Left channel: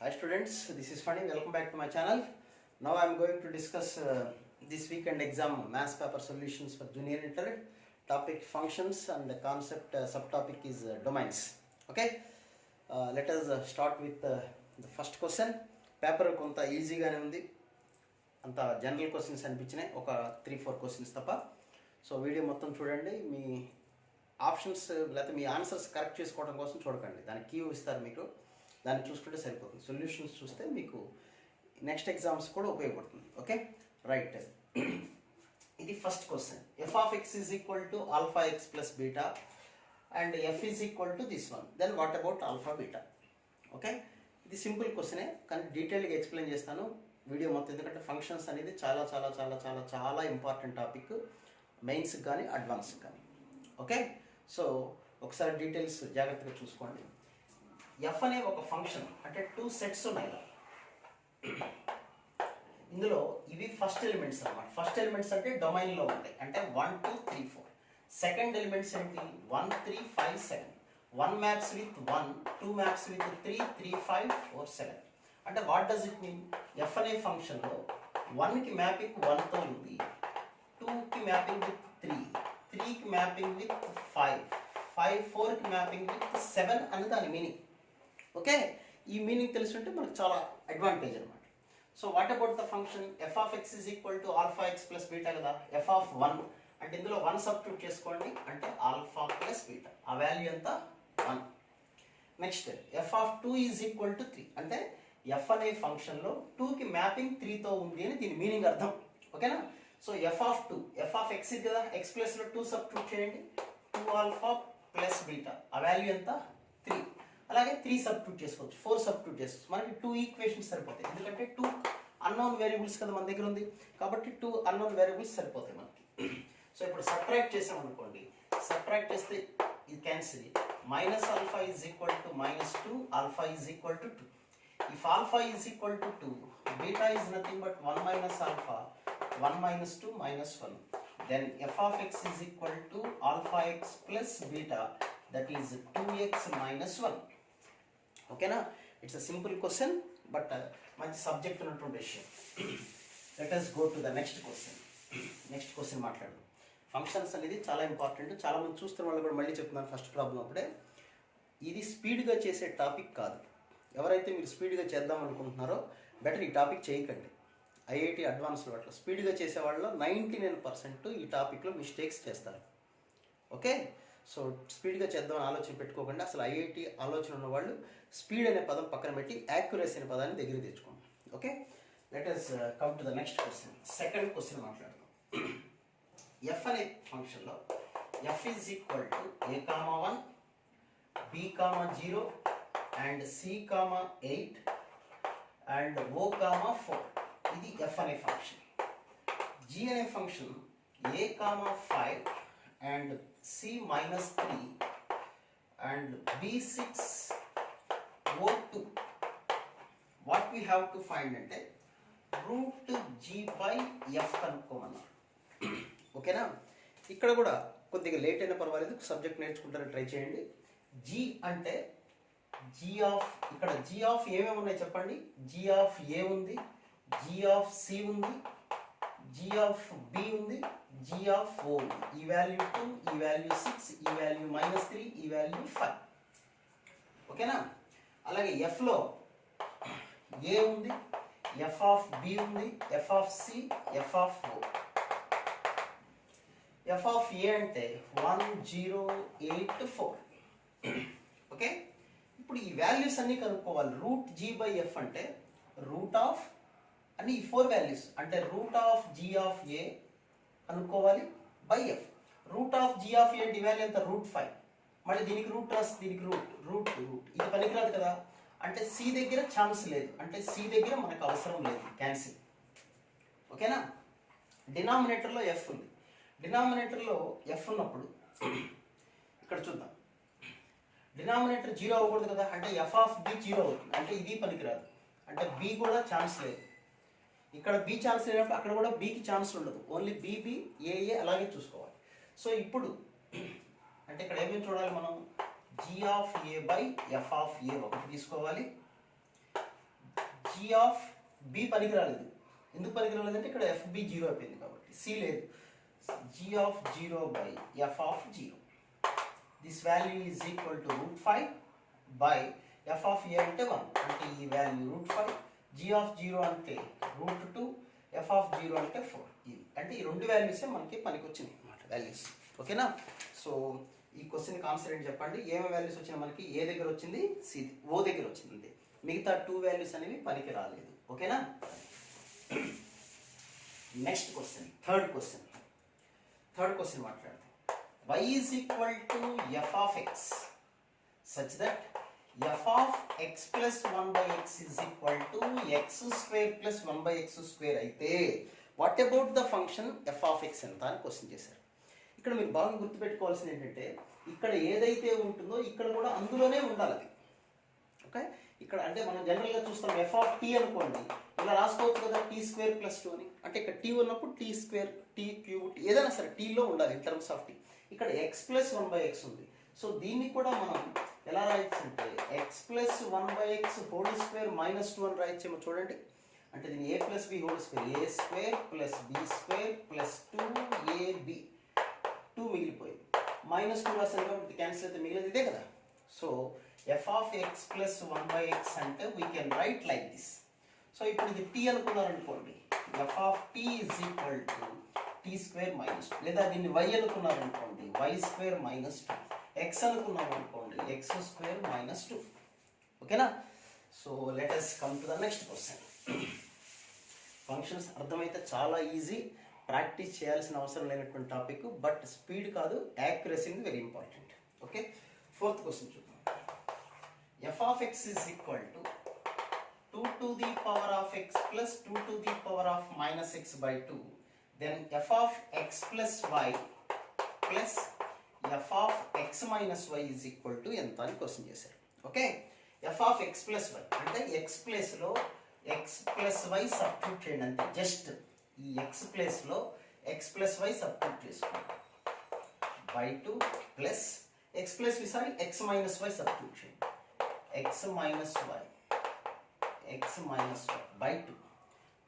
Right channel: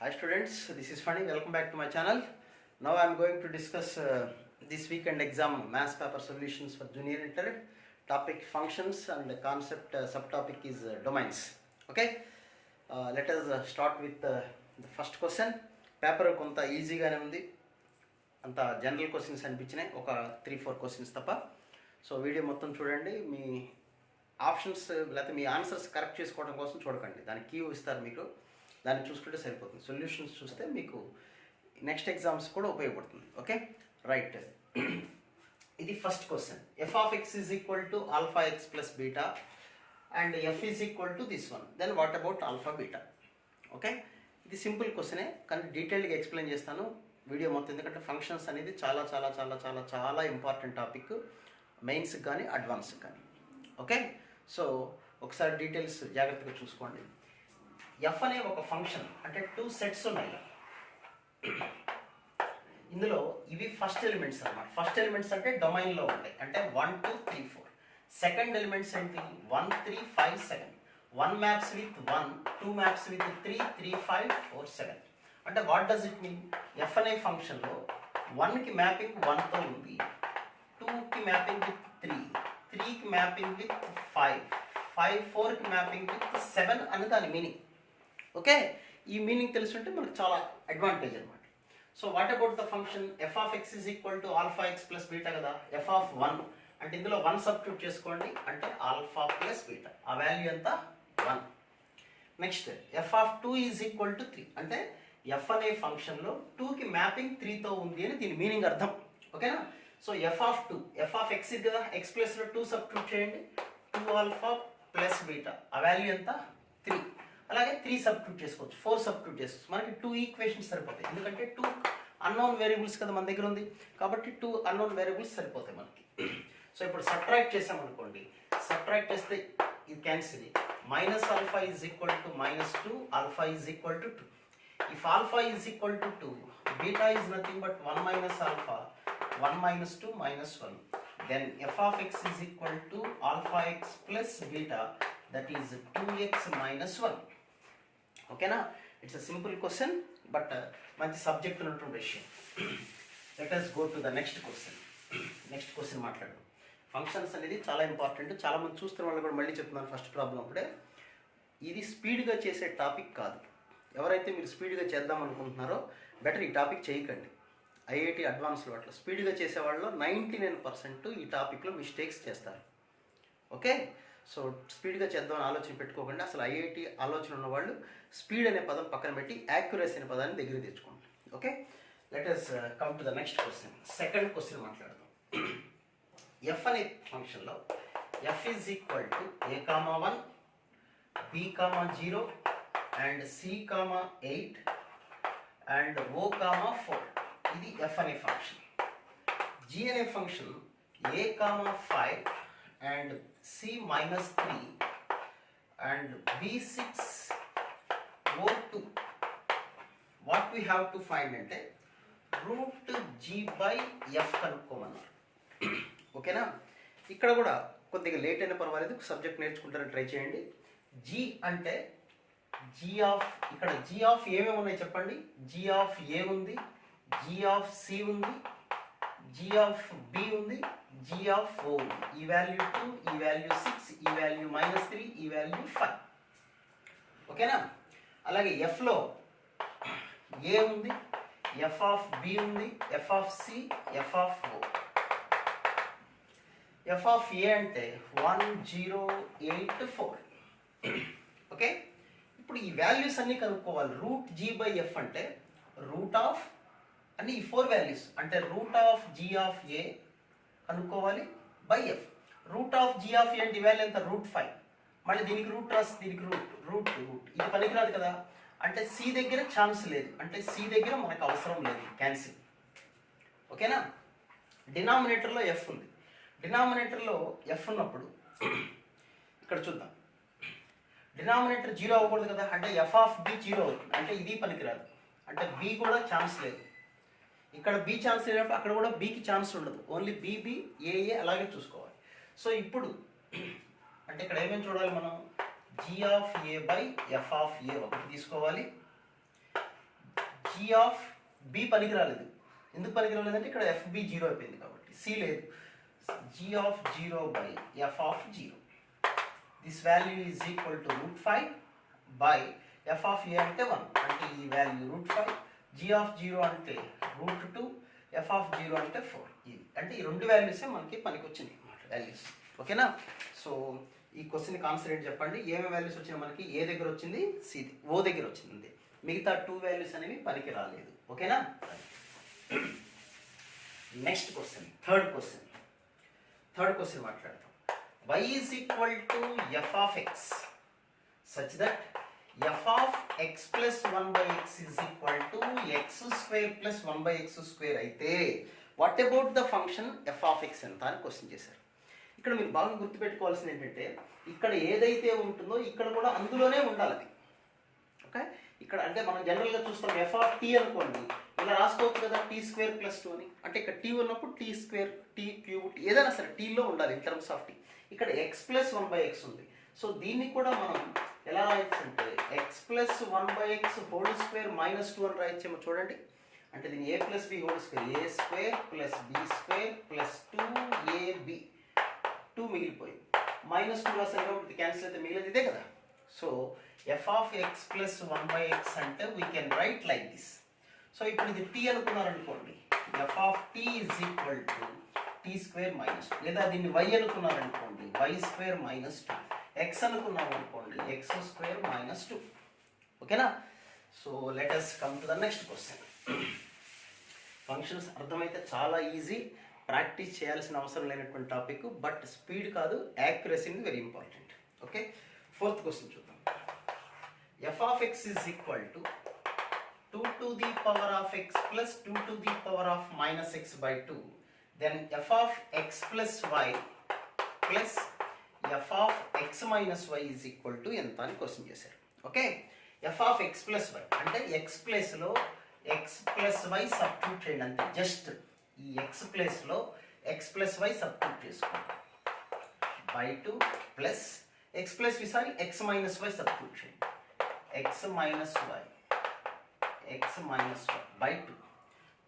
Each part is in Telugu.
Hi students, this is Funny. Welcome back to my channel. Now I am going to discuss this weekend exam maths paper solutions for junior inter. Topic functions and the concept subtopic is domains. Okay, let us start with the first question. Paper కొంత ఈజీగానే ఉంది, అంత జనరల్ క్వశ్చన్స్ అనిపించినాయి, ఒక 3-4 క్వశ్చన్స్ తప్ప. సో వీడియో మొత్తం చూడండి. మీ ఆప్షన్స్ లేకపోతే మీ ఆన్సర్స్ కరెక్ట్ చేసుకోవడం కోసం చూడకండి, దానికి కీ ఇస్తారు మీకు, దాన్ని చూసుకుంటే సరిపోతుంది. సొల్యూషన్స్ చూస్తే మీకు నెక్స్ట్ ఎగ్జామ్స్ కూడా ఉపయోగపడుతుంది. ఓకే రైట్, ఇది first question. F of X is equal to alpha X plus beta and F is equal to this one, then what about alpha beta? Okay, ఇది సింపుల్ క్వశ్చనే, కానీ డీటెయిల్గా ఎక్స్ప్లెయిన్ చేస్తాను వీడియో మొత్తం, ఎందుకంటే ఫంక్షన్స్ అనేది చాలా చాలా చాలా చాలా చాలా ఇంపార్టెంట్ టాపిక్, మెయిన్స్కి కానీ అడ్వాన్స్కి కానీ. ఓకే, సో ఒకసారి డీటెయిల్స్ జాగ్రత్తగా చూసుకోండి. ఎఫ్ అనే ఒక ఫంక్షన్, అంటే 2 సెట్స్ ఉన్నాయి ఇందులో. ఇవి ఫస్ట్ ఎలిమెంట్స్ అన్నమాట. ఫస్ట్ ఎలిమెంట్స్ అంటే డొమైన్లో ఉంటాయి, అంటే 1 2 3 4. సెకండ్ ఎలిమెంట్స్ ఏంటి? 1 3 5 7. 1 మ్యాప్స్ విత్ 1, 2 మ్యాప్స్ విత్ 3, 3 5 4 7. అంటే what does it mean? F అనే ఫంక్షన్లో 1కి మ్యాపింగ్ 1తో ఉంది, 2కి మ్యాపింగ్ విత్ 3, 3కి మ్యాపింగ్ విత్ 5, 4కి మ్యాపింగ్ విత్ 7 అని దాని మీనింగ్. ఓకే, ఈ మీనింగ్ తెలుసుంటే మనకు చాలా అడ్వాంటేజ్ అనమాట. So what about the function? F of X is equal to alpha X plus beta కదా. ఎఫ్ ఆఫ్ 1 అంటే ఇందులో 1 సబ్స్టిట్యూట్ చేసుకోండి, అంటే ఆల్ఫా ప్లస్ బీటా, ఆ వాల్యూ ఎంత? 1. Next F of 2 is equal to 3, అంటే ఎఫ్ అనే ఫంక్షన్లో 2కి మ్యాపింగ్ 3తో ఉంది అని దీని మీనింగ్ అర్థం. ఓకేనా? So f of 2, F of X కదా, ఎక్స్ ప్లస్లో 2 సబ్స్టిట్యూట్ చేయండి, 2 ఆల్ఫా ప్లస్ బీటా, ఆ వాల్యూ ఎంత? 3. అలాగే 3 సబ్స్టిట్యూట్ చేసుకోవచ్చు, 4 సబ్స్టిట్యూట్ చేసుకోవచ్చు. మనకి 2 ఈక్వేషన్స్ సరిపోతాయి, ఎందుకంటే 2 అన్నోన్ వేరియబుల్స్ కదా మన దగ్గర ఉంది, కాబట్టి 2 అన్నోన్ వేరియబుల్స్ సరిపోతాయి మనకి. సో ఇప్పుడు సబ్ట్రాక్ట్ చేసామనుకోండి, సబ్ట్రాక్ట్ చేస్తే ఇది cancel. Minus alpha is equal to -2, alpha is equal to 2. If alpha is equal to 2, beta is nothing but 1 minus alpha, 1 minus 2 minus 1. Then f of x is equal to alpha x plus beta, that is 2x minus 1. Okay na? It's a simple question, but manchi subject unnattunde విషయం. Let us go to the next question. Next question మాట్లాడు. ఫంక్షన్స్ అనేది చాలా ఇంపార్టెంట్, చాలా మంది చూస్తున్న వాళ్ళు కూడా మళ్ళీ చెప్తున్నాను ఫస్ట్ ప్రాబ్లం అప్పుడే. ఇది స్పీడ్గా చేసే టాపిక్ కాదు. ఎవరైతే మీరు స్పీడ్గా చేద్దాం అనుకుంటున్నారో బెటర్ ఈ టాపిక్ చేయకండి. ఐఐటి అడ్వాన్స్లో అట్లా స్పీడ్గా చేసేవాళ్ళలో 99% ఈ టాపిక్లో మిస్టేక్స్ చేస్తారు. ఓకే, సో స్పీడ్గా చేద్దామని ఆలోచన పెట్టుకోకుండా అసలు ఐఐటి ఆలోచన ఉన్నవాళ్ళు స్పీడ్ అనే పదం పక్కన పెట్టి యాక్యురసీ అనే పదాన్ని దగ్గర తెచ్చుకోండి. Okay, let us come to the next question. Second question మాట్లాడదాం. ఎఫ్ అనే ఫంక్షన్లో F is equal to a,1, b,0 and c,8 and o,4. ఇది ఎఫ్ అనే ఫంక్షన్. జీ అనే function a,5 and c-3 and b6 o2. What we have to find అంటే రూట్ జీ బై ఎఫ్ కనుక్కోమన్నారు. ఓకేనా? ఇక్కడ కూడా కొద్దిగా లేట్ అయినా పర్వాలేదు, సబ్జెక్ట్ నేర్చుకుంటారని ట్రై చేయండి. జీ అంటే జీ ఆఫ్, ఇక్కడ జీ ఆఫ్ ఏమేమి ఉన్నాయి చెప్పండి. జీ ఆఫ్ ఏ ఉంది, జీ ఆఫ్ సి ఉంది, జీ ఆఫ్ బి ఉంది, జీ ఆఫ్ ఓ ఉంది. ఈ వాల్యూ 2, ఈ వాల్యూ 6, ఈ వాల్యూ -3, ఈ వాల్యూ 5. ఓకేనా? అలాగే ఎఫ్లో ఏ ఉంది, ఎఫ్ ఆఫ్ బి ఉంది, f of c, f of o. F of a అంటే 1 0 8 4. ఓకే, ఇప్పుడు ఈ వాల్యూస్ అన్ని కనుక్కోవాలి. రూట్ జీ బై ఎఫ్ అంటే రూట్ ఆఫ్ అన్ని ఈ 4 వాల్యూస్, అంటే root of g of a కనుక్కోవాలి by f. Root of g of a అంటే వాల్యూ ఎంత? రూట్ 5. మళ్ళీ దీనికి రూట్ రాసి దీనికి రూట్ ఇది పనికిరాదు కదా, అంటే సి దగ్గర ఛాన్స్ లేదు, అంటే సి దగ్గర మనకు అవసరం లేదు, క్యాన్సిల్. ఓకేనా? డినామినేటర్లో ఎఫ్ ఉంది. డినామినేటర్లో ఎఫ్ ఉన్నప్పుడు ఇక్కడ చూద్దాం, డినామినేటర్ 0 అవ్వకూడదు కదా, అంటే ఎఫ్ ఆఫ్ బి 0 అవుతుంది, అంటే ఇది పనికిరాదు, అంటే బి కూడా ఛాన్స్ లేదు. ఇక్కడ బి ఛాన్స్ లేనప్పుడు అక్కడ కూడా బికి ఛాన్స్ ఉండదు, ఓన్లీ బి ఏ అలాగే చూసుకోవాలి. సో ఇప్పుడు అంటే ఇక్కడ ఏమేమి చూడాలి మనం? G of a by f of a ఒకటి తీసుకోవాలి, జీ ఆఫ్ బి పనికి రాలేదు. ఎందుకు పనికి రాలేదంటే ఇక్కడ ఎఫ్బి జీరో అయిపోయింది కాబట్టి. సి లేదు. G of zero by f of zero. This value is equal to √5 by f of a అంటే 1 అంటే ఈ వాల్యూ √5, జీ ఆఫ్ జీరో అంటే √2, ఎఫ్ ఆఫ్ జీరో అంటే 4. ఇది అంటే ఈ రెండు వాల్యూసే మనకి పనికి వచ్చినాయి అన్నమాట వాల్యూస్. ఓకేనా? సో ఈ క్వశ్చన్ కాన్సెప్ట్ చెప్పండి. ఏమేమి వాల్యూస్ వచ్చినాయి మనకి? ఏ దగ్గర వచ్చింది? సి, ఓ దగ్గర వచ్చింది. మిగతా 2 వాల్యూస్ అనేవి పనికి రాలేదు. ఓకేనా? నెక్స్ట్ క్వశ్చన్, థర్డ్ క్వశ్చన్ మాట్లాడతాం. y is equal to f of x such that f of x plus 1 by x is equal to x square plus 1 by x square అయితే what about the function f of x ఎంత అని క్వశ్చన్ చేశారు. ఇక్కడ మీరు బాగా గుర్తుపెట్టుకోవాల్సింది ఏంటంటే ఇక్కడ ఏదైతే ఉంటుందో ఇక్కడ కూడా అందులోనే ఉండాలి అది. ఓకే, ఇక్కడ అంటే మనం జనరల్గా చూస్తాం ఎఫ్ ఆఫ్ టీ అనుకోండి, ఇలా రాసుకోవచ్చు కదా టీ స్క్వేర్ ప్లస్ 2 అని. అంటే ఇక్కడ టీ ఉన్నప్పుడు టీ స్క్వేర్, టీ క్యూబ్, ఏదైనా సరే టీలో ఉండాలి ఇన్ టర్మ్స్ ఆఫ్ టీ. ఇక్కడ ఎక్స్ ప్లస్ 1 బై ఎక్స్ ఉంది. సో దీన్ని కూడా మనం ఎలా రాయొచ్చు అంటే x plus 1 by x whole square minus 2 అని రాయొచ్చేమో చూడండి. అంటే దీన్ని a plus b whole square, a square plus b square plus 2ab, 2 మిగిలిపోయింది. మైనస్ 2 రాసాను కాబట్టి క్యాన్సిల్ అయితే మిగిలింది ఇదే కదా. So f of x plus 1 by x అంటే we can write like this. So ఇప్పుడు ఇది టీ అనుకున్నారనుకోండి, f of t is equal to t square minus 2, లేదా దీన్ని వై అనుకున్నారనుకోండి వై స్క్వేర్ మైనస్ 2, ఎక్స్ అనుకున్నాం అనుకోండి ఎక్స్ స్క్వేర్ మైనస్ 2. ఓకేనా? So let us come to the next question. Functions అర్థమైతే చాలా ఈజీ, ప్రాక్టీస్ చేయాల్సిన అవసరం లేనటువంటి టాపిక్, బట్ స్పీడ్ కాదు accuracy is very important. Okay, fourth question చూద్దాం. F of X is equal to 2 to the power of x plus 2 to the power of minus x by 2, then f of x plus y plus f of x minus y is equal to ఎంత అని క్వశ్చన్ చేశారు. Okay, f of x plus y అంటే x ప్లేస్ లో x plus y సబ్స్టిట్యూట్ చేయండి అంతే. జస్ట్ ఈ x ప్లేస్ లో x plus y సబ్స్టిట్యూట్ చేసుకోండి. by 2 plus x plus x minus y substitute చేయండి. x minus y by 2.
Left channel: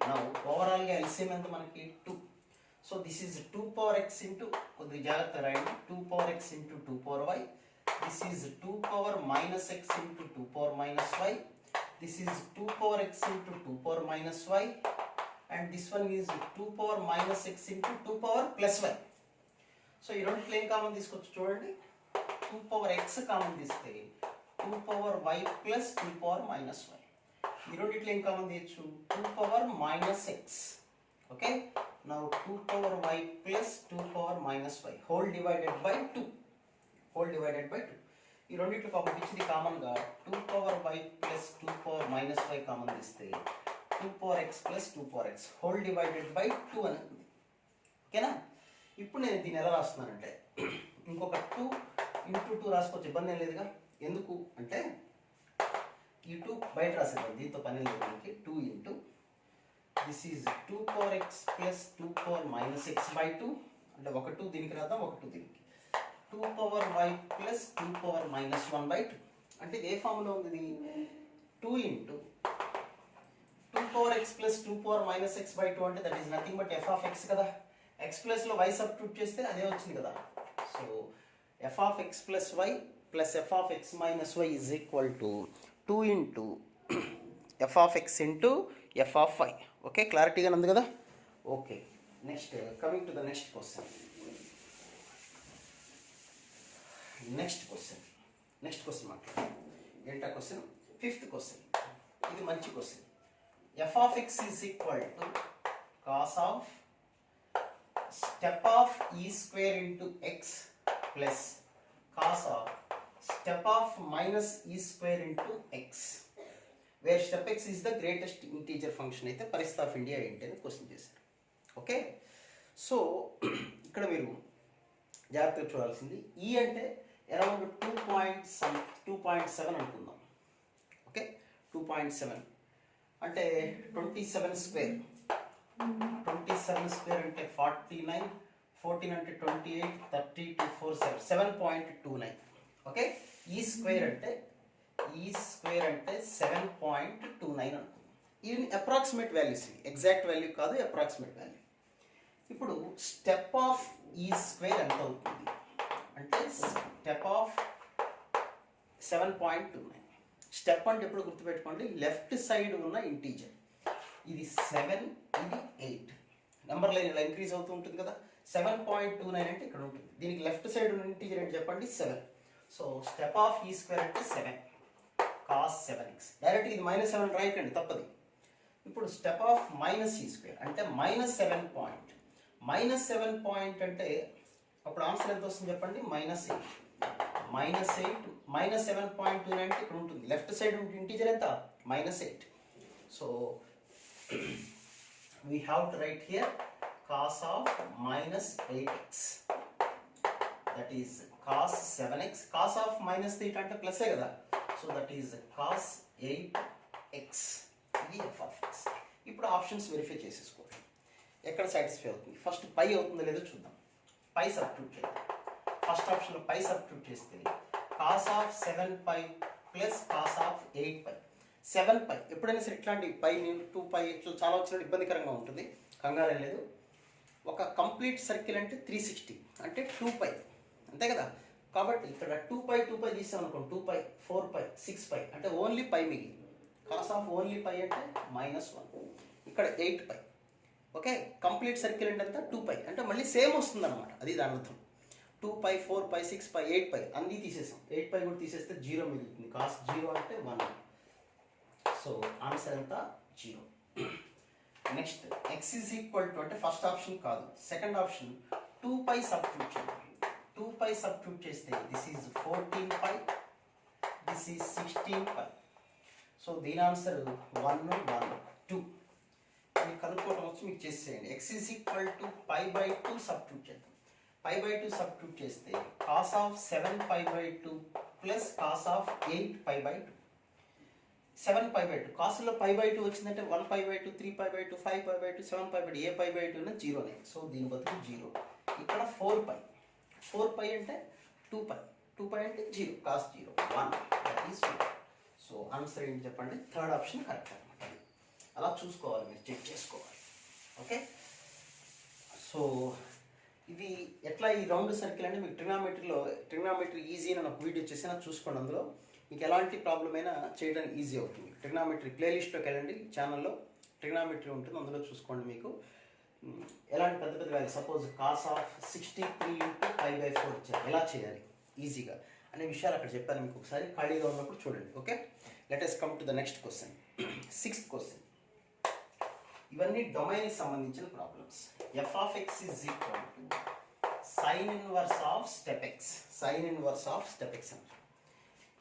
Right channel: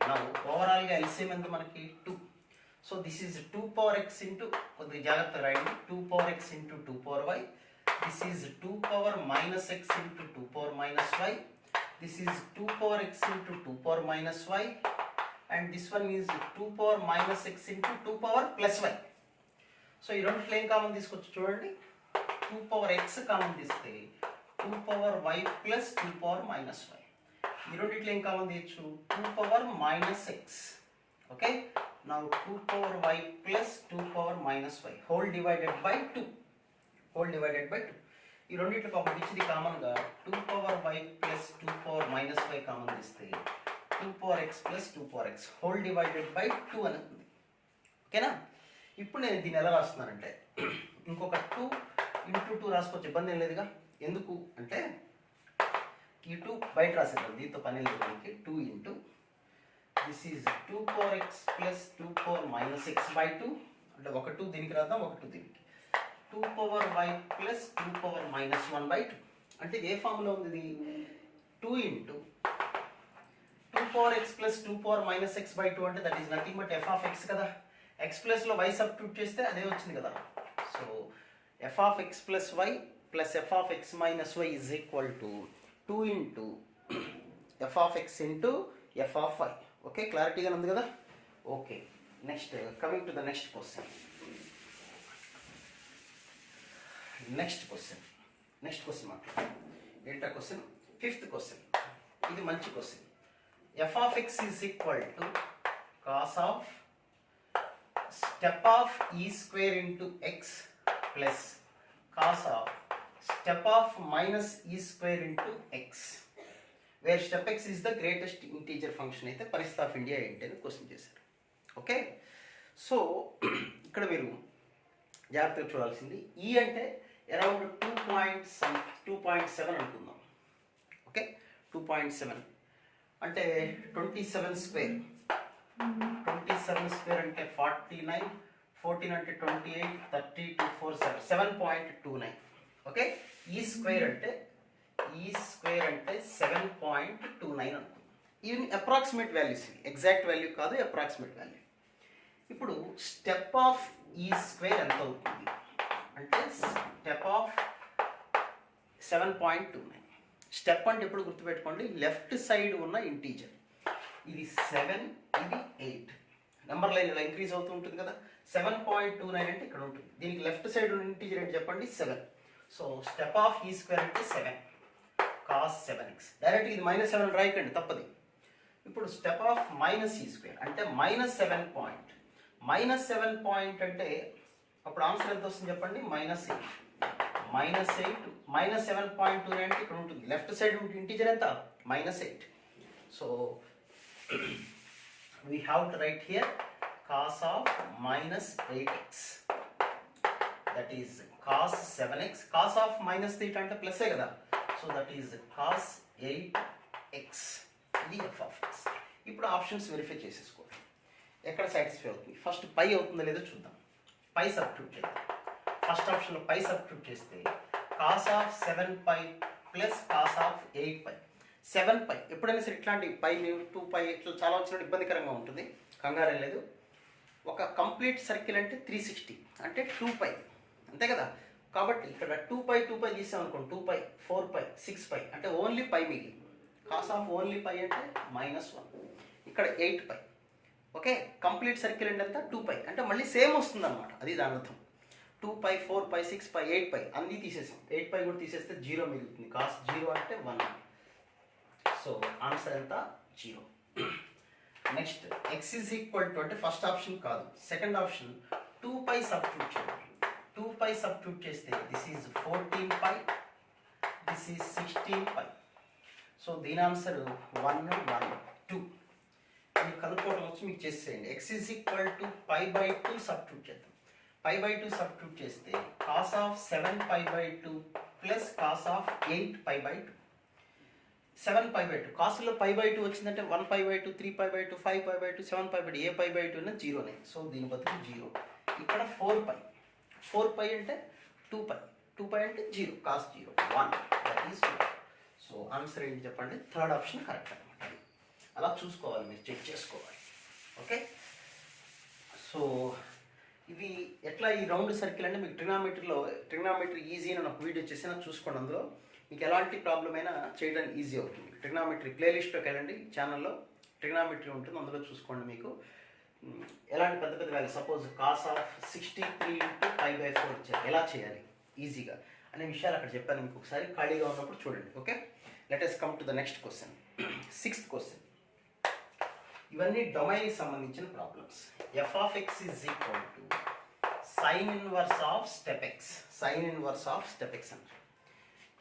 Now overall గా LCM ఎంత మనకి 2. So this is 2 power x into, కొద్దిగా జాగ్రత్త రాయండి, 2 power x into 2 power y. This is 2 power minus x into 2 power minus y. This is 2 power x into 2 power minus y. And this one is 2 power minus x into 2 power plus y. So ఈ రెండు ప్లేన్ కామన్ తీసుకొచ్చి చూడండి, 2 power x కామన్ తీస్తే 2 power y plus 2 power minus y. ఈ రెండిట్లో ఏం కామన్ తీయచ్చు, 2 power minus x. Okay, now 2 power y plus 2 power minus y whole divided by 2. ఈ రెండిట్లో పాపం ఇచ్చింది కామన్ గా 2 power y plus 2 power minus y common తీస్తే 2 power x plus 2 power x whole divided by 2 అని ఉంది. ఓకేనా? ఇప్పుడు నేను దీన్ని ఎలా రాస్తున్నానంటే ఇంకొక 2 into 2 రాసుకోవచ్చు, ఇబ్బంది ఏం లేదుగా. ఎందుకు అంటే ఈ 2 బయట రాసేద్దాం, దీంతో పని లేదు మనకి. 2 into this is 2 power x plus 2 power minus x by 2, అంటే ఒక 2 దీనికి రాద్దాం, ఒక 2 దీనికి. 2 power y plus 2 power minus 1 by 2 అంటే ఏ ఫార్ములా ఉంది ఇది? 2 into 2 power x plus 2 power minus x by 2 అంటే that is nothing but f of x కదా. x ప్లస్ లో y సబ్స్టిట్యూట్ చేస్తే అదే వచ్చింది కదా. So f of x plus y plus f of x minus y is equal to 2 into f of x into f of y. Okay, క్లారిటీగా ఉంది కదా. Okay, next coming to the next question. Next question మాట్లాడాలి. ఏంటా క్వశ్చన్? Fifth question. ఇది మంచి question. f of x is equal to cos of step of e square into x plus cos of step of minus e square into x, where step x is the greatest integer function అయితే పరిస్థితి ఆఫ్ ఇండియా ఏంటి అని క్వశ్చన్ చేశారు. ఓకే, సో ఇక్కడ మీరు జాగ్రత్తగా చూడాల్సింది ఈ అంటే అరౌండ్ 2.7 అనుకుందాం. ఓకే, 2.7 అంటే 27 స్క్వేర్. 27 స్క్వేర్ అంటే 49, 14 అంటే 28, 30 to 4 7.29. ఓకే, ఈ స్క్వేర్ అంటే 7.29 అనుకుందాం. ఇవి అప్రాక్సిమేట్ వాల్యూస్, ఇవి ఎగ్జాక్ట్ వాల్యూ కాదు, అప్రాక్సిమేట్ వాల్యూ. ఇప్పుడు స్టెప్ ఆఫ్ ఈ స్క్వేర్ ఎంత అవుతుంది అంటే స్టెప్ ఆఫ్ 7.29. స్టెప్ అంటే ఎప్పుడు గుర్తుపెట్టుకోండి, లెఫ్ట్ సైడ్ ఉన్న ఇంటీజర్. ఇది 7, ఇది 8. నెంబర్ లైన్ ఇలా ఇంక్రీజ్ అవుతూ ఉంటుంది కదా. 7.29 అంటే ఇక్కడ ఉంటుంది. దీనికి లెఫ్ట్ సైడ్ ఉన్న ఇంటీజర్ ఏంటి చెప్పండి, 7. సో స్టెప్ ఆఫ్ ఈ స్క్వేర్ అంటే 7 cos 7x. డైరెక్ట్ ఇది -7 రాయకండి, తప్పది. ఇప్పుడు స్టెప్ ఆఫ్ మైనస్ ఈ స్క్వేర్ అంటే -7 పాయింట్. -7 పాయింట్ అంటే అప్పుడు ఆన్సర్ ఎంత వస్తుంది చెప్పండి, -8. -7.29 అంటే ఇక్కడ ఉంటుంది. లెఫ్ట్ సైడ్ ఇంటీజర్ ఎంత, -8. So we have to write here cos of -8x, that is cos 7x. cos of -8 అంటే ప్లస్ కదా, so that is cos 8x, ఇది f of x. ఇప్పుడు ఆప్షన్స్ వెరిఫై చేసేసుకోవాలి, ఎక్కడ సాటిస్ఫై అవుతుంది. ఫస్ట్ పై అవుతుందో లేదో చూద్దాం. పై సబ్స్టిట్యూట్ చేద్దాం. ఫస్ట్ ఆప్షన్లో పై సబ్స్టిట్యూట్ చేస్తే cos of 7π plus cos of 8π. 7π ఎప్పుడైనా సరే ఇట్లాంటి పై 2π ఇట్లా చాలా వచ్చినట్టు ఇబ్బందికరంగా ఉంటుంది, కంగారే లేదు. ఒక కంప్లీట్ సర్కిల్ అంటే 360 అంటే 2π, అంతే కదా. కాబట్టి ఇక్కడ 2π తీసాం అనుకోండి, 2π 4π 6π అంటే ఓన్లీ పై మిగిలింది. కాస్ ఆఫ్ ఓన్లీ పై అంటే -1. ఇక్కడ 8π. ఓకే, కంప్లీట్ సర్కిల్ అంటే అంతా 2π అంటే మళ్ళీ సేమ్ వస్తుంది అనమాట, అది దాని అర్థం. 2π 4π 6π 8π అన్నీ తీసేసాం. 8π కూడా తీసేస్తే 0 మిగులుతుంది. కాస్ 0 అంటే 1. సో ఆన్సర్ ఎంత, 0. Next x is equal to అంటే ఫస్ట్ ఆప్షన్ కాదు, సెకండ్ ఆప్షన్ 2π సబ్స్టిట్యూట్ చేయాలి. 2π సబ్స్టిట్యూట్ చేస్తే this is 14π, this is 16π. So దీని ఆన్సర్ 1, 1, 2. మీరు కనుక్కోవడం వచ్చి మీకు చేసేయండి. x is equal to π/2 substitute చేద్దాం. π/2 సబ్స్టిట్యూట్ చేస్తే cos of 7π/2 plus cos of 8π/2. 7π/2 కాస్లో π/2 వచ్చిందంటే 1π/2, 3π/2, 5π/2, 7π/2, ఏ π/2 అయినా 0నే. సో దీని బదులు 0. ఇక్కడ 4π అంటే 2π, 2π అంటే 0, cos 0 1, that is 1. So answer ఏంటి చెప్పండి, థర్డ్ ఆప్షన్ కరెక్ట్ అనమాట. అలా చూసుకోవాలి, మీరు చెక్ చేసుకోవాలి. ఓకే, సో ఇవి ఎట్లా ఈ రౌండ్ సర్కిల్ అంటే మీకు ట్రిగ్నామెట్రీ ఈజీ అని ఒక వీడియో చేసి నాకు చూసుకోండి. అందులో మీకు ఎలాంటి ప్రాబ్లం అయినా చేయడానికి ఈజీ అవుతుంది. ట్రిగ్నామెట్రీ ప్లేలిస్ట్లోకి వెళ్ళండి, ఛానల్లో ట్రిగ్నామెట్రీ ఉంటుంది, అందులో చూసుకోండి. మీకు ఎలాంటి పెద్ద పెద్ద వాల్యూ, సపోజ్ cos ఆఫ్ 63 × π/4 ఇచ్చారు, ఎలా చేయాలి ఈజీగా అనే విషయాలు అక్కడ చెప్పాను మీకు. ఒకసారి ఖాళీగా ఉన్నప్పుడు చూడండి. Okay, let us come to the next question. 6th question. ఇవన్నీ డొమైన్కి సంబంధించిన problems. f of x is equal to sin inverse of step x. sin inverse of step x అంటే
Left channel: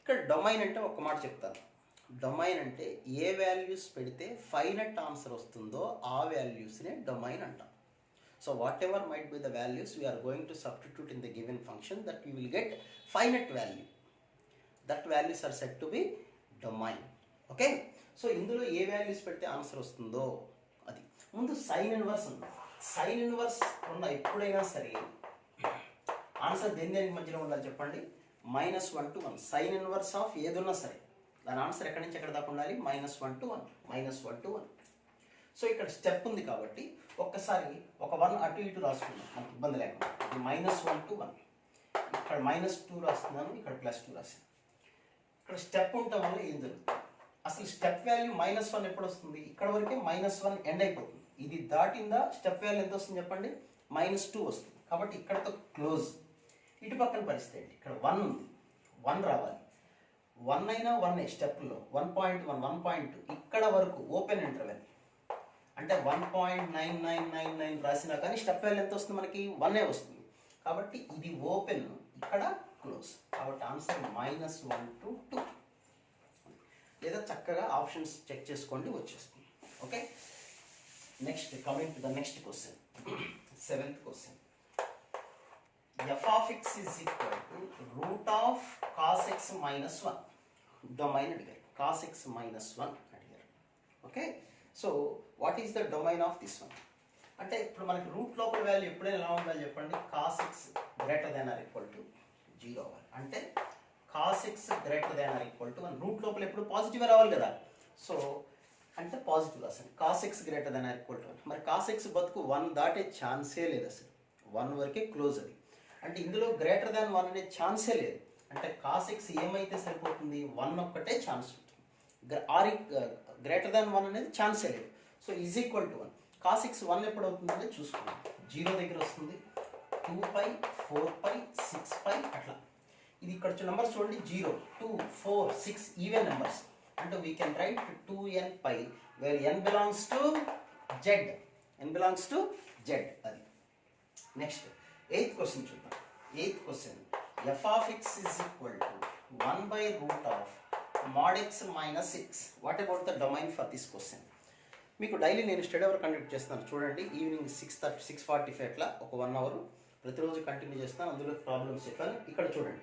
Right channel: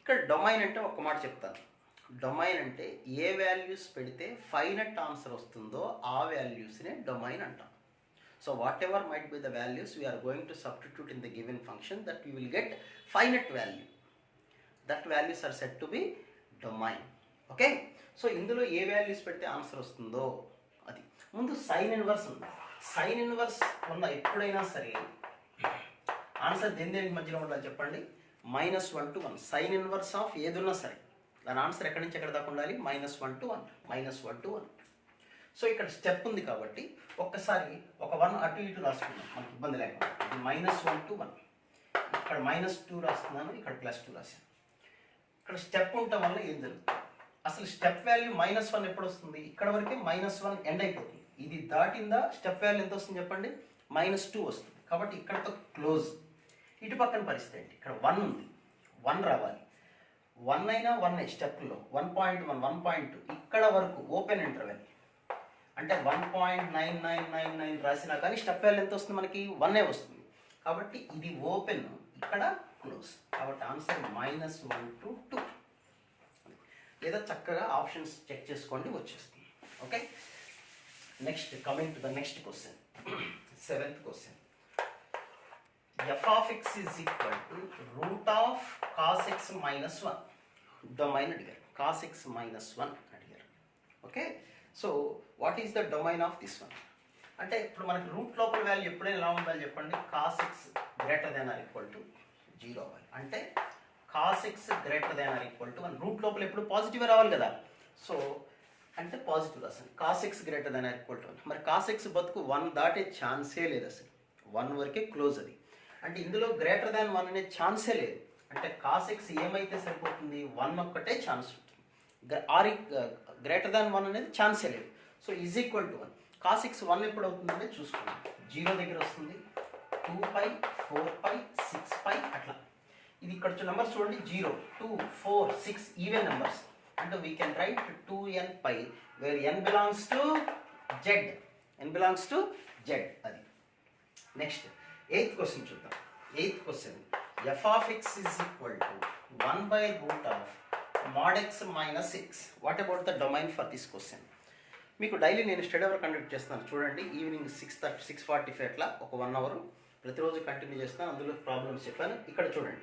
ఇక్కడ డొమైన్ అంటే ఒక మాట చెప్తాను. డొమైన్ అంటే ఏ వాల్యూస్ పెడితే ఫైనట్ ఆన్సర్ వస్తుందో ఆ వాల్యూస్నే డొమైన్ అంటాం. So whatever might be the values we are going to substitute in the given function that you will get finite value. That values are set to be domain. Okay, so ఇందులో ఏ వాల్యూస్ పెడితే ఆన్సర్ వస్తుందో అది. ముందు సైన్ ఇన్వర్స్ ఉంది. సైన్ ఇన్వర్స్ ఉన్న ఎప్పుడైనా సరే ఆన్సర్ దేనికి మధ్యలో ఉండాలి చెప్పండి, -1 to 1. సైన్ ఇన్వర్స్ ఆఫ్ ఏదున్నా సరే దాని ఆన్సర్ ఎక్కడి నుంచి ఎక్కడ దాకా ఉండాలి, -1 to 1, -1 to 1. సో ఇక్కడ స్టెప్ ఉంది కాబట్టి ఒక్కసారి ఒక 1 అటు ఇటు రాసుకుందాం, మనకి ఇబ్బంది లేకుండా. ఇది -1 to 1, ఇక్కడ -2 రాస్తున్నాను, ఇక్కడ +2 రాశాను. ఇక్కడ స్టెప్ ఉండటం వల్ల ఏం జరుగుతుంది, అసలు స్టెప్ వాల్యూ -1 ఎప్పుడు వస్తుంది, ఇక్కడ వరకే -1 ఎండ్ అయిపోతుంది. ఇది దాటిందా స్టెప్ వాల్యూ ఎంత వస్తుంది చెప్పండి, -2 వస్తుంది. కాబట్టి ఇక్కడతో క్లోజ్. ఇటు పక్కన పరిస్థితి ఏంటి, ఇక్కడ 1 ఉంది, 1 రావాలి. 1 అయినా 1 స్టెప్లో 1.1, 1.2 ఇక్కడ వరకు ఓపెన్ ఇంటర్వెల్ అంటే 1.9999 రాసినా కానీ స్టెప్ వాల్యూ ఎంత వస్తుంది మనకి, 1 వస్తుంది. కాబట్టి ఇది ఓపెన్, ఇక్కడ క్లోజ్. కాబట్టి ఆన్సర్ -1 to 2. లేదా చక్కగా ఆప్షన్స్ చెక్ చేసుకోండి, వచ్చేస్తుంది. Okay, next coming to the next question. 7th question. f of x is equal to root of cos x minus 1. Domain అడిగారు, cos x minus 1 అడిగారు. Okay, so what is the domain of this one అంటే ఇప్పుడు మనకి రూట్ లోపల వాల్యూ ఎప్పుడైనా ఎలా ఉండాలి చెప్పండి, cos x greater than or equal to 0 అవ్వాలి. అంటే cos x greater than or equal to 1. Root లోపల ఎప్పుడు పాజిటివ్ రావాలి కదా. సో అంటే పాజిటివ్ అసలు cos X greater than or equal to 1. మరి కాస్ ఎక్స్ బతుకు 1 దాటే ఛాన్సే లేదు అసలు, 1 వరకే క్లోజ్ అది. అంటే ఇందులో గ్రేటర్ దాన్ 1 అనే ఛాన్సే లేదు. అంటే కాస్ ఎక్స్ ఏమైతే సరిపోతుంది, 1 ఒక్కటే ఛాన్స్ ఉంటుంది. ఆర్ గ్రేటర్ దాన్ 1 అనేది ఛాన్సే లేదు. So is equal to 1. Cos X 1 ఎప్పుడు అవుతుందని చూసుకున్నాం. 0 దగ్గర వస్తుంది, 2π 4π 6π అట్లా. ఇది ఇక్కడ నెంబర్స్ చూడండి, 0 2 4 6 ఈవెన్ నెంబర్స్. అంటే we can write 2nπ where n belongs to z. n belongs to z అది. నెక్స్ట్ 8th క్వశ్చన్ చూద్దాం. 8th question f of x is equal to 1/√of mod x minus x. What about the domain for this question? మీకు డైలీ నేను స్టడీ అవర్ కండక్ట్ చేస్తాను చూడండి. ఈవినింగ్ 6:30 6:45 అట్లా ఒక 1 అవర్ ప్రతిరోజు కంటిన్యూ చేస్తాను. అందులో ప్రాబ్లమ్స్ చెప్పాను. ఇక్కడ చూడండి,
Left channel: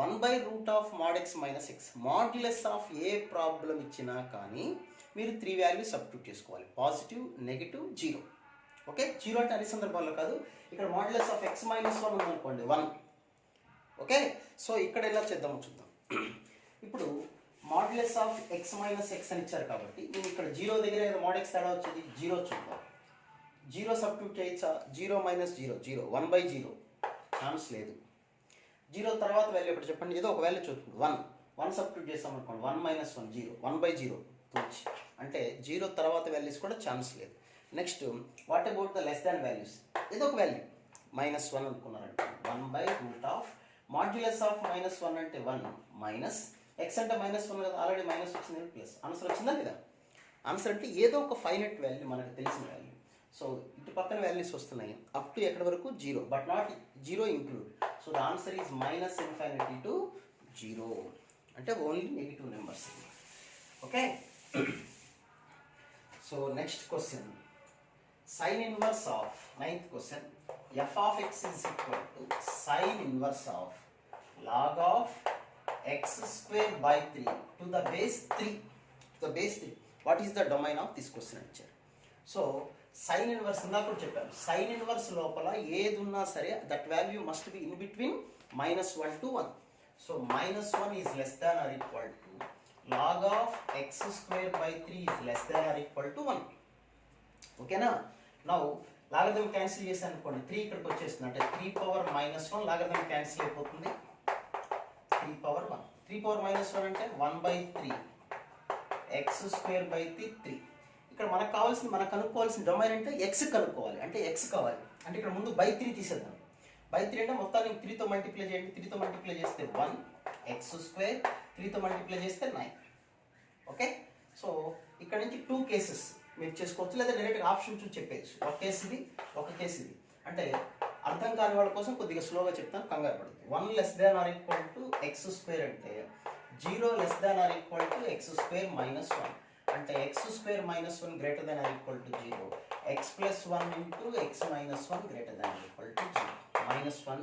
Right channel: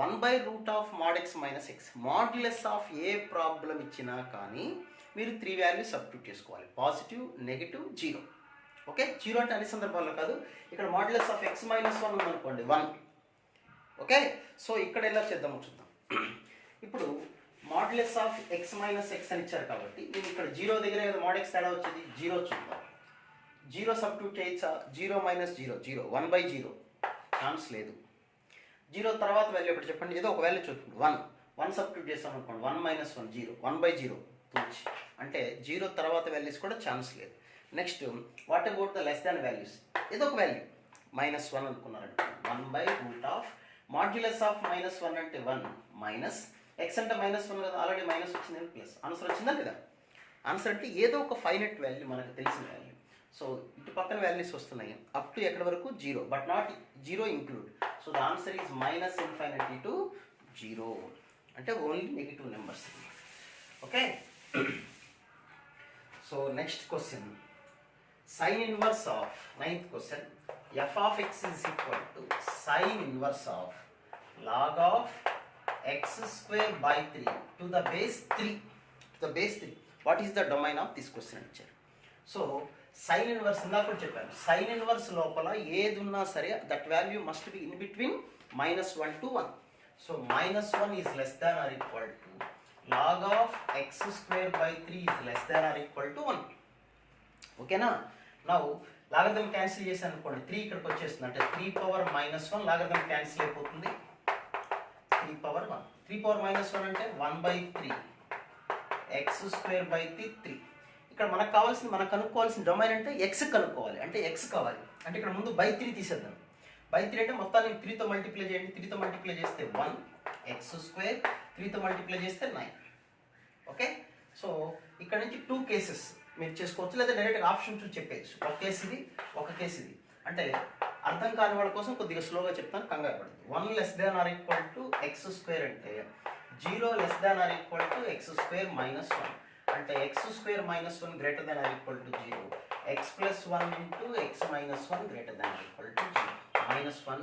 1/√of mod x minus x. Modulus of A problem ఇచ్చినా కానీ మీరు 3 వాల్యూస్ సబ్స్టిట్యూట్ చేసుకోవాలి, పాజిటివ్, నెగిటివ్, 0. ఓకే, 0 అంటే అన్ని సందర్భాల్లో కాదు. ఇక్కడ మాడ్యులస్ ఆఫ్ x minus 1 ఉందనుకోండి, 1. ఓకే, సో ఇక్కడ ఎలా చేద్దామో చూద్దాం. ఇప్పుడు modulus of x minus x అని ఇచ్చారు కాబట్టి నేను ఇక్కడ 0 దగ్గర ఏదో mod x తేడా వచ్చేది, 0 చూద్దాం. 0 సబ్స్టిట్యూట్ చేయొచ్చా? 0 - 0 0, 1/0 ఛాన్స్ లేదు. 0 తర్వాత వాల్యూ ఎప్పుడు చెప్పండి, ఏదో ఒక వాల్యూ చూద్దాం. 1 సబ్స్టిట్యూట్ చేస్తాం అనుకోండి, 1 - 1 0, 1/0 పూర్తి. అంటే 0 తర్వాత వాల్యూస్ కూడా ఛాన్స్ లేదు. Next what about the less than values? ఏదో ఒక వాల్యూ -1 అనుకున్నారంటే 1/√of మాడ్యులస్ ఆఫ్ -1 అంటే 1 మైనస్ x అంటే -1 కదా, ఆల్రెడీ మైనస్ వచ్చింది, ప్లస్. ఆన్సర్ వచ్చిందా లేదా? ఆన్సర్ అంటే ఏదో ఒక ఫైనట్ వాల్యూ, మనకు తెలిసిన వాల్యూ. సో ఇటు పక్కన వాల్యూస్ వస్తున్నాయి అప్ టు ఎక్కడి వరకు 0, but not 0 include. So the answer is -∞ to 0, అంటే only negative numbers. Okay, so next question, sine inverse of 9th question. f of x is equal to sin inverse of log of x² to the base 3. What is the domain of this question answer? So sin inverse ఇందాక కూడా చెప్పాను, sin inverse లోపల ఏది ఉన్నా సరే that value must be in between -1 to 1. So -1 is less than or equal to log of x² 3 is less than or equal to 1. ఓకేనా? నౌ లాగరిథం క్యాన్సిల్ చేశాను అనుకోండి, 3 ఇక్కడికి వచ్చేస్తుంది. అంటే 3⁻−1 లాగరిథం క్యాన్సిల్ అయిపోతుంది. 3⁻1 3⁻−1 అంటే 1/3 x² 3. ఇక్కడ మనకు కావాల్సింది, మనకు కనుక్కోవాల్సిన డొమైన్ అంటే x కనుక్కోవాలి. అంటే x కావాలి అంటే ఇక్కడ ముందు /3 తీసేద్దాం. /3 అంటే మొత్తాన్ని 3తో మల్టిప్లై చేయండి. 3తో మల్టిప్లై చేస్తే 1 x², 3తో మల్టిప్లై చేస్తే 9. ఓకే, సో ఇక్కడ నుంచి 2 కేసెస్ మీరు చేసుకోవచ్చు, లేదా డైరెక్ట్గా ఆప్షన్ చూసి చెప్పేయచ్చు. ఒక కేసు ఇది, ఒక కేసు ఇది. అంటే అర్థం కాని వాళ్ళ కోసం కొద్దిగా స్లోగా చెప్తాను, కంగారు పడదు. 1 <= x² అంటే 0 <= x² - 1 అంటే x² - 1 > 0, x + 1 × x - 1 >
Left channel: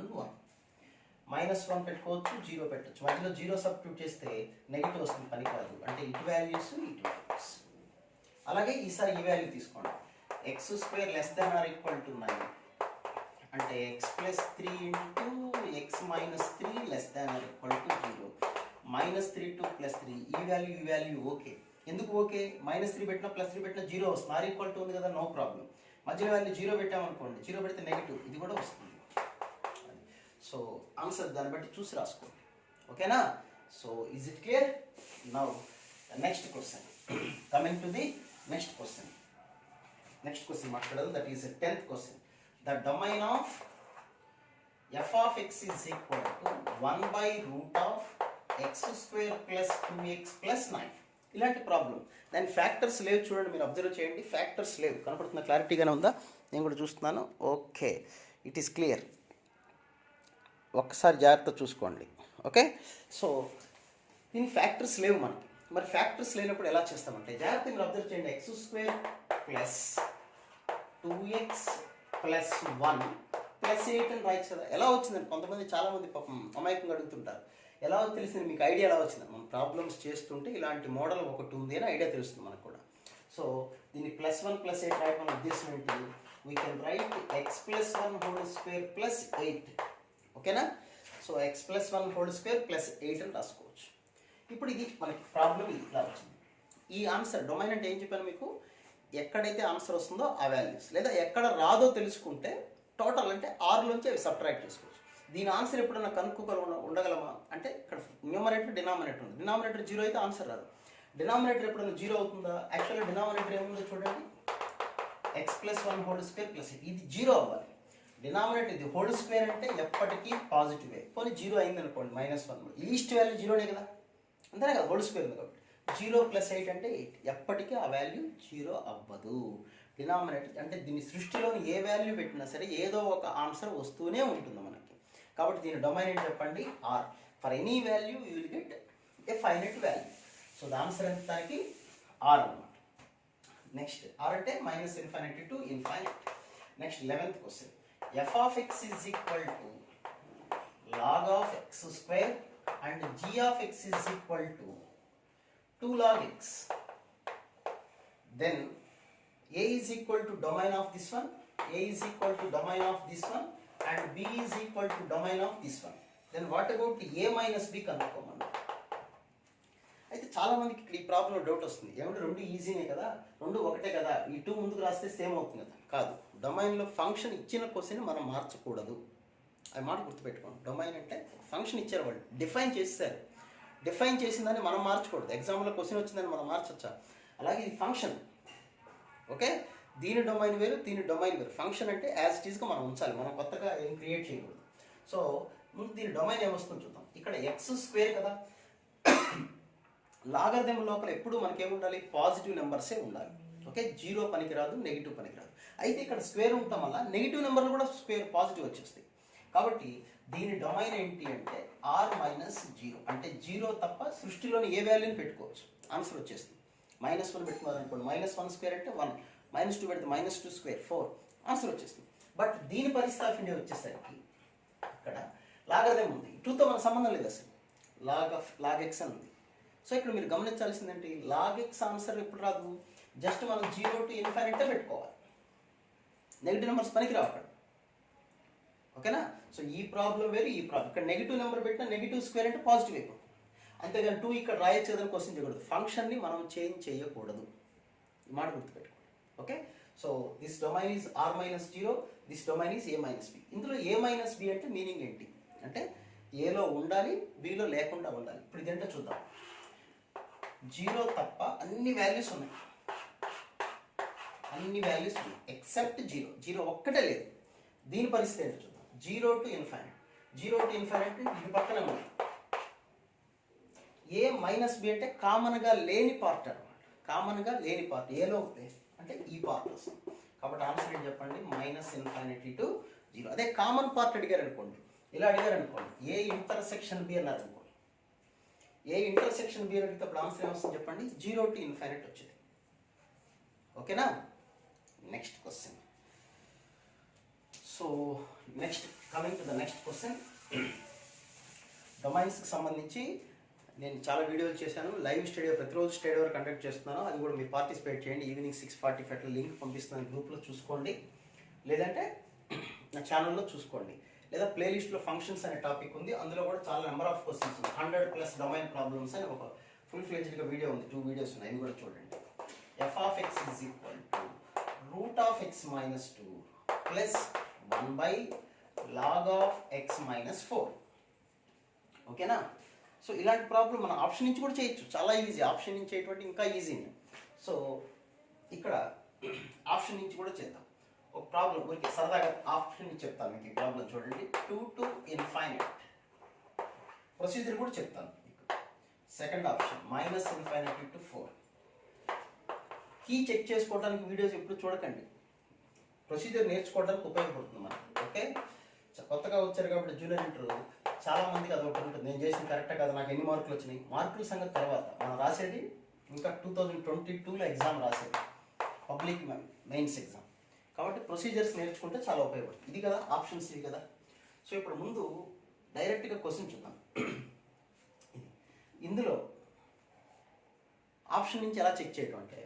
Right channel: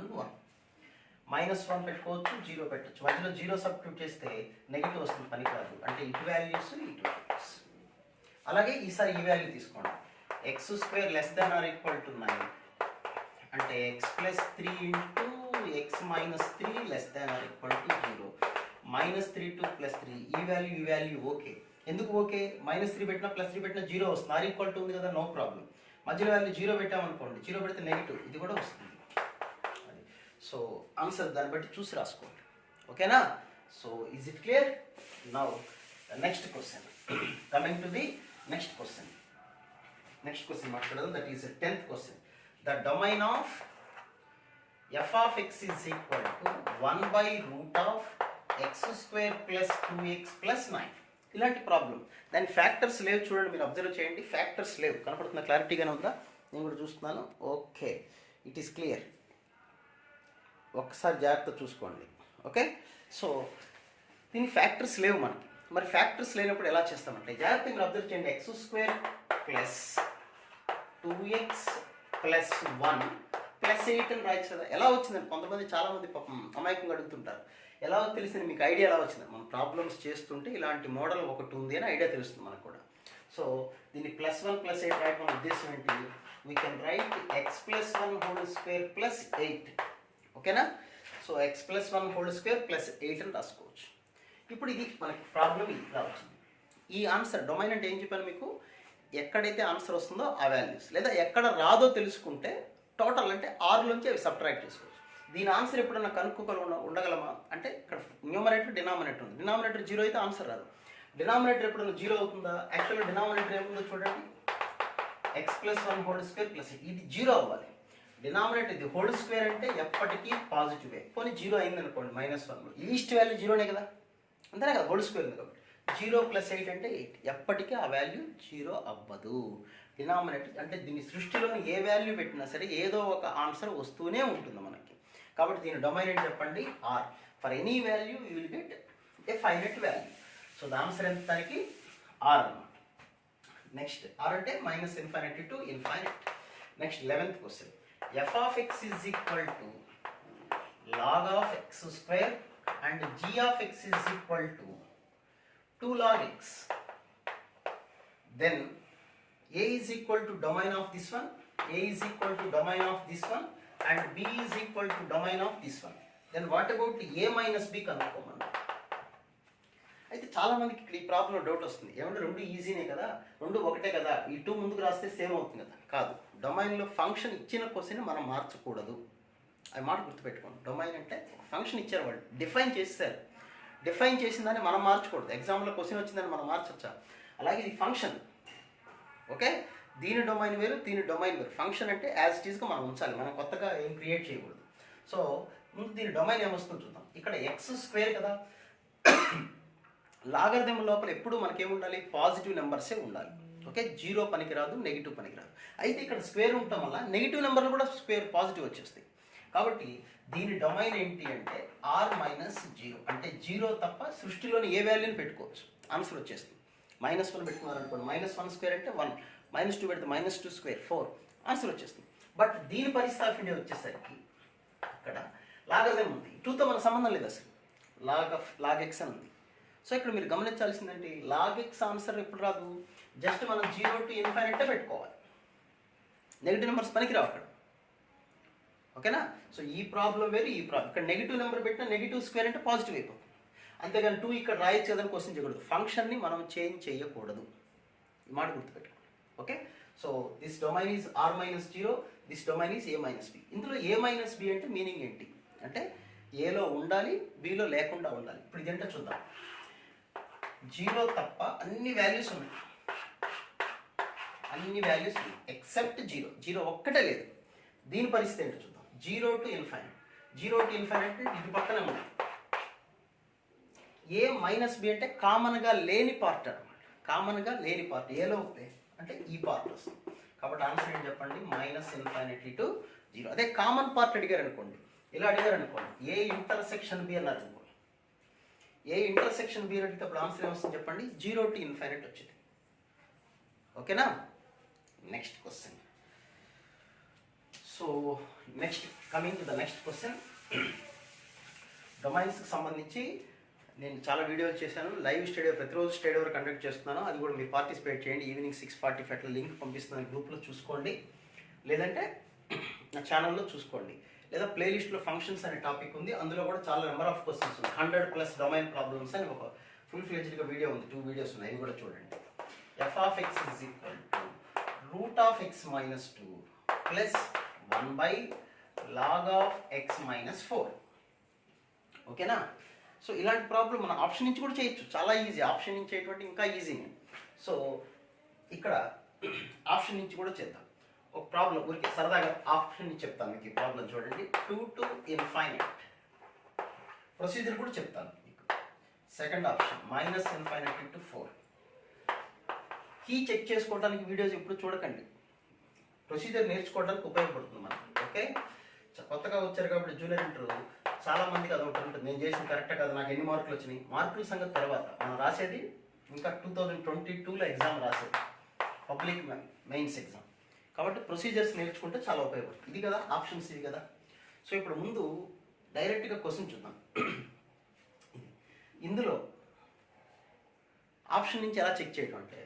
0, -1 పెట్టుకోవచ్చు, 0 పెట్టచ్చు. మధ్యలో 0 సబ్స్టిట్యూట్ చేస్తే నెగిటివ్ వస్తుంది, పనికిరాదు. అంటే ఇటు వాల్యూస్, ఇటు వాల్యూస్. అలాగే ఈసారి ఈ వాల్యూ తీసుకోండి, x² <= 9 అంటే x + 3 × x - 3 <= 0, -3 to +3. ఈ వాల్యూ ఓకే. ఎందుకు ఓకే? -3 పెట్టినా +3 పెట్టినా 0 వస్తుంది. ఆర్ ఈక్వల్ టు ఉంది కదా, నో ప్రాబ్లం. మధ్యలో వాల్యూ 0 పెట్టామనుకోండి, 0 పెడితే నెగిటివ్, ఇది కూడా వస్తుంది. సో ఆన్సర్ దాన్ని బట్టి చూసి రాసుకోండి. ఓకేనా? So is it clear? Now next question, coming to the next question మాట్లాడదాం. That is 10th question. The domain of f of x is equal to 1/√of x² + 2x + 9. ఇలాంటి ప్రాబ్లం. దాని ఫ్యాక్టర్స్ లేవు, చూడండి, మీరు అబ్జర్వ్ చేయండి. ఫ్యాక్టర్స్ లేవు, కనపడుతున్న, క్లారిటీగానే ఉందా? నేను కూడా చూస్తున్నాను. Okay, it is clear. ఒక్కసారి జాగ్రత్త చూసుకోండి. ఓకే, సో దీని ఫ్యాక్టర్స్ లేవు మనకి. మరి ఫ్యాక్టర్స్ లేనప్పుడు ఎలా చేస్తామంటే, జాగ్రత్త మీరు అబ్జర్వ్ చేయండి. x² + 2x + 1 + 8 అని రాయొచ్చు కదా. ఎలా వచ్చిందని కొంతమంది, చాలామంది పాపం అమాయకంగా అడుగుతుంటారు. ఎలా తెలిసింది మీకు? ఐడియా ఎలా వచ్చింది? మనం ప్రాబ్లమ్స్ చేస్తుంటే ఇలాంటి మోడల్ ఒకటి ఉంది అని ఐడియా తెలుస్తుంది మనకు కూడా. సో దీన్ని +1 + 8 రాయడం ఉద్దేశం ఏంటి? We can right x + 1² + 8. ఓకేనా? సో x + 1² + 8 అని రాసుకోవచ్చు. ఇప్పుడు ఇది మనకి ప్రాబ్లం, ఇది ఇలా వచ్చింది. ఈ ఆన్సర్ డొమైన్ అంటే ఏం చెప్పాను మీకు, ఎక్కడైతే ఆన్సర్ వస్తుందో ఆ వాల్యూస్, లేదా ఎక్కడ రాదో తెలుసుకుంటే టోటల్ అంటే ఆరులోంచి అవి సబ్ట్రాక్ట్ చేసుకోవచ్చు. దీని ఆన్సర్ ఎప్పుడన్నా ఉండగలమా అంటే ఇక్కడ న్యూమరేటర్ డినామినేటర్ ఉంది. డినామినేటర్ 0 అయితే ఆన్సర్ రాదు. డినామినేటర్ ఎప్పుడన్నా 0 అవుతుందా? యాక్చువల్గా డినామినేటర్ ఏముందో చూడండి, x+1² ఇది 0 అవ్వాలి. డినామినేటర్ ఇది హోల్ స్క్వేర్ అంటే ఎప్పటికీ పాజిటివే. పోనీ 0 అయింది అనుకోండి -1, లీస్ట్ వాల్యూ 0నే కదా, అంతేనే కదా, హోల్ స్క్వేర్ ఉంది కాబట్టి 0 + 8 అంటే 8, ఎప్పటికీ ఆ వాల్యూ 0 అవ్వదు. డినామినేటర్ అంటే దీని సృష్టిలోని ఏ వాల్యూ పెట్టినా సరే ఏదో ఒక ఆన్సర్ వస్తూనే ఉంటుంది మనకి. కాబట్టి దీని డొమైన్ ఏంటి చెప్పండి, R. For any value you will get a finite value. So the answer ఎంత దానికి ఆర్ అన్నమాట. నెక్స్ట్ ఆర్ అంటే -∞ to ∞. Next 11th question, f of x is equal to log of x² and g of x is equal to 2 log x. Then a is equal to domain of this one, a is equal to domain of this one, and b is equal to domain of this one. Then what about a minus b కనుక్కోమన్నా. అయితే చాలా మందికి ఇక్కడ ఈ ప్రాబ్లంలో డౌట్ వస్తుంది, ఏమంటే రెండు ఈజీనే కదా, రెండు ఒకటే కదా, ఈ 2 ముందుకు రాస్తే సేమ్ అవుతుంది కదా. కాదు, డొమైన్లో ఫంక్షన్ ఇచ్చిన క్వశ్చన్ మనం మార్చకూడదు. అది మాట గుర్తుపెట్టుకోండి. డొమైన్ అంటే ఒక ఫంక్షన్ ఇచ్చారు, వాళ్ళు డిఫైన్ చేస్తారు, డిఫైన్ చేసిన దాన్ని మనం మార్చకూడదు. ఎగ్జాంపుల్లో క్వశ్చన్ వచ్చిందని మనం మార్చొచ్చా? అలాగే ఇది ఫంక్షన్, ఓకే, దీని డొమైన్ వేరు, దీని డొమైన్ వేరు. ఫంక్షన్ అంటే యాజ్ ఇట్ ఈస్గా మనం ఉంచాలి, మనం కొత్తగా ఏం క్రియేట్ చేయకూడదు. సో ముందు దీని డొమైన్ ఏమొస్తుందో చూద్దాం. ఇక్కడ x² కదా, లాగరిథం లోపల ఎప్పుడు మనకేముండాలి, పాజిటివ్ నెంబర్సే ఉండాలి. ఓకే, 0 పనికిరాదు, నెగిటివ్ పనికిరాదు. అయితే ఇక్కడ స్క్వేర్ ఉండటం వల్ల నెగిటివ్ నెంబర్లు కూడా స్క్వేర్ పాజిటివ్ వచ్చేస్తాయి. కాబట్టి దీని డొమైన్ ఏంటి అంటే r-0, అంటే 0 తప్ప సృష్టిలోని ఏ వాల్యూని పెట్టుకోవచ్చు, ఆన్సర్ వచ్చేస్తుంది. -1 పెట్టుకున్నారనుకోండి, -1² అంటే 1, -2 పెడితే -2² 4, ఆన్సర్ వచ్చేస్తుంది. బట్ దీని పరిస్థితి ఆఫ్ ఇండియా వచ్చేసరికి ఇక్కడ లాగరిథం ఉంది, 2తో మనకు సంబంధం లేదు అసలు, లాగ్ x అని ఉంది. సో ఇక్కడ మీరు గమనించాల్సిందంటే లాగ్ x ఆన్సర్ ఎప్పుడు రాదు, జస్ట్ మనం 0 to ∞ పెట్టుకోవాలి, నెగిటివ్ నెంబర్స్ పనికి రావు అక్కడ. ఓకేనా? సో ఈ ప్రాబ్లం వేరు, ఈ ప్రాబ్లం. ఇక్కడ నెగిటివ్ నెంబర్ పెట్టినా -2² అంటే పాజిటివ్ అయిపోతుంది. అంతేగాని 2 ఇక్కడ రాయొచ్చు కదని క్వశ్చన్ చేయకూడదు, ఫంక్షన్ని మనం చేంజ్ చేయకూడదు. ఈ మాట గుర్తుపెట్టుకోండి. Okay, so this domain is r-0, this domain is a-b. ఇందులో a-b అంటే మీనింగ్ ఏంటి అంటే ఏలో ఉండాలి, బిలో లేకుండా ఉండాలి. ఇప్పుడు ఇదంటే చూద్దాం. 0 తప్ప అన్ని వాల్యూస్ ఉన్నాయి, అన్ని వాల్యూస్ ఉన్నాయి ఎక్సెప్ట్ 0 ఒక్కటే లేదు. దీని పరిస్థితి ఏంటో చూద్దాం. 0 to ∞, 0 to ∞ అంటే ఇది పక్కనే ఉంది. a-b అంటే కామన్గా లేని పార్ట్ అనమాట, కామన్గా లేని పార్ట్ ఏలో అంటే ఈ పార్ట్ వస్తుంది. కాబట్టి ఆన్సర్ ఏంటి చెప్పండి, -∞ to 0. అదే కామన్ పార్ట్ అడిగారు అనుకోండి, ఇలా అడిగారు అనుకోండి, a∩b అన్నారు అనుకోండి, a∩b అడిగితే అప్పుడు ఆన్సర్ ఏమొస్తుంది చెప్పండి, 0 to ∞ వచ్చింది. ఓకేనా? Next question. So next coming to the next question, డొమైన్స్కి సంబంధించి నేను చాలా వీడియోలు చేశాను, లైవ్ స్టడీ ప్రతిరోజు స్టడీ వరకు కండక్ట్ చేస్తున్నాను. అది కూడా మీరు పార్టిసిపేట్ చేయండి. ఈవినింగ్ 6:45 లింక్ పంపిస్తున్నాను, గ్రూప్లో చూసుకోండి, లేదంటే నా ఛానల్లో చూసుకోండి, లేదా ప్లేలిస్ట్లో ఫంక్షన్స్ అనే టాపిక్ ఉంది, అందులో కూడా చాలా నెంబర్ ఆఫ్ క్వశ్చన్స్ ఉన్నాయి. 100+ డొమైన్ ప్రాబ్లమ్స్ అని ఒక ఫుల్ ఫ్లెడ్జ్డ్గా వీడియో ఉంది, 2 వీడియోస్ ఉన్నాయి, అవి కూడా చూడండి. f of x is equal to √x-2 plus 1/log of x - 4. ఓకేనా? సో ఇలాంటి ప్రాబ్లం మనం ఆప్షన్ నుంచి కూడా చేయొచ్చు, చాలా ఈజీ. ఆప్షన్ నుంచి చేయటువంటి ఇంకా ఈజీ. సో ఇక్కడ ఆప్షన్ నుంచి కూడా చేద్దాం. ఒక ప్రాబ్లం ఊరికి సరదాగా ఆప్షన్ నుంచి చెప్తాను మీకు. ఈ ప్రాబ్లం చూడండి, 2 to ∞. ప్రొసీజర్ కూడా చెప్తాను మీకు. Second option -∞ to 4. Key check చేసుకోవడానికి వీడియోస్ ఎప్పుడు చూడకండి, ప్రొసీజర్ నేర్చుకోవడానికి ఉపయోగపడుతుంది మనకి. ఓకే, కొత్తగా వచ్చారు కాబట్టి జూనియర్ ఇంటర్ చాలా మందికి అది ఒకటి ఉంటుంది, నేను చేసిన కరెక్టే కదా, నాకు ఎన్ని మార్కులు వచ్చినాయి. మార్కుల సంగతి తర్వాత, మనం రాసేది ఇంకా 2022లో ఎగ్జామ్ రాసేది, పబ్లిక్ మెయిన్స్ ఎగ్జామ్. కాబట్టి ప్రొసీజర్స్ నేర్చుకుంటే చాలా ఉపయోగపడుతుంది. ఇది కదా ఆప్షన్స్, ఇది కదా. సో ఇప్పుడు ముందు డైరెక్ట్గా క్వశ్చన్ చూద్దాం. ఇందులో ఆప్షన్ నుంచి ఎలా చెక్ చేయడం అంటే,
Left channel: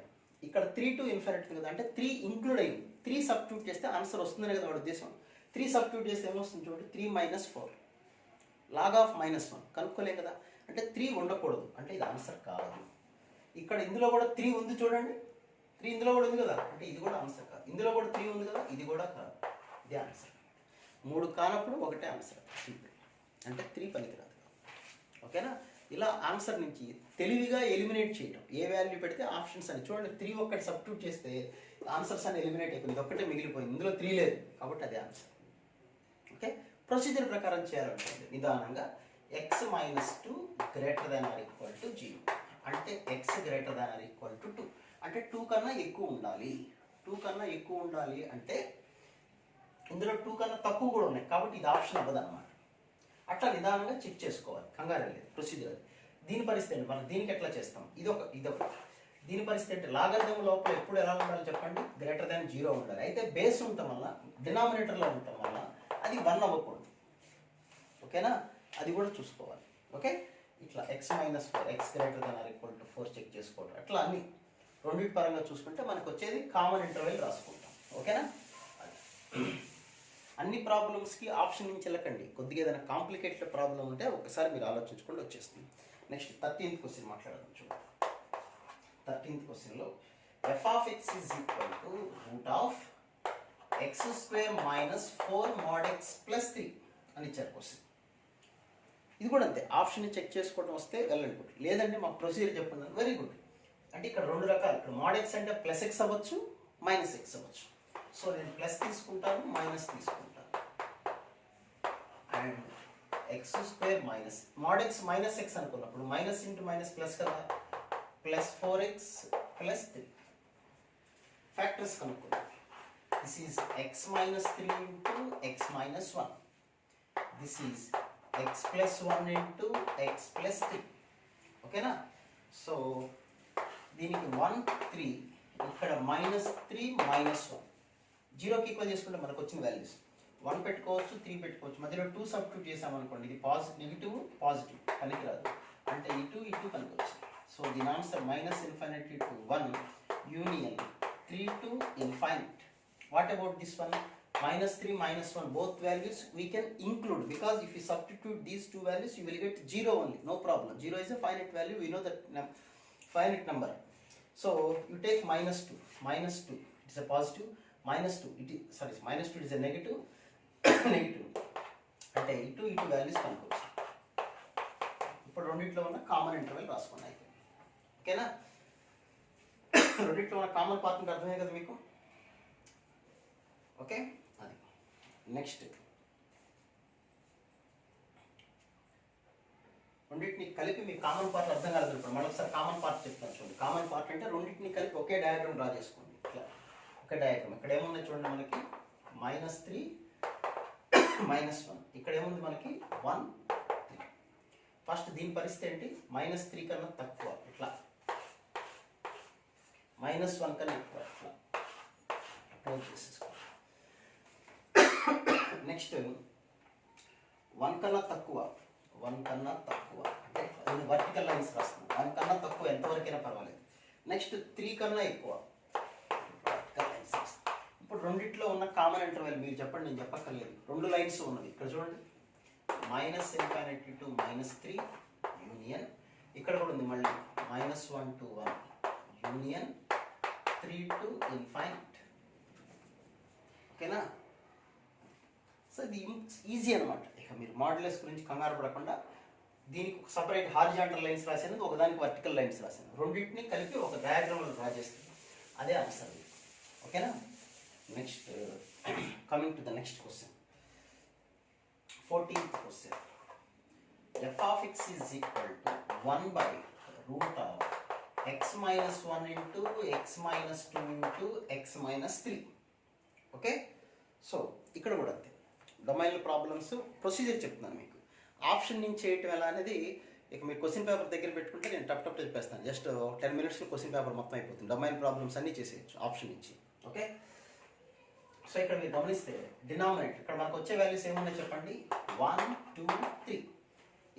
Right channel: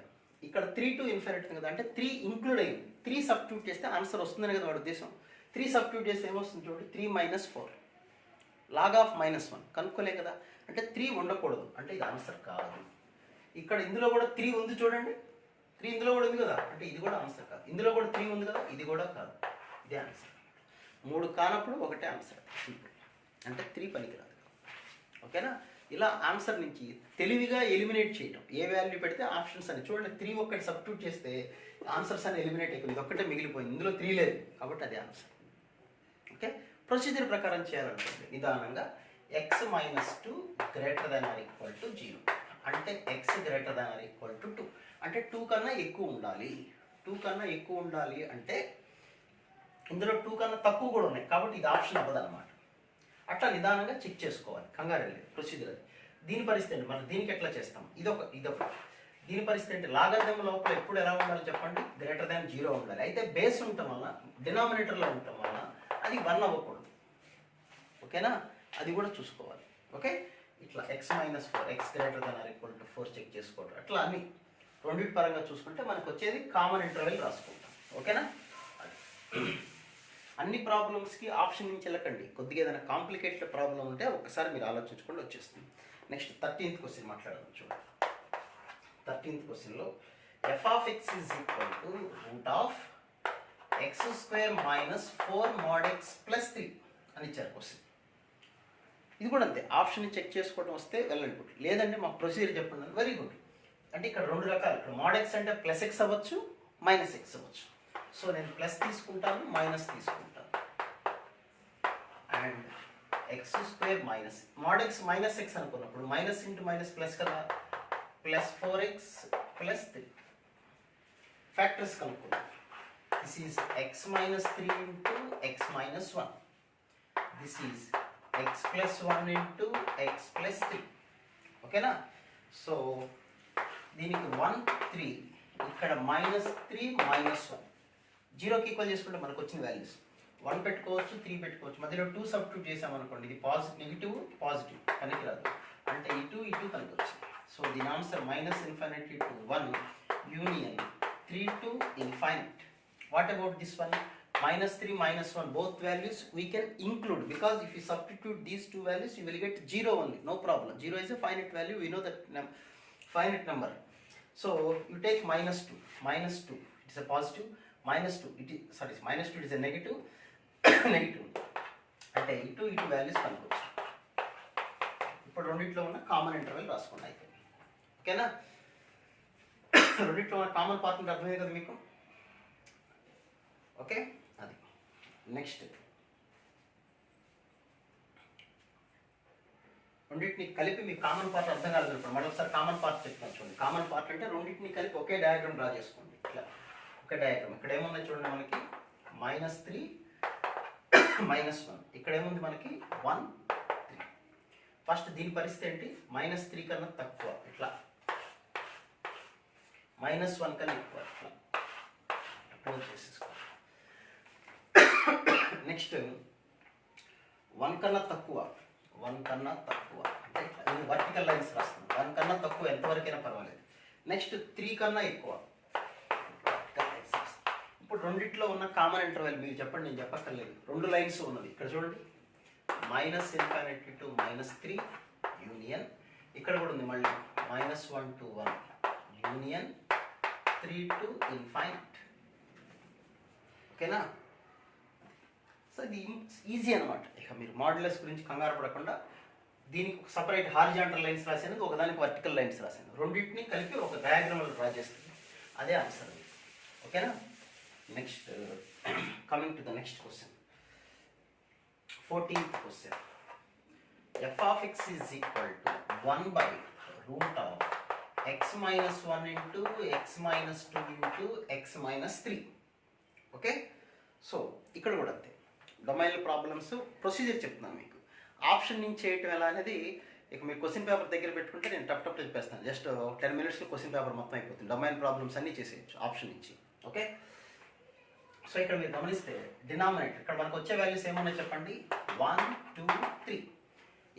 ఇక్కడ 3 to ∞ కదా, అంటే 3 ఇంక్లూడ్ అయింది. 3 సబ్స్టిట్యూట్ చేస్తే ఆన్సర్ వస్తుందని కదా వాడి ఉద్దేశం. 3 సబ్స్టిట్యూట్ చేస్తే ఏమొస్తుంది చూడండి, 3 - 4 log of -1 కనుక్కోలేం కదా, అంటే 3 ఉండకూడదు, అంటే ఇది ఆన్సర్ కాదు. ఇక్కడ ఇందులో కూడా 3 ఉంది చూడండి, 3 ఇందులో కూడా ఉంది కదా, అంటే ఇది కూడా ఆన్సర్ కాదు. ఇందులో కూడా 3 ఉంది కదా, ఇది కూడా కాదు. ఇదే ఆన్సర్. 3 కానప్పుడు ఒకటే ఆన్సర్, అంటే 3 పనికిరాదు. ఓకేనా? ఇలా ఆన్సర్ నుంచి తెలివిగా ఎలిమినేట్ చేయడం. ఏ వాల్యూ పెడితే ఆప్షన్స్ అని చూడండి, 3 ఒక్కటి సబ్స్టిట్యూట్ చేస్తే ఆన్సర్స్ అని ఎలిమినేట్ అయిపోయింది. ఇది ఒక్కటే మిగిలిపోయింది, ఇందులో 3 లేదు కాబట్టి అదే ఆన్సర్. ఓకే, ప్రొసీజర్ ప్రకారం చేయాలనుకోండి నిదానంగా. x - 2 greater than or equal to 0 అంటే x greater than or equal to 2 అంటే 2 కన్నా ఎక్కువ ఉండాలి. 2 కన్నా ఎక్కువ ఉండాలి అంటే ఇందులో 2 కన్నా తక్కువ కూడా ఉన్నాయి కాబట్టి ఇది ఆప్షన్ అవ్వదు అనమాట. అట్లా నిదానంగా చెక్ చేసుకోవాలి, కంగారు లేదు. ప్రొసీజర్ అది. దీని పరిస్థితి ఏంటి, మనం దీనికి ఎట్లా చేస్తాం, ఇదొక దీని పరిస్థితి ఏంటి, లాగరిథం లోపల ఎప్పుడు ఎలా ఉండాలి చెప్పండి, గ్రేటర్ దాన్ 0 ఉండాలి. అయితే బేస్ ఉండటం వల్ల, డినామినేటర్లో ఉండటం వల్ల అది 1 అవ్వకూడదు. ఓకేనా? అది కూడా చూసుకోవాలి. ఓకే, ఇట్లా x - 4 x greater than or equal to 4 check చేసుకోవడం. అట్లా అన్ని రెండింటి పరంగా చూసుకుంటే మనకు వచ్చేది కామన్ ఇంటర్వెల్ రాసుకుంటాం. ఓకేనా? అన్ని ప్రాబ్లమ్స్కి ఆప్షన్ నుంచి వెళ్ళకండి. కొద్దిగా ఏదైనా కాంప్లికేటెడ్ ప్రాబ్లం ఉంటే ఒకసారి మీరు ఆలోచించుకోండి, వచ్చేస్తుంది. నెక్స్ట్ 13th క్వశ్చన్ మాట్లాడదాం. చూడండి, 13th క్వశ్చన్లో f(x) is equal to root of x² minus 4 mod x plus 3 అని ఇచ్చారు క్వశ్చన్. ఇది కూడా అంతే, ఆప్షన్ చెక్ చేసుకోవడం వస్తే వెళ్ళండి, గుడ్. లేదంటే మాకు ప్రొసీజర్ చెప్పండి, వెరీ గుడ్. అంటే ఇక్కడ 2 రకాలు, ఇక్కడ mod x అంటే ప్లస్ x అవ్వచ్చు, మైనస్ x అవ్వచ్చు. సో నేను ప్లస్ తీసుకుంటాను, మైనస్ తీసుకుంటాను. And x² minus mod x minus x అనుకున్నప్పుడు మైనస్ ఇంటూ మైనస్ ప్లస్ కదా, ప్లస్ 4x ప్లస్ 3 ఫ్యాక్టర్స్ కనుక్కుంటాం. This is x - 3 into x - 1. This is x + 1 into x + 3. ఓకేనా? సో దీనికి 1 3, ఇక్కడ -3 -1 జీరోకి ఈక్వల్ చేసుకుంటే మనకు వచ్చిన వాల్యూస్ 1 పెట్టుకోవచ్చు, 3 పెట్టుకోవచ్చు. మధ్యలో 2 సబ్స్టిట్యూట్ చేసామనుకోండి, ఇది నెగిటివ్ పాజిటివ్ పనికిరాదు, అంటే ఇటు కనుకోవచ్చు. సో దీని answer -∞ to 1 union 3 to infinite. What about this one? -3 -1, both values we can include, because if you substitute these two values you will get 0 only, no problem. 0 is a finite value, we know that finite number. So you take -2 it is a positive, -2 it is -2 it is a negative negative, అంటే ఇటు వాల్యూస్ కనుకోవచ్చు. ఇప్పుడు రెండిట్లో ఉన్న కామన్ ఇంటర్వెల్ రాసుకోండి అయిపోయింది. ఓకేనా? రెండిట్లో ఉన్న కామన్ పార్ట్ అంటే అర్థమే కదా మీకు. ఓకే, అది నెక్స్ట్. రెండింటిని కలిపి మీకు కామన్ పార్ట్ అర్థం కాలేదు ఇప్పుడు మళ్ళీ ఒకసారి కామన్ పార్ట్ చెప్తాను చూడండి. కామన్ పార్ట్ అంటే రెండింటిని కలిపి ఒకే డయాగ్రామ్ డ్రా చేసుకోండి. ఇట్లా ఒకే డయాగ్రామ్. ఇక్కడ ఏముంది చూడండి, మనకి -3 -1, ఇక్కడ ఏముంది మనకి 1 3. ఫస్ట్ దీని పరిస్థితి ఏంటి, -3 కన్నా తక్కువ, ఇట్లా -1 కన్నా ఎక్కువ, ఇట్లా అప్రోచ్ చేసేసుకోవాలి. నెక్స్ట్ 1 కన్నా తక్కువ అంటే నేను వర్టికల్ లైన్స్ రాస్తున్నాను. 1 కన్నా తక్కువ ఎంతవరకైనా పర్వాలేదు. నెక్స్ట్ 3 కన్నా ఎక్కువ. ఇప్పుడు రెండిట్లో ఉన్న కామన్ ఇంటర్వెల్ మీరు చెప్పండి, నేను చెప్పక్కర్లేదు. 2 లైన్స్ ఉన్నది ఇక్కడ చూడండి, -∞ to -3 యూనియన్. ఇక్కడ కూడా ఉంది మళ్ళీ -1 to 1 యూనియన్ 3 to infinite. ఓకేనా? సో ఇది ఈజీ అనమాట. ఇక మీరు మాడ్యులస్ గురించి కంగారు పడకుండా దీనికి సపరేట్ హారిజాంటల్ లైన్స్ రాసాను, ఒకదానికి వర్టికల్ లైన్స్ రాసాను. రెండింటిని కలిపి ఒక డయాగ్రామ్ డ్రా చేస్తుంది, అదే ఆన్సర్. ఓకేనా? Next coming to the next question, 14th question. f(x) is equal to 1/root of x - 1 into x - 2 into x - 3. Okay, so ఇక్కడ కూడా అంతే, డొమైన్ ప్రాబ్లమ్స్ ప్రొసీజర్ చెప్తున్నాను మీకు. ఆప్షన్ నుంచి చేయటం ఎలా అనేది ఇక మీరు క్వశ్చన్ పేపర్ దగ్గర పెట్టుకుంటే నేను టప్ చెప్పేస్తాను. జస్ట్ 10 minutesలో క్వశ్చన్ పేపర్ మొత్తం అయిపోతుంది. డొమైన్ ప్రాబ్లమ్స్ అన్నీ చేసేయచ్చు ఆప్షన్ నుంచి. ఓకే, సో ఇక్కడ మీరు గమనిస్తే డినామినేటర్ ఇక్కడ మనకు వచ్చే వాల్యూస్ ఏమున్నాయి చెప్పండి, 1 2 3.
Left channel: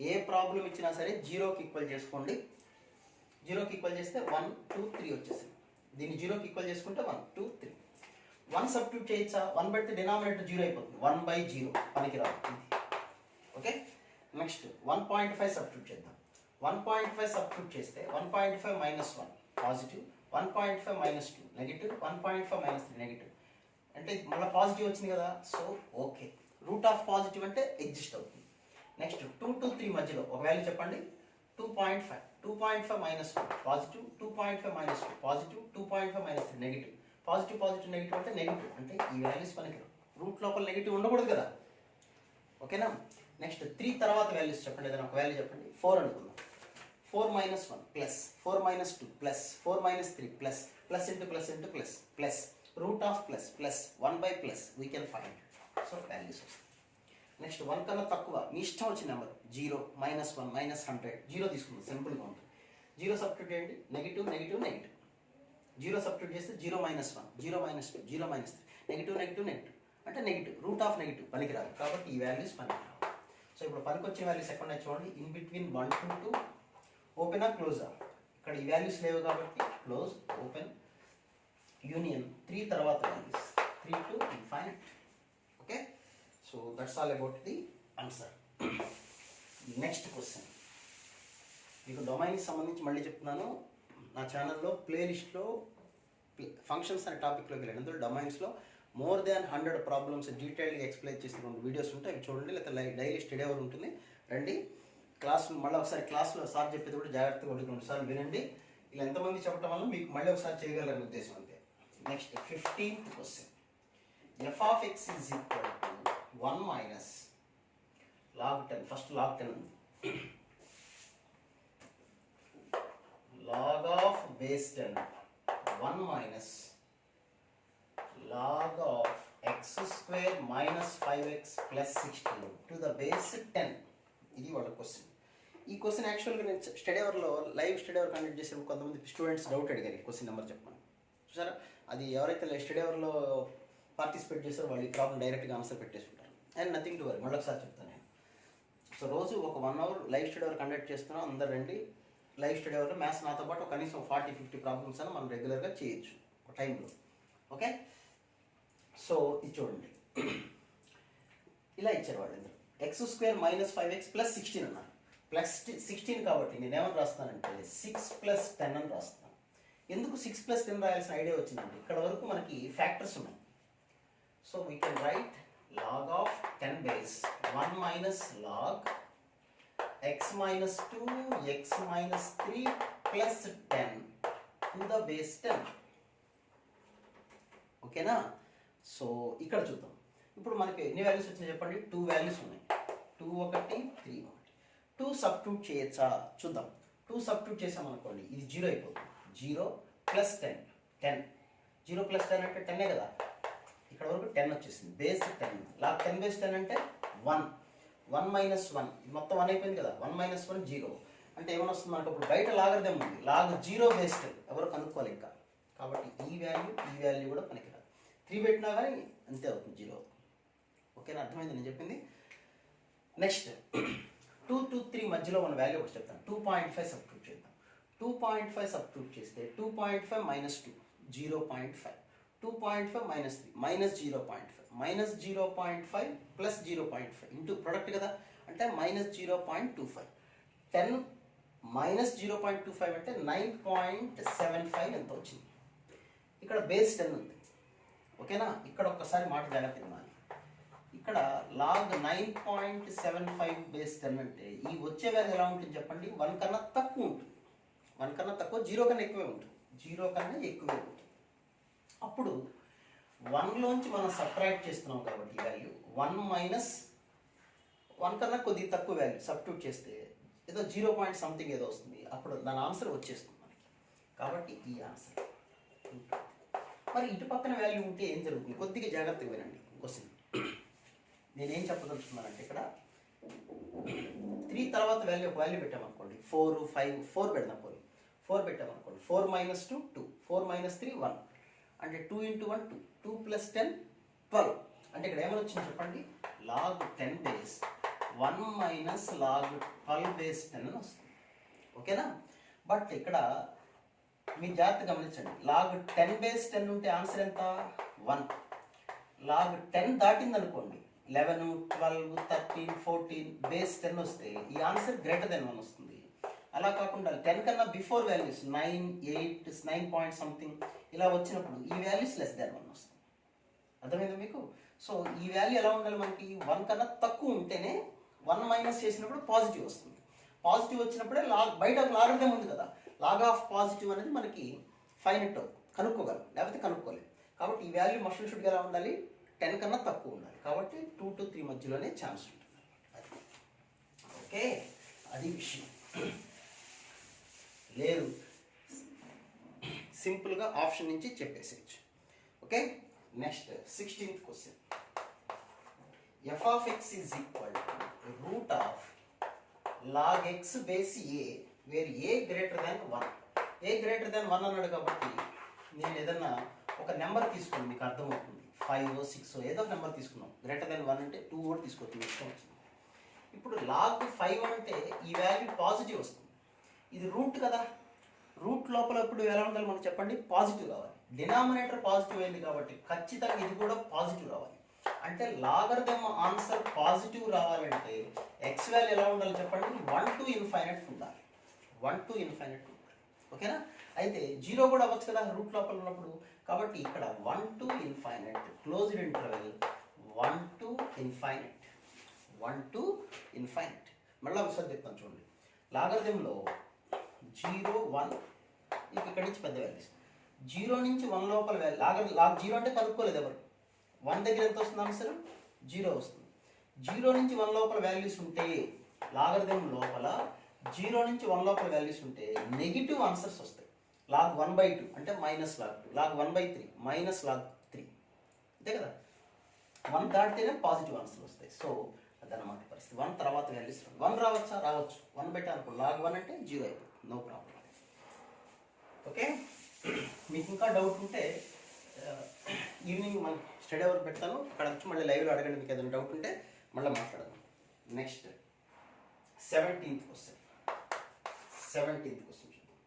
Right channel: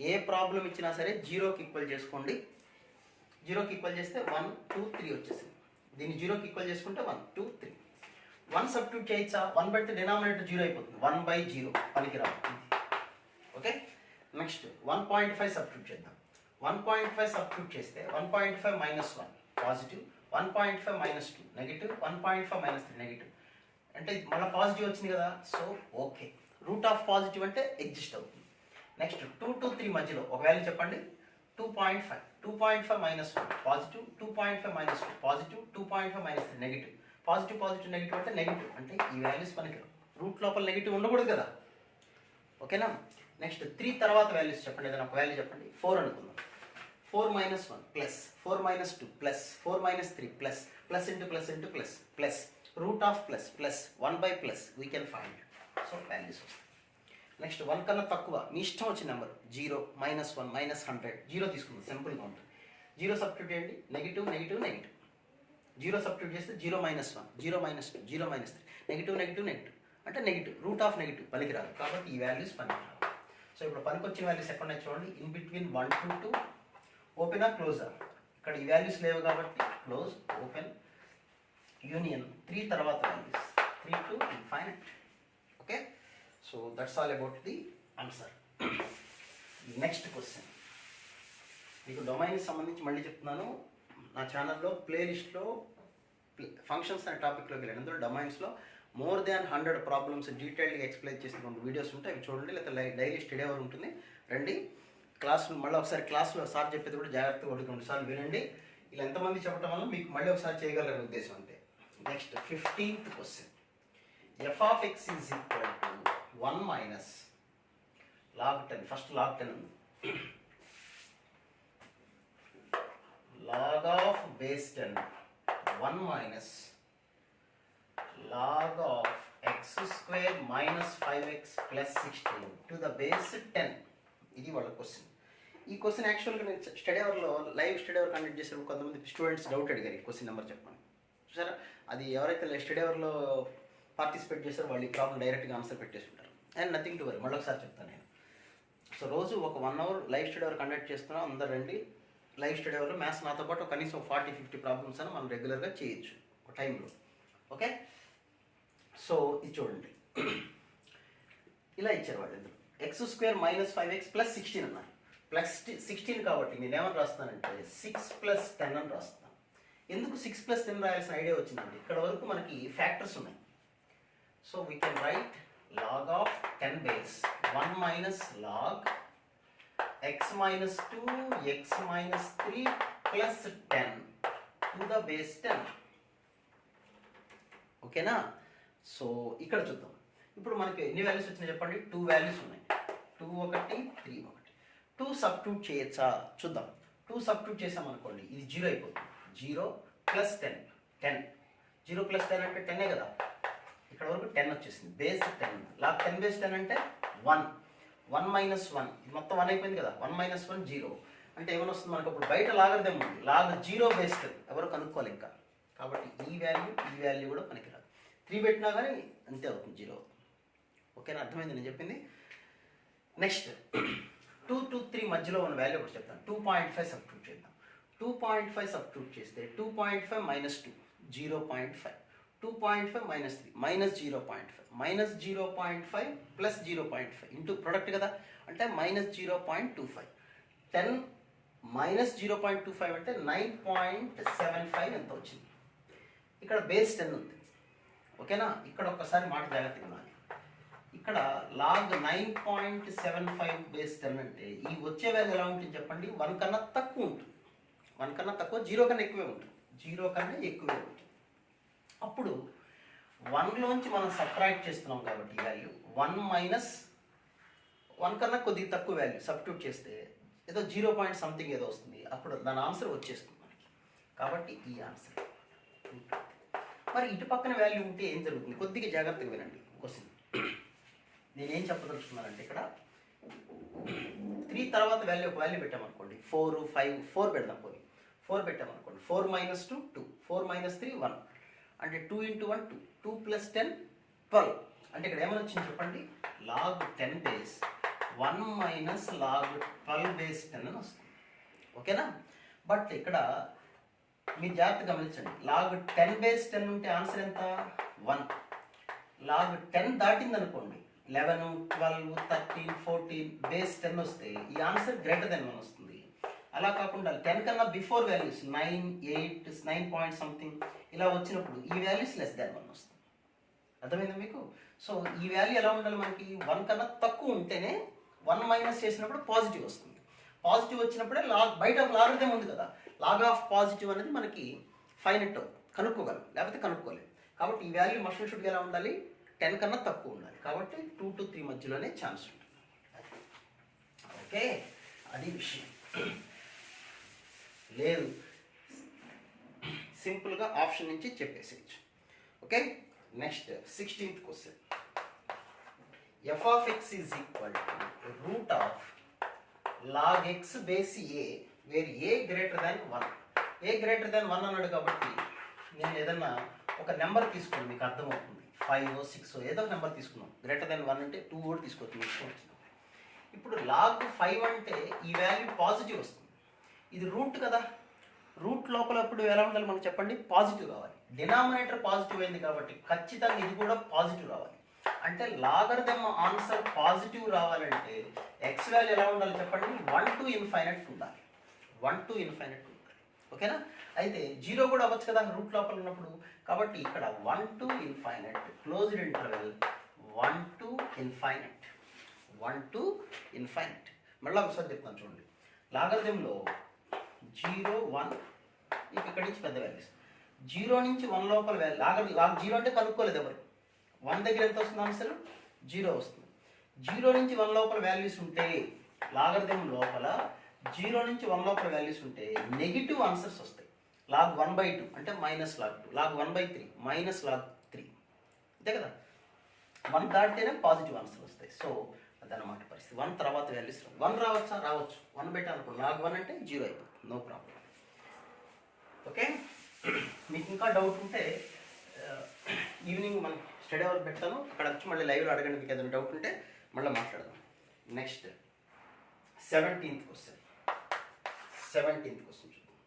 ఏ ప్రాబ్లం ఇచ్చినా సరే 0కి ఈక్వల్ చేసుకోండి. 0కి ఈక్వల్ చేస్తే 1 2 3 వచ్చేసింది. దీన్ని 0కి ఈక్వల్ చేసుకుంటే 1 2 3. 1 సబ్స్టిట్యూట్ చేయొచ్చా, 1 పెడితే డినామినేటర్ 0 అయిపోతుంది, 1/0 పనికి రాదు. ఓకే, నెక్స్ట్ 1.5 సబ్స్టిట్యూట్ చేద్దాం. 1.5 సబ్స్టిట్యూట్ చేస్తే 1.5 minus 1 positive, 1.5 minus 2 negative, 1.5 minus 3 negative. అంటే మళ్ళీ పాజిటివ్ వచ్చింది కదా, so okay. Root of positive అంటే ఎగ్జిస్ట్ అవుతుంది. నెక్స్ట్ 2 to 3 మధ్యలో ఒక వాల్యూ చెప్పండి. 2.5, 2.5 minus 1 positive, 2.5 minus 2 positive, 2.5 minus 3 negative. Positive positive negative అంటే నెగిటివ్, అంటే ఈ వాల్యూస్ మనకి రూట్ లోపల నెగిటివ్ ఉండకూడదు కదా, ఓకేనా. నెక్స్ట్ 3 తర్వాత వాల్యూస్ చెప్పండి, ఏదైనా ఒక వాల్యూ చెప్పండి. 4 అనుకుందాం. 4 minus 1 plus, 4 minus 2 plus, 4 minus 3 plus, plus into plus into plus, plus root of plus plus 1 by plus we can find. So values వస్తాయి. నెక్స్ట్ 1 కన్నా తక్కువ మీ ఇష్టం వచ్చిన నెంబర్ 0, మైనస్ 1, మైనస్ 100, 0 తీసుకుందాం, సింపుల్గా ఉంటుంది. 0 సబ్స్టిట్యూట్ చేయండి, నెగిటివ్ నెగిటివ్ నెగిటివ్. 0 సబ్స్టిట్యూట్ చేస్తే 0 minus 1, 0 minus 2, 0 minus 3, negative negative negative అంటే నెగిటివ్. రూట్ ఆఫ్ నెగిటివ్ పనికిరాదు, కాబట్టి ఈ వాల్యూస్ పనికిరాదు. సో ఇప్పుడు పనికొచ్చిన వాల్యూస్ ఎక్కడ ఉన్నాయి చూడండి. In between 1 to 2, ఓపెనా క్లోజా. ఇక్కడ ఈ వాల్యూస్ లేవు కాబట్టి క్లోజ్, ఓపెన్, యూనియన్. 3 తర్వాత values 3 to infinite. Okay, so that's all about the answer. Next question మీకు డొమైన్కి సంబంధించి మళ్ళీ చెప్తున్నాను. నా ఛానల్లో ప్లేలిస్ట్లో ఫంక్షన్స్ అనే టాపిక్లోకి వెళ్ళాను. అందులో డొమైన్స్లో మోర్ దాన్ 100 ప్రాబ్లమ్స్ డీటెయిల్గా ఎక్స్ప్లెయిన్ చేసినటువంటి వీడియోస్ ఉంటాయి, అవి చూడండి. లేకపోతే డైలీ స్టడీ అవర్ ఉంటుంది, రండి. క్లాస్ మళ్ళీ ఒకసారి క్లాస్లో సార్ చెప్పేది కూడా జాగ్రత్తగా 1-2 సార్లు వినండి. ఇలా ఎంతమంది చెప్పడం వల్ల మీకు మళ్ళీ ఒకసారి చేయగలరనే ఉద్దేశం అంతే. Next 15th question. F of X is equal to 1 minus log 10. First log 10 ఉంది. log of base 10 1 minus log of x square minus 5x plus 16 to the base 10. ఇది వాళ్ళ క్వశ్చన్. ఈ క్వశ్చన్ యాక్చువల్గా నేను స్టడీ అవర్లో లైవ్ స్టడీ అవర్ కండక్ట్ చేసే కొంతమంది స్టూడెంట్స్ డౌట్ అడిగారు ఈ క్వశ్చన్ నెంబర్ చెప్పండి. చూసారా, అది ఎవరైతే స్టడీ అవర్లో పార్టిసిపేట్ చేశారో వాళ్ళు ఈ ప్రాబ్లం డైరెక్ట్గా ఆన్సర్ పెట్టేసి ఉంటారు. అండ్ నథింగ్ టు వరీ, మళ్ళీ ఒకసారి చెప్తాను నేను. సో రోజు ఒక 1 hour live study hour conduct చేస్తున్నాం, అందరు రండి. లైవ్ స్టడీ అవర్లో మ్యాథ్స్ నాతో పాటు కనీసం 40-50 ప్రాబ్లమ్స్ అని మనం రెగ్యులర్గా చేయొచ్చు ఒక టైంలో. ఓకే, సో ఇది చూడండి, ఇలా ఇచ్చారు వాళ్ళు. ఇందులో X square minus 5x plus 16 అన్నారు. ప్లస్ 16 కాబట్టి నేను ఏమని రాస్తానంటే 6 + 10 అని రాస్తాను. ఎందుకు 6 + 10 రాయాల్సిన ఐడియా వచ్చిందంటే ఇక్కడ వరకు మనకి ఫ్యాక్టర్స్ ఉన్నాయి. So we can right log of 10 base 1 minus log x minus 2 x minus 3 plus 10 to the base 10. ఓకేనా. సో ఇక్కడ చూద్దాం. ఇప్పుడు మనకి ఎన్ని వాల్యూస్ వచ్చినాయి చెప్పండి. 2 వాల్యూస్ ఉన్నాయి, 2 ఒకటి 3 ఒకటి. 2 సబ్స్టిట్యూట్ చేయొచ్చా చూద్దాం. 2 సబ్స్టిట్యూట్ చేసామనుకోండి ఇది 0 అయిపోతుంది. 0 + 10, 10. 0 + 10 అంటే 10 కదా, ఇక్కడ వరకు 10 వచ్చేసింది. బేస్ 10, log 10 బేస్ 10 అంటే 1. 1 మైనస్ 1, ఇది మొత్తం 1 అయిపోయింది కదా. 1 మైనస్ 1 0 అంటే ఏమైనా వస్తుంది మనకు. అప్పుడు బయట లాగర్దేం ఉంది, log 0 బేస్ 10 ఎవరు కనుక్కోవాలి ఇంకా. కాబట్టి ఈ వాల్యూ కూడా మనకి 3 పెట్టినా కానీ అంతే అవుతుంది, 0 అవుతుంది. ఓకేనా, అర్థమైంది నేను చెప్పింది. నెక్స్ట్ 2 to 3 మధ్యలో ఉన్న వాల్యూ ఒకటి చెప్తాను. 2.5 సబ్స్టిట్యూట్ చేద్దాం. 2.5 సబ్స్టిట్యూట్ చేస్తే 2.5 minus 2 0.5, 2.5 minus 3 minus 0.5, minus 0.5 plus 0.5 into product కదా, అంటే మైనస్ 0.25. 10 మైనస్ 0.25 అంటే 9.75 ఎంత వచ్చింది. ఇక్కడ బేస్ 10 ఉంది. ఓకేనా, ఇక్కడ ఒక్కసారి మాట జాగ్రత్తగా వినాలి. ఇక్కడ log 9.75 బేస్ 10 అంటే ఈ వచ్చే వాల్యూ ఎలా ఉంటుంది చెప్పండి. 1 కన్నా తక్కువ ఉంటుంది. 1 కన్నా తక్కువ, 0 కన్నా ఎక్కువే ఉంటుంది. 0 కన్నా ఎక్కువే ఉంటుంది. అప్పుడు 1లోంచి మనం సబ్ట్రాక్ట్ చేస్తున్నాం కాబట్టి ఈ వాల్యూ 1 మైనస్ 1 కన్నా కొద్దిగా తక్కువ వాల్యూ సబ్స్టిట్యూట్ చేస్తే ఏదో 0 పాయింట్ సంథింగ్ ఏదో వస్తుంది. అప్పుడు దాని ఆన్సర్ వచ్చేస్తుంది మనకి. కాబట్టి ఈ ఆన్సర్. మరి ఇటు పక్కన వాల్యూ ఉంటే ఏం జరుగుతుంది కొద్దిగా జాగ్రత్తగా వినండి క్వశ్చన్. నేనేం చెప్పదలుచుకున్నానంటే ఇక్కడ 3 తర్వాత వాల్యూ ఒక వాల్యూ పెట్టామనుకోండి, 4 5 4 పెడదాం. 4 పెట్టామనుకోండి, 4 మైనస్ 2 2, 4 మైనస్ 3 1 అంటే 2 × 1 2, 2 + 10 12. అంటే ఇక్కడ ఏమని వచ్చింది చెప్పండి, log 10 base 1 minus log 12 base 10 అని వస్తుంది. ఓకేనా. బట్ ఇక్కడ మీ జాగ్రత్త గమనించండి, log 10 బేస్ 10 ఉంటే ఆన్సర్ ఎంత 1. log 10 దాటింది అనుకోండి, 11 12 13 14 బేస్ 10 వస్తే ఈ ఆన్సర్ గ్రేటర్ దెన్ 1 వస్తుంది. అలా కాకుండా 10 కన్నా బిఫోర్ వాల్యూస్ 9, 8, 9 పాయింట్ సంథింగ్ ఇలా వచ్చినప్పుడు ఈ వాల్యూస్ లెస్ దాన్ 1 వస్తుంది. అర్థమైందా మీకు? సో ఈ వాల్యూ ఎలా ఉండాలి మనకి? 1 కన్నా తక్కువ ఉంటేనే 1 మైనస్ చేసినప్పుడు పాజిటివ్ వస్తుంది. పాజిటివ్ వచ్చినప్పుడే బయట లాగరిథం ఉంది కదా, లాగ్ ఆఫ్ పాజిటివ్ అనేది మనకి ఫైనట్ కనుక్కోగలం, లేకపోతే కనుక్కోలేం. కాబట్టి ఈ వాల్యూ మస్ట్ అండ్ షుడ్ ఎలా ఉండాలి? 10 కన్నా తక్కువ ఉండాలి. కాబట్టి 2 to 3 మధ్యలోనే ఛాన్స్ ఉంటుంది. ఓకే, అది విషయం. లేదు సింపుల్గా ఆప్షన్ నుంచి చెప్పేసేయచ్చు. Okay, next 16th question. f of x is equal to root of log x base a where a greater than 1. a greater than 1 అన్నాడు కాబట్టి నేను ఏదన్నా ఒక నెంబర్ తీసుకున్నాను, మీకు అర్థమవుతుంది. 5, 6 ఏదో ఒక నెంబర్ తీసుకున్నాం. గ్రేటర్ దెన్ 1 అంటే 2 కూడా తీసుకోవచ్చు, ఇష్టం వచ్చింది. ఇప్పుడు లాగ్ 5 అంటే ఈ వాల్యూ పాజిటివ్ వస్తుంది. ఇది రూట్ కదా, రూట్ లోపల ఇప్పుడు ఎలా ఉండాలి మనకు చెప్పండి? పాజిటివ్ రావాలి. డినామినేటర్ పాజిటివ్ అయింది కాబట్టి ఖచ్చితంగా ఇది కూడా పాజిటివ్ రావాలి. అంటే లాగరిథం ఆన్సర్ పాజిటివ్ రావాలంటే ఎక్స్ వాల్యూ ఎలా ఉండాలి చెప్పండి? 1 to infinite ఉండాలి. 1 to infinite ఉండాలి. ఓకేనా? అయితే 0 కూడా అవ్వచ్చు కదా రూట్ లోపల ఉన్నప్పుడు. కాబట్టి ఇక్కడ 1 to infinite closed interval 1 to infinite 1 to infinite. మళ్ళీ ఒకసారి చెప్తాను చూడండి. లాగరిథంలో 0, 1 ఇక్కడి నుంచి పెద్ద వాల్యూస్. 0 నుంచి 1 లోపల వాల్యూ లాగ్ 0 అంటే కనుక్కోలేదు ఎవరు. 1 దగ్గర ఎంత వస్తుంది ఆన్సర్? 0 వస్తుంది. 0 నుంచి 1 లోపల వాల్యూస్ ఉంటే లాగరిథం లోపల 0 నుంచి 1 లోపల వాల్యూస్ ఉంటే నెగిటివ్ ఆన్సర్స్ వస్తాయి. లాగ్ 1/2 అంటే minus log 2, log 1/3 minus log 3, అంతే కదా. 1 దాటితేనే పాజిటివ్ ఆన్సర్ వస్తాయి. సో అదనమాట పరిస్థితి. 1 తర్వాత వాల్యూస్ 1 రావచ్చా? రావచ్చు. 1 పెట్టాలనుకో లాగ్ 1 అంటే 0 అయిపోతుంది, నో ప్రాబ్లం. ఓకే, మీకు ఇంకా డౌట్ ఉంటే ఈవినింగ్ మనం స్టడీ అవర్ పెడతాను, అక్కడ వచ్చి మళ్ళీ లైవ్లో అడగండి. మీకు ఏదైనా డౌట్ ఉంటే మళ్ళీ మాట్లాడదాం. Next 17th question. 17th question చూద్దాం.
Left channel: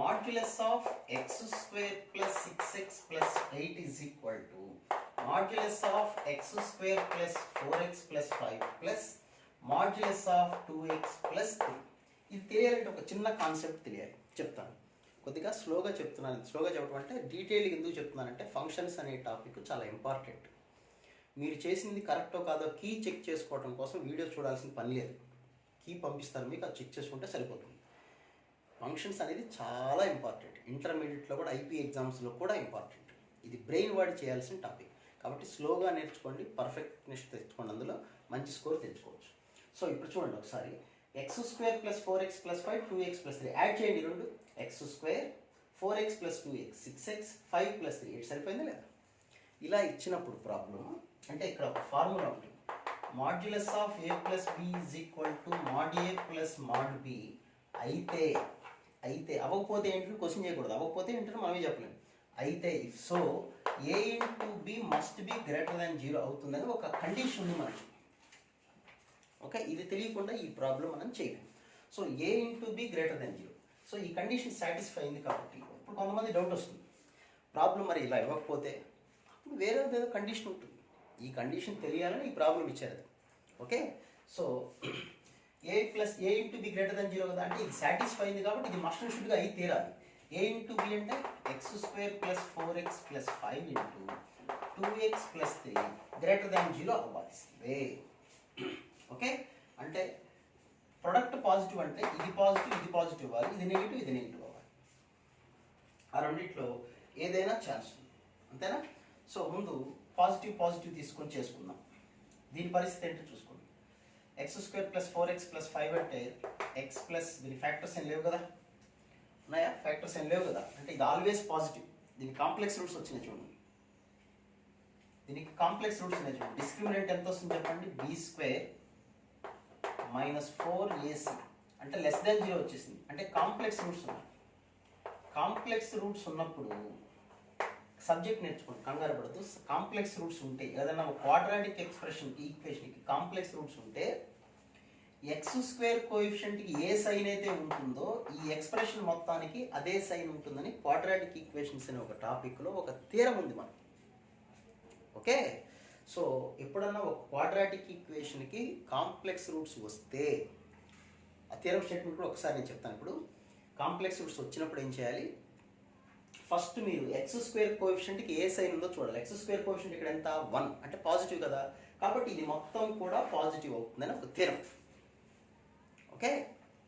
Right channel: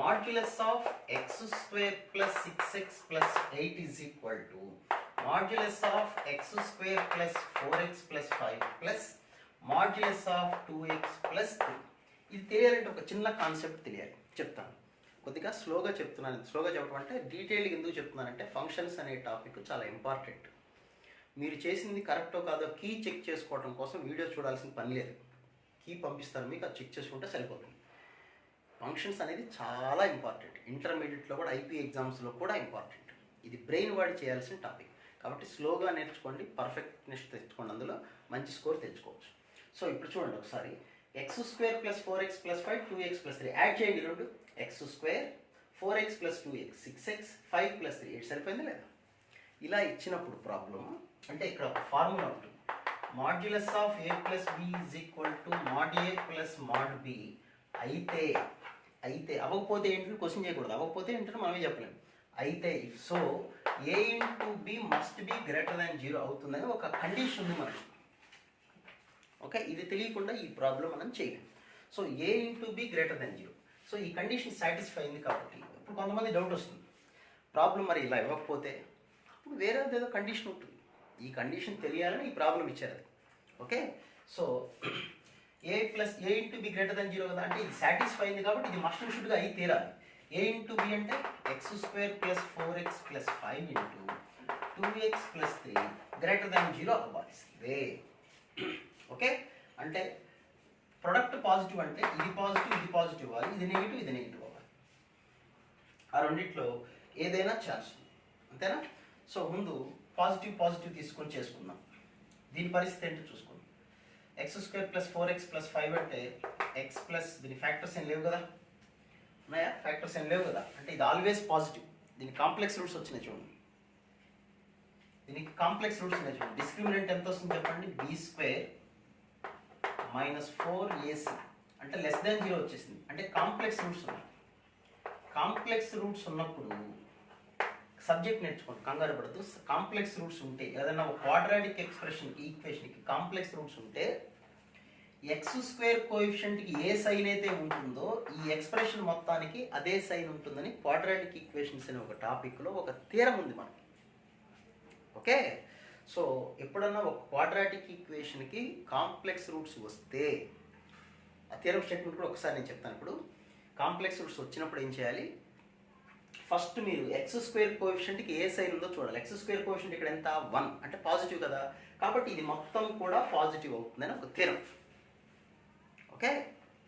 Modulus of x square plus 6x plus 8 is equal to modulus of x square plus 4x plus 5 plus modulus of 2x plus 3. ఇది తెలియాలంటే ఒక చిన్న కాన్సెప్ట్ తెలియాలి, చెప్తాను. కొద్దిగా స్లోగా చెప్తున్నాను. స్లోగా చెప్పడం అంటే డీటెయిల్ ఎందుకు చెప్తున్నానంటే ఫంక్షన్స్ అనే టాపిక్ చాలా ఇంపార్టెంట్. మీరు చేసింది కరెక్టో కాదో కీ చెక్ చేసుకోవడం కోసం వీడియో చూడాల్సిన పని లేదు. కీ పంపిస్తాను మీకు, అది చెక్ చేసుకుంటే సరిపోతుంది. ఫంక్షన్స్ అనేది చాలా ఇంపార్టెంట్. ఇంటర్మీడియట్లో కూడా ఐపీ ఎగ్జామ్స్లో కూడా ఇంపార్టెంట్. ఇది బ్రెయిన్ వాడి చేయాల్సిన టాపిక్. కాబట్టి స్లోగా నేర్చుకోండి, పర్ఫెక్ట్నెస్ తెచ్చుకోండి, అందులో మంచి స్కోర్ తెచ్చుకోవచ్చు. సో ఇప్పుడు చూడండి ఒకసారి. x square plus 4x plus 5 2x plus 3 add చేయండి. రెండు x square 4x plus 2x 6x 5 plus 3 8 సరిపోయింది లేదా? ఇలా ఇచ్చినప్పుడు ప్రాబ్లం అంటే ఇక్కడ ఒక ఫార్ములా ఉంటుంది. Modulus of a plus b is equal to mod a plus mod b. అయితే అవ్వకపోతే ఏంటంటే క్వశ్చన్ చేయకూడదు. అవ్వకపోతే ఏంటంటే మనమే చెప్పలేము. అయితే if so a into b must be greater than 0 అవుతుందని ఒక కండిషన్ ఉంది మనకి. ఓకే, ఇది తెలియకుండా ఈ ప్రాబ్లం మనం చేయలేము. So a into b greater than 0. So ఈ కండిషన్ సాటిస్ఫై అయింది కాబట్టి ఇప్పుడు కొంతమంది డౌట్ వస్తుంది, ప్రాబ్లం మరి ఇలా ఇవ్వకపోతే ఇప్పుడు వేరే ఏదో కండిషన్ ఉంటుంది. ఈ కండిషన్ తెలియాలని ఈ ప్రాబ్లం ఇచ్చారు అది. Okay, so a into b greater than 0 కదా, అంటే ఇది సాటిస్ఫై అయింది కాబట్టి ఇది మస్ట్ అండ్ షుడ్గా అయి తీరాలి. a ఇంటూ b అంటే x square plus 4x plus 5 into 2x plus 3 greater than 0 అవ్వాలి. ఓకే, అంటే ప్రొడక్ట్ పాజిటివ్ అంటే ఇది పాజిటివ్ అవ్వాలి, ఇది నెగిటివ్ అవ్వాలి. ఆ రెండిట్లో ఏదైనా ఛాన్స్ ఉంది, అంతేనా? సో ముందు పాజిటివ్ తీసుకొని చేసుకుందాం. దీని పరిస్థితి ఏంటో చూసుకుందాం. x square plus 4x plus 5 అంటే x ప్లస్ దీని ఫ్యాక్టర్స్ ఏం లేవు కదా, ఉన్నాయా? ఫ్యాక్టర్స్ ఏం లేవు కదా, అంటే ఇది ఆల్వేస్ పాజిటివ్. దీనికి కాంప్లెక్స్ రూట్స్ వచ్చినాయి చూడండి. డిస్క్రిమినెంట్ ఎంత వస్తుంది చెప్పండి? b స్క్వేర్ మైనస్ 4ac అంటే లెస్ దాన్ 0 వచ్చేసింది. అంటే కాంప్లెక్స్ రూట్స్ ఉన్నాయి. కాంప్లెక్స్ రూట్స్ ఉన్నప్పుడు సబ్జెక్ట్ నేర్చుకోండి, కంగారు పడదు. కాంప్లెక్స్ రూట్స్ ఉంటే ఏదైనా ఒక క్వాడ్రాటిక్ ఈక్వేషన్కి కాంప్లెక్స్ రూట్స్ ఉంటే ఎక్స్ స్క్వేర్ కోఎఫిషియంట్కి ఏ సైన్ అయితే ఉంటుందో ఈ ఎక్స్ప్రెషన్ మొత్తానికి అదే సైన్ ఉంటుందని క్వాడ్రాటిక్ ఈక్వేషన్స్ అనే ఒక టాపిక్లో ఒక థియరం ఉంది మనకి. ఓకే, సో ఎప్పుడన్నా ఒక క్వాడ్రాటిక్ ఈక్వేషన్కి కాంప్లెక్స్ రూట్స్ వస్తే ఆ థియరం స్టేట్మెంట్ కూడా ఒకసారి నేను చెప్తాను. ఇప్పుడు కాంప్లెక్స్ రూట్స్ వచ్చినప్పుడు ఏం చేయాలి, ఫస్ట్ మీరు ఎక్స్ స్క్వేర్ కోఎఫిషియంట్కి ఏ సైన్ ఉందో చూడాలి. ఎక్స్ స్క్వేర్ కోఎఫిషియంట్ ఇక్కడ ఎంత 1 అంటే పాజిటివ్ కదా, కాబట్టి ఇది మొత్తం కూడా పాజిటివ్ అవుతుందని ఒక థియరం. ఓకే,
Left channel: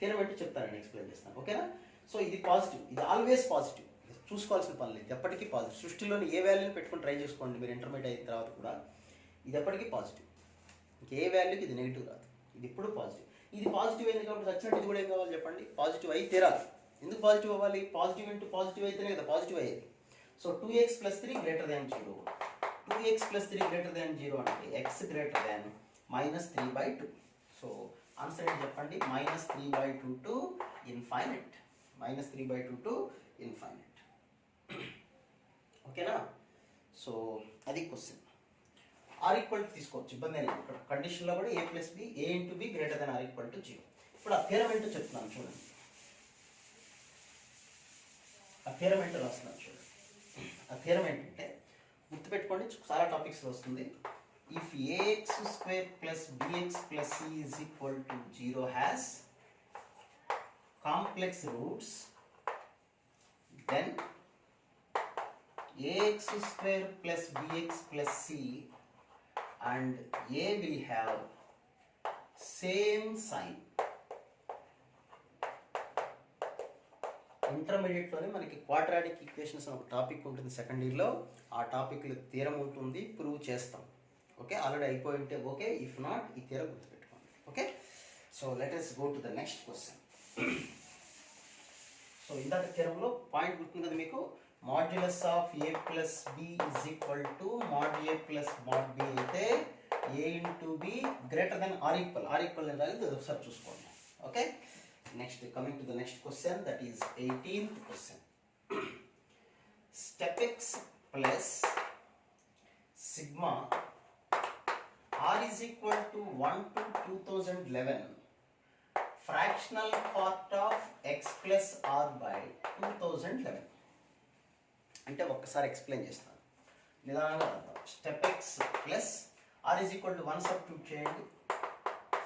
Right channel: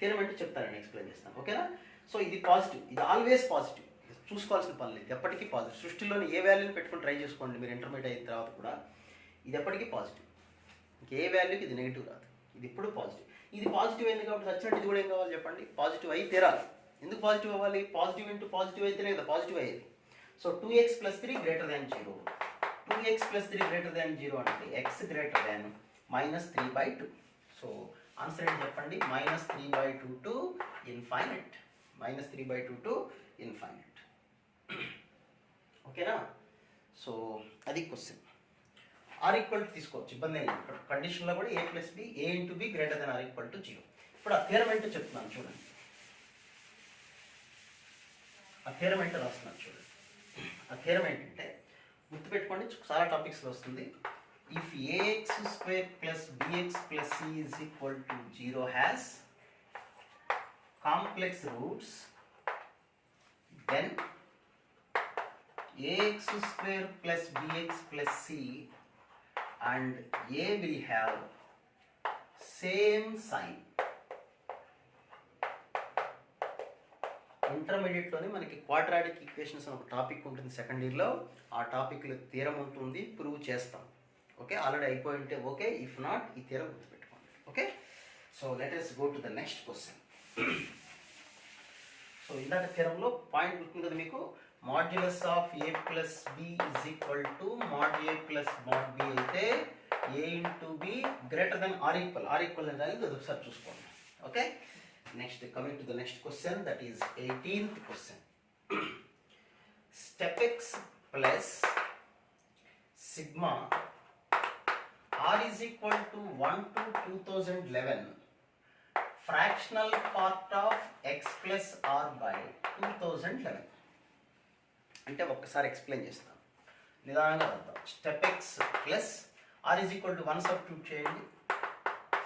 థియరం అంటే చెప్తానండి, ఎక్స్ప్లెయిన్ చేస్తాను. ఓకేనా? సో ఇది పాజిటివ్, ఇది ఆల్వేస్ పాజిటివ్, చూసుకోవాల్సిన పని లేదు, ఎప్పటికీ పాజిటివ్. సృష్టిలోని ఏ వాల్యూని పెట్టుకొని ట్రై చేసుకోండి మీరు ఇంటర్మీడియట్ అయిన తర్వాత కూడా, ఇది ఎప్పటికీ పాజిటివ్. ఇంకే వాల్యూకి ఇది నెగిటివ్ రాదు, ఇది ఎప్పుడు పాజిటివ్. ఇది పాజిటివ్ అయింది కాబట్టి వచ్చినట్టు ఇది కూడా ఏం కావాలి చెప్పండి, పాజిటివ్ అయి తీరాలి. ఎందుకు పాజిటివ్ అవ్వాలి, పాజిటివ్ ఇంటూ పాజిటివ్ అయితేనే కదా పాజిటివ్ అయ్యేది. సో 2x + 3 > 0, 2x + 3 > 0 అంటే x greater than -3/2. So answer ఏంటి చెప్పండి, -3/2 to infinite, -3/2 to infinite. ఓకేనా? సో అది క్వశ్చన్. ఆర్ ఈక్వల్ టు తీసుకోవచ్చు, ఇబ్బంది లేదు. ఇక్కడ కండిషన్లో కూడా a + b, a × b > r = 0. ఇప్పుడు ఆ థియరం ఏంటో చెప్తున్నాను చూడండి, ఆ థియరం ఏంటో రాస్తున్నాను చూడండి. ఆ థియరం ఏంటంటే గుర్తుపెట్టుకోండి, చాలా టాపిక్స్లో వస్తుంది. If ax² + bx + c = 0 has complex roots, then ax² + bx + c and a will have same sign. ఇంటర్మీడియట్లోనే మనకి క్వాడ్రాటిక్ ఈక్వేషన్స్ అని ఒక టాపిక్ ఉంటుంది సెకండ్ ఇయర్లో, ఆ టాపిక్లో థియరం ఉంటుంది, ప్రూవ్ చేస్తాం. ఓకే, ఆల్రెడీ అయిపోయి ఉంటే ఓకే, ఇఫ్ నాట్ ఈ థియరం గుర్తుపెట్టుకోండి. Okay, so let us go to the next question. So ఇందాక థియరంలో పాయింట్ గుర్తుంది కదా మీకు, modulus of a + b = mod a + mod b అయితే a × b greater than r equal అనేది ఒకసారి చూసుకోండి. Okay, next coming to the next question, that is 18th question. Step x plus sigma r is equal to 1 to 2011 fractional part of x plus r by 2011. అంటే ఒక్కసారి ఎక్స్ప్లెయిన్ చేస్తాను, నిదానంగా అర్థం. Step x plus r is equal to 1 substitute చేయండి,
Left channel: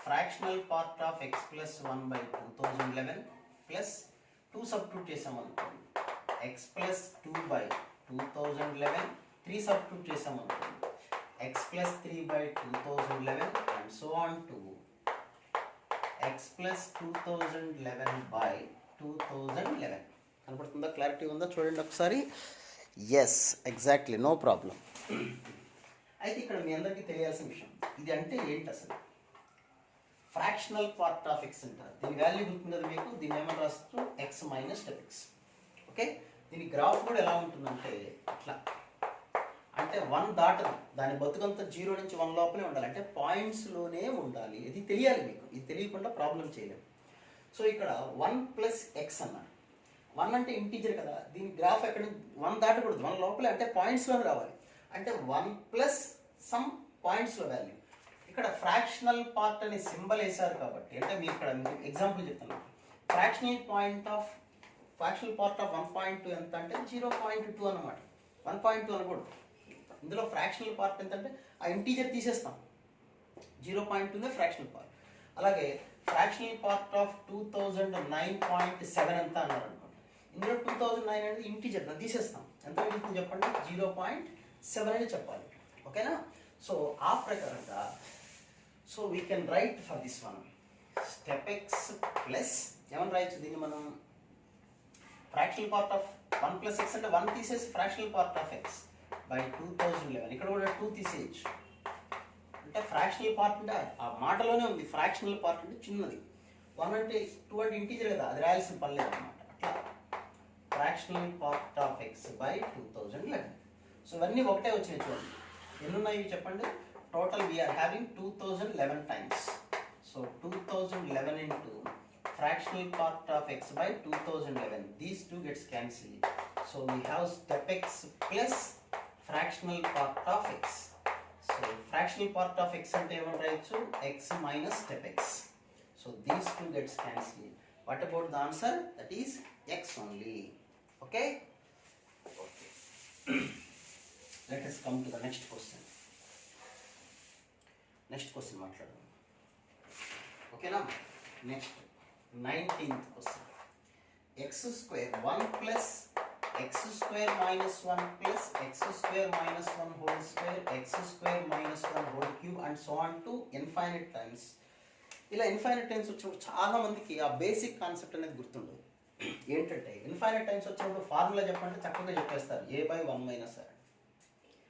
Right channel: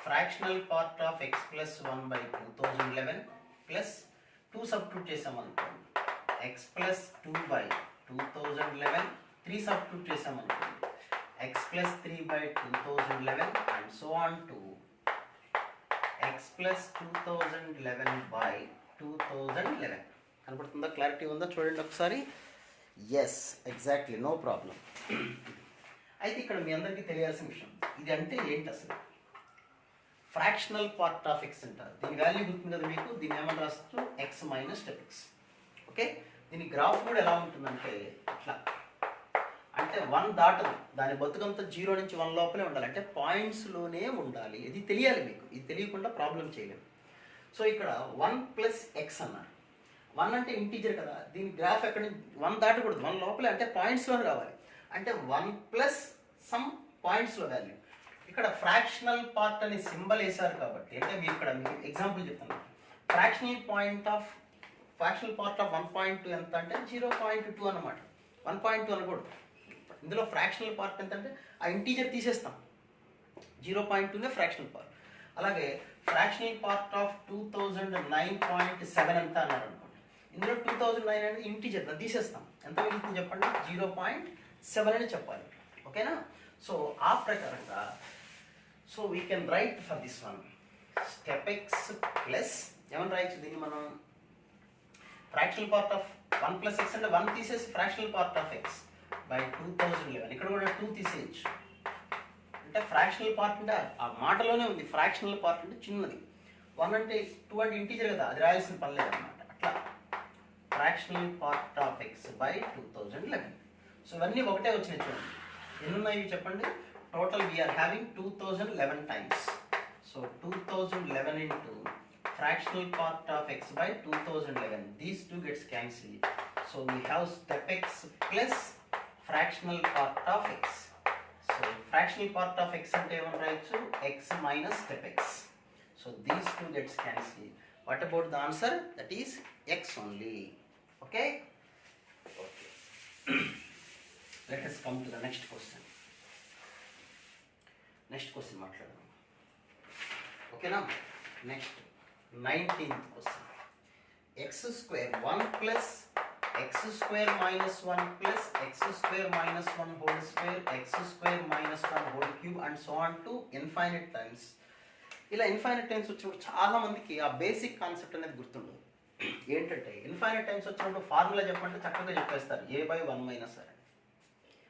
fractional part of x + 1 by 2011 plus 2 substitute చేసామనుకోండి, x + 2 by 2011, 3 సబ్స్టిట్యూట్ చేసామనుకోండి, x + 3 by 2011 and so on to x + 2011 by 2011. కనపడుతుందా, క్లారిటీ ఉందా చూడండి ఒకసారి. Yes, exactly, no problem. అయితే ఇక్కడ మీ అందరికీ తెలియాల్సిన విషయం, ఇది అంటే ఏంటి అసలు, ఫ్రాక్షనల్ పార్ట్ ఆఫ్ x అంటారు. దీని వాల్యూ గుర్తుంది కదా మీకు, దీన్ని ఏమని రాస్తారు, x - స్టెప్ x. ఓకే, దీని గ్రాఫ్ కూడా ఎలా ఉంటుందంటే ఇట్లా, అంటే 1 దాటదు, దాని బతుకంతా 0 నుంచి 1 లోపలే ఉండాలి, అంటే పాయింట్స్లోనే ఉండాలి. ఇది తెలియాలి మీకు, ఇది తెలియకుండా ప్రాబ్లం చేయలేము. సో ఇక్కడ 1 + x అన్నారు, 1 అంటే ఇంటీజర్ కదా, దీని గ్రాఫ్ ఎక్కడ 1 దాటకూడదు, 1 లోపలే, అంటే పాయింట్స్లోనే రావాలి, అంటే 1 + సమ్ పాయింట్స్లో వాల్యూ. ఇక్కడ ఫ్రాక్షనల్ పార్ట్ అనే సింబల్ వేశారు కాబట్టి, అంటే మీరు ఇక్కడ మీకు ఎగ్జాంపుల్ చెప్తున్నాను, ఫ్రాక్షనల్ పార్ట్ ఆఫ్ 1.2 ఎంత అంటే 0.2 అన్నమాట. 1.2 అనకూడదు, ఇందులో ఫ్రాక్షనల్ పార్ట్ ఎంత అంటే ఆ ఇంటీజర్ తీసేస్తాం, 0.2 ఫ్రాక్షనల్ పార్ట్. అలాగే ఫ్రాక్షనల్ పార్ట్ ఆఫ్ 2009.7 ఎంత అన్నారు అనుకోండి, ఇందులో 2009 అనేది ఇంటీజర్, దాన్ని తీసేస్తాం, ఎంత మిగులుతుంది చెప్పండి, 0.7 అని చెప్పాలి. ఓకేనా? సో ఆ ప్రకారంగా, so we can right for this one step x plus ఏమని రాయొచ్చు దీన్ని మనం, ఫ్రాక్షనల్ పార్ట్ ఆఫ్ 1 + x అంటే 1 తీసేసి fractional part of x by 2011, ఇక్కడ కూడా 2 తీసేయచ్చు, అంటే ఫ్రాక్షనల్ పార్ట్ అంటే ఆ మాటలోనే ఉంది, ఫ్రాక్షనల్ పార్ట్ అంటే చిన్నది, 1 అంటే 2 అంటే ఇంటీజర్ కదా, అది రాయాల్సిన పని లేదన్నమాట. అట్లా fractional part of x by 2011. సో ఇవన్నీ ఒకటే వచ్చినాయి చూడండి, ఎన్ని ఉన్నాయి చెప్పండి, total we are having 2011 times. So 2011 into fractional part of x by 2011, these two gets cancelled, so we have step x plus fractional part of x. So fractional part of x ante em rayochu, x minus step x, so these two gets cancelled. What about the answer? That is x only. Okay, let us come to the next question. Next question మాట్లాడదాం. ఓకేనా? Next 19th question. X square 1 plus x square minus 1 plus x square minus 1 whole square x square minus 1 whole cube and so on to infinite times. ఇలా ఇన్ఫైనైట్ టైమ్స్ వచ్చినప్పుడు చాలా మందికి ఆ బేసిక్ కాన్సెప్ట్ అనేది గుర్తుండదు. ఏంటంటే ఇన్ఫైనైట్ టైమ్స్ వచ్చినప్పుడు ఫార్ములా చెప్పంటే చక్కగా చెప్పేస్తారు a/1 మైనస్ r.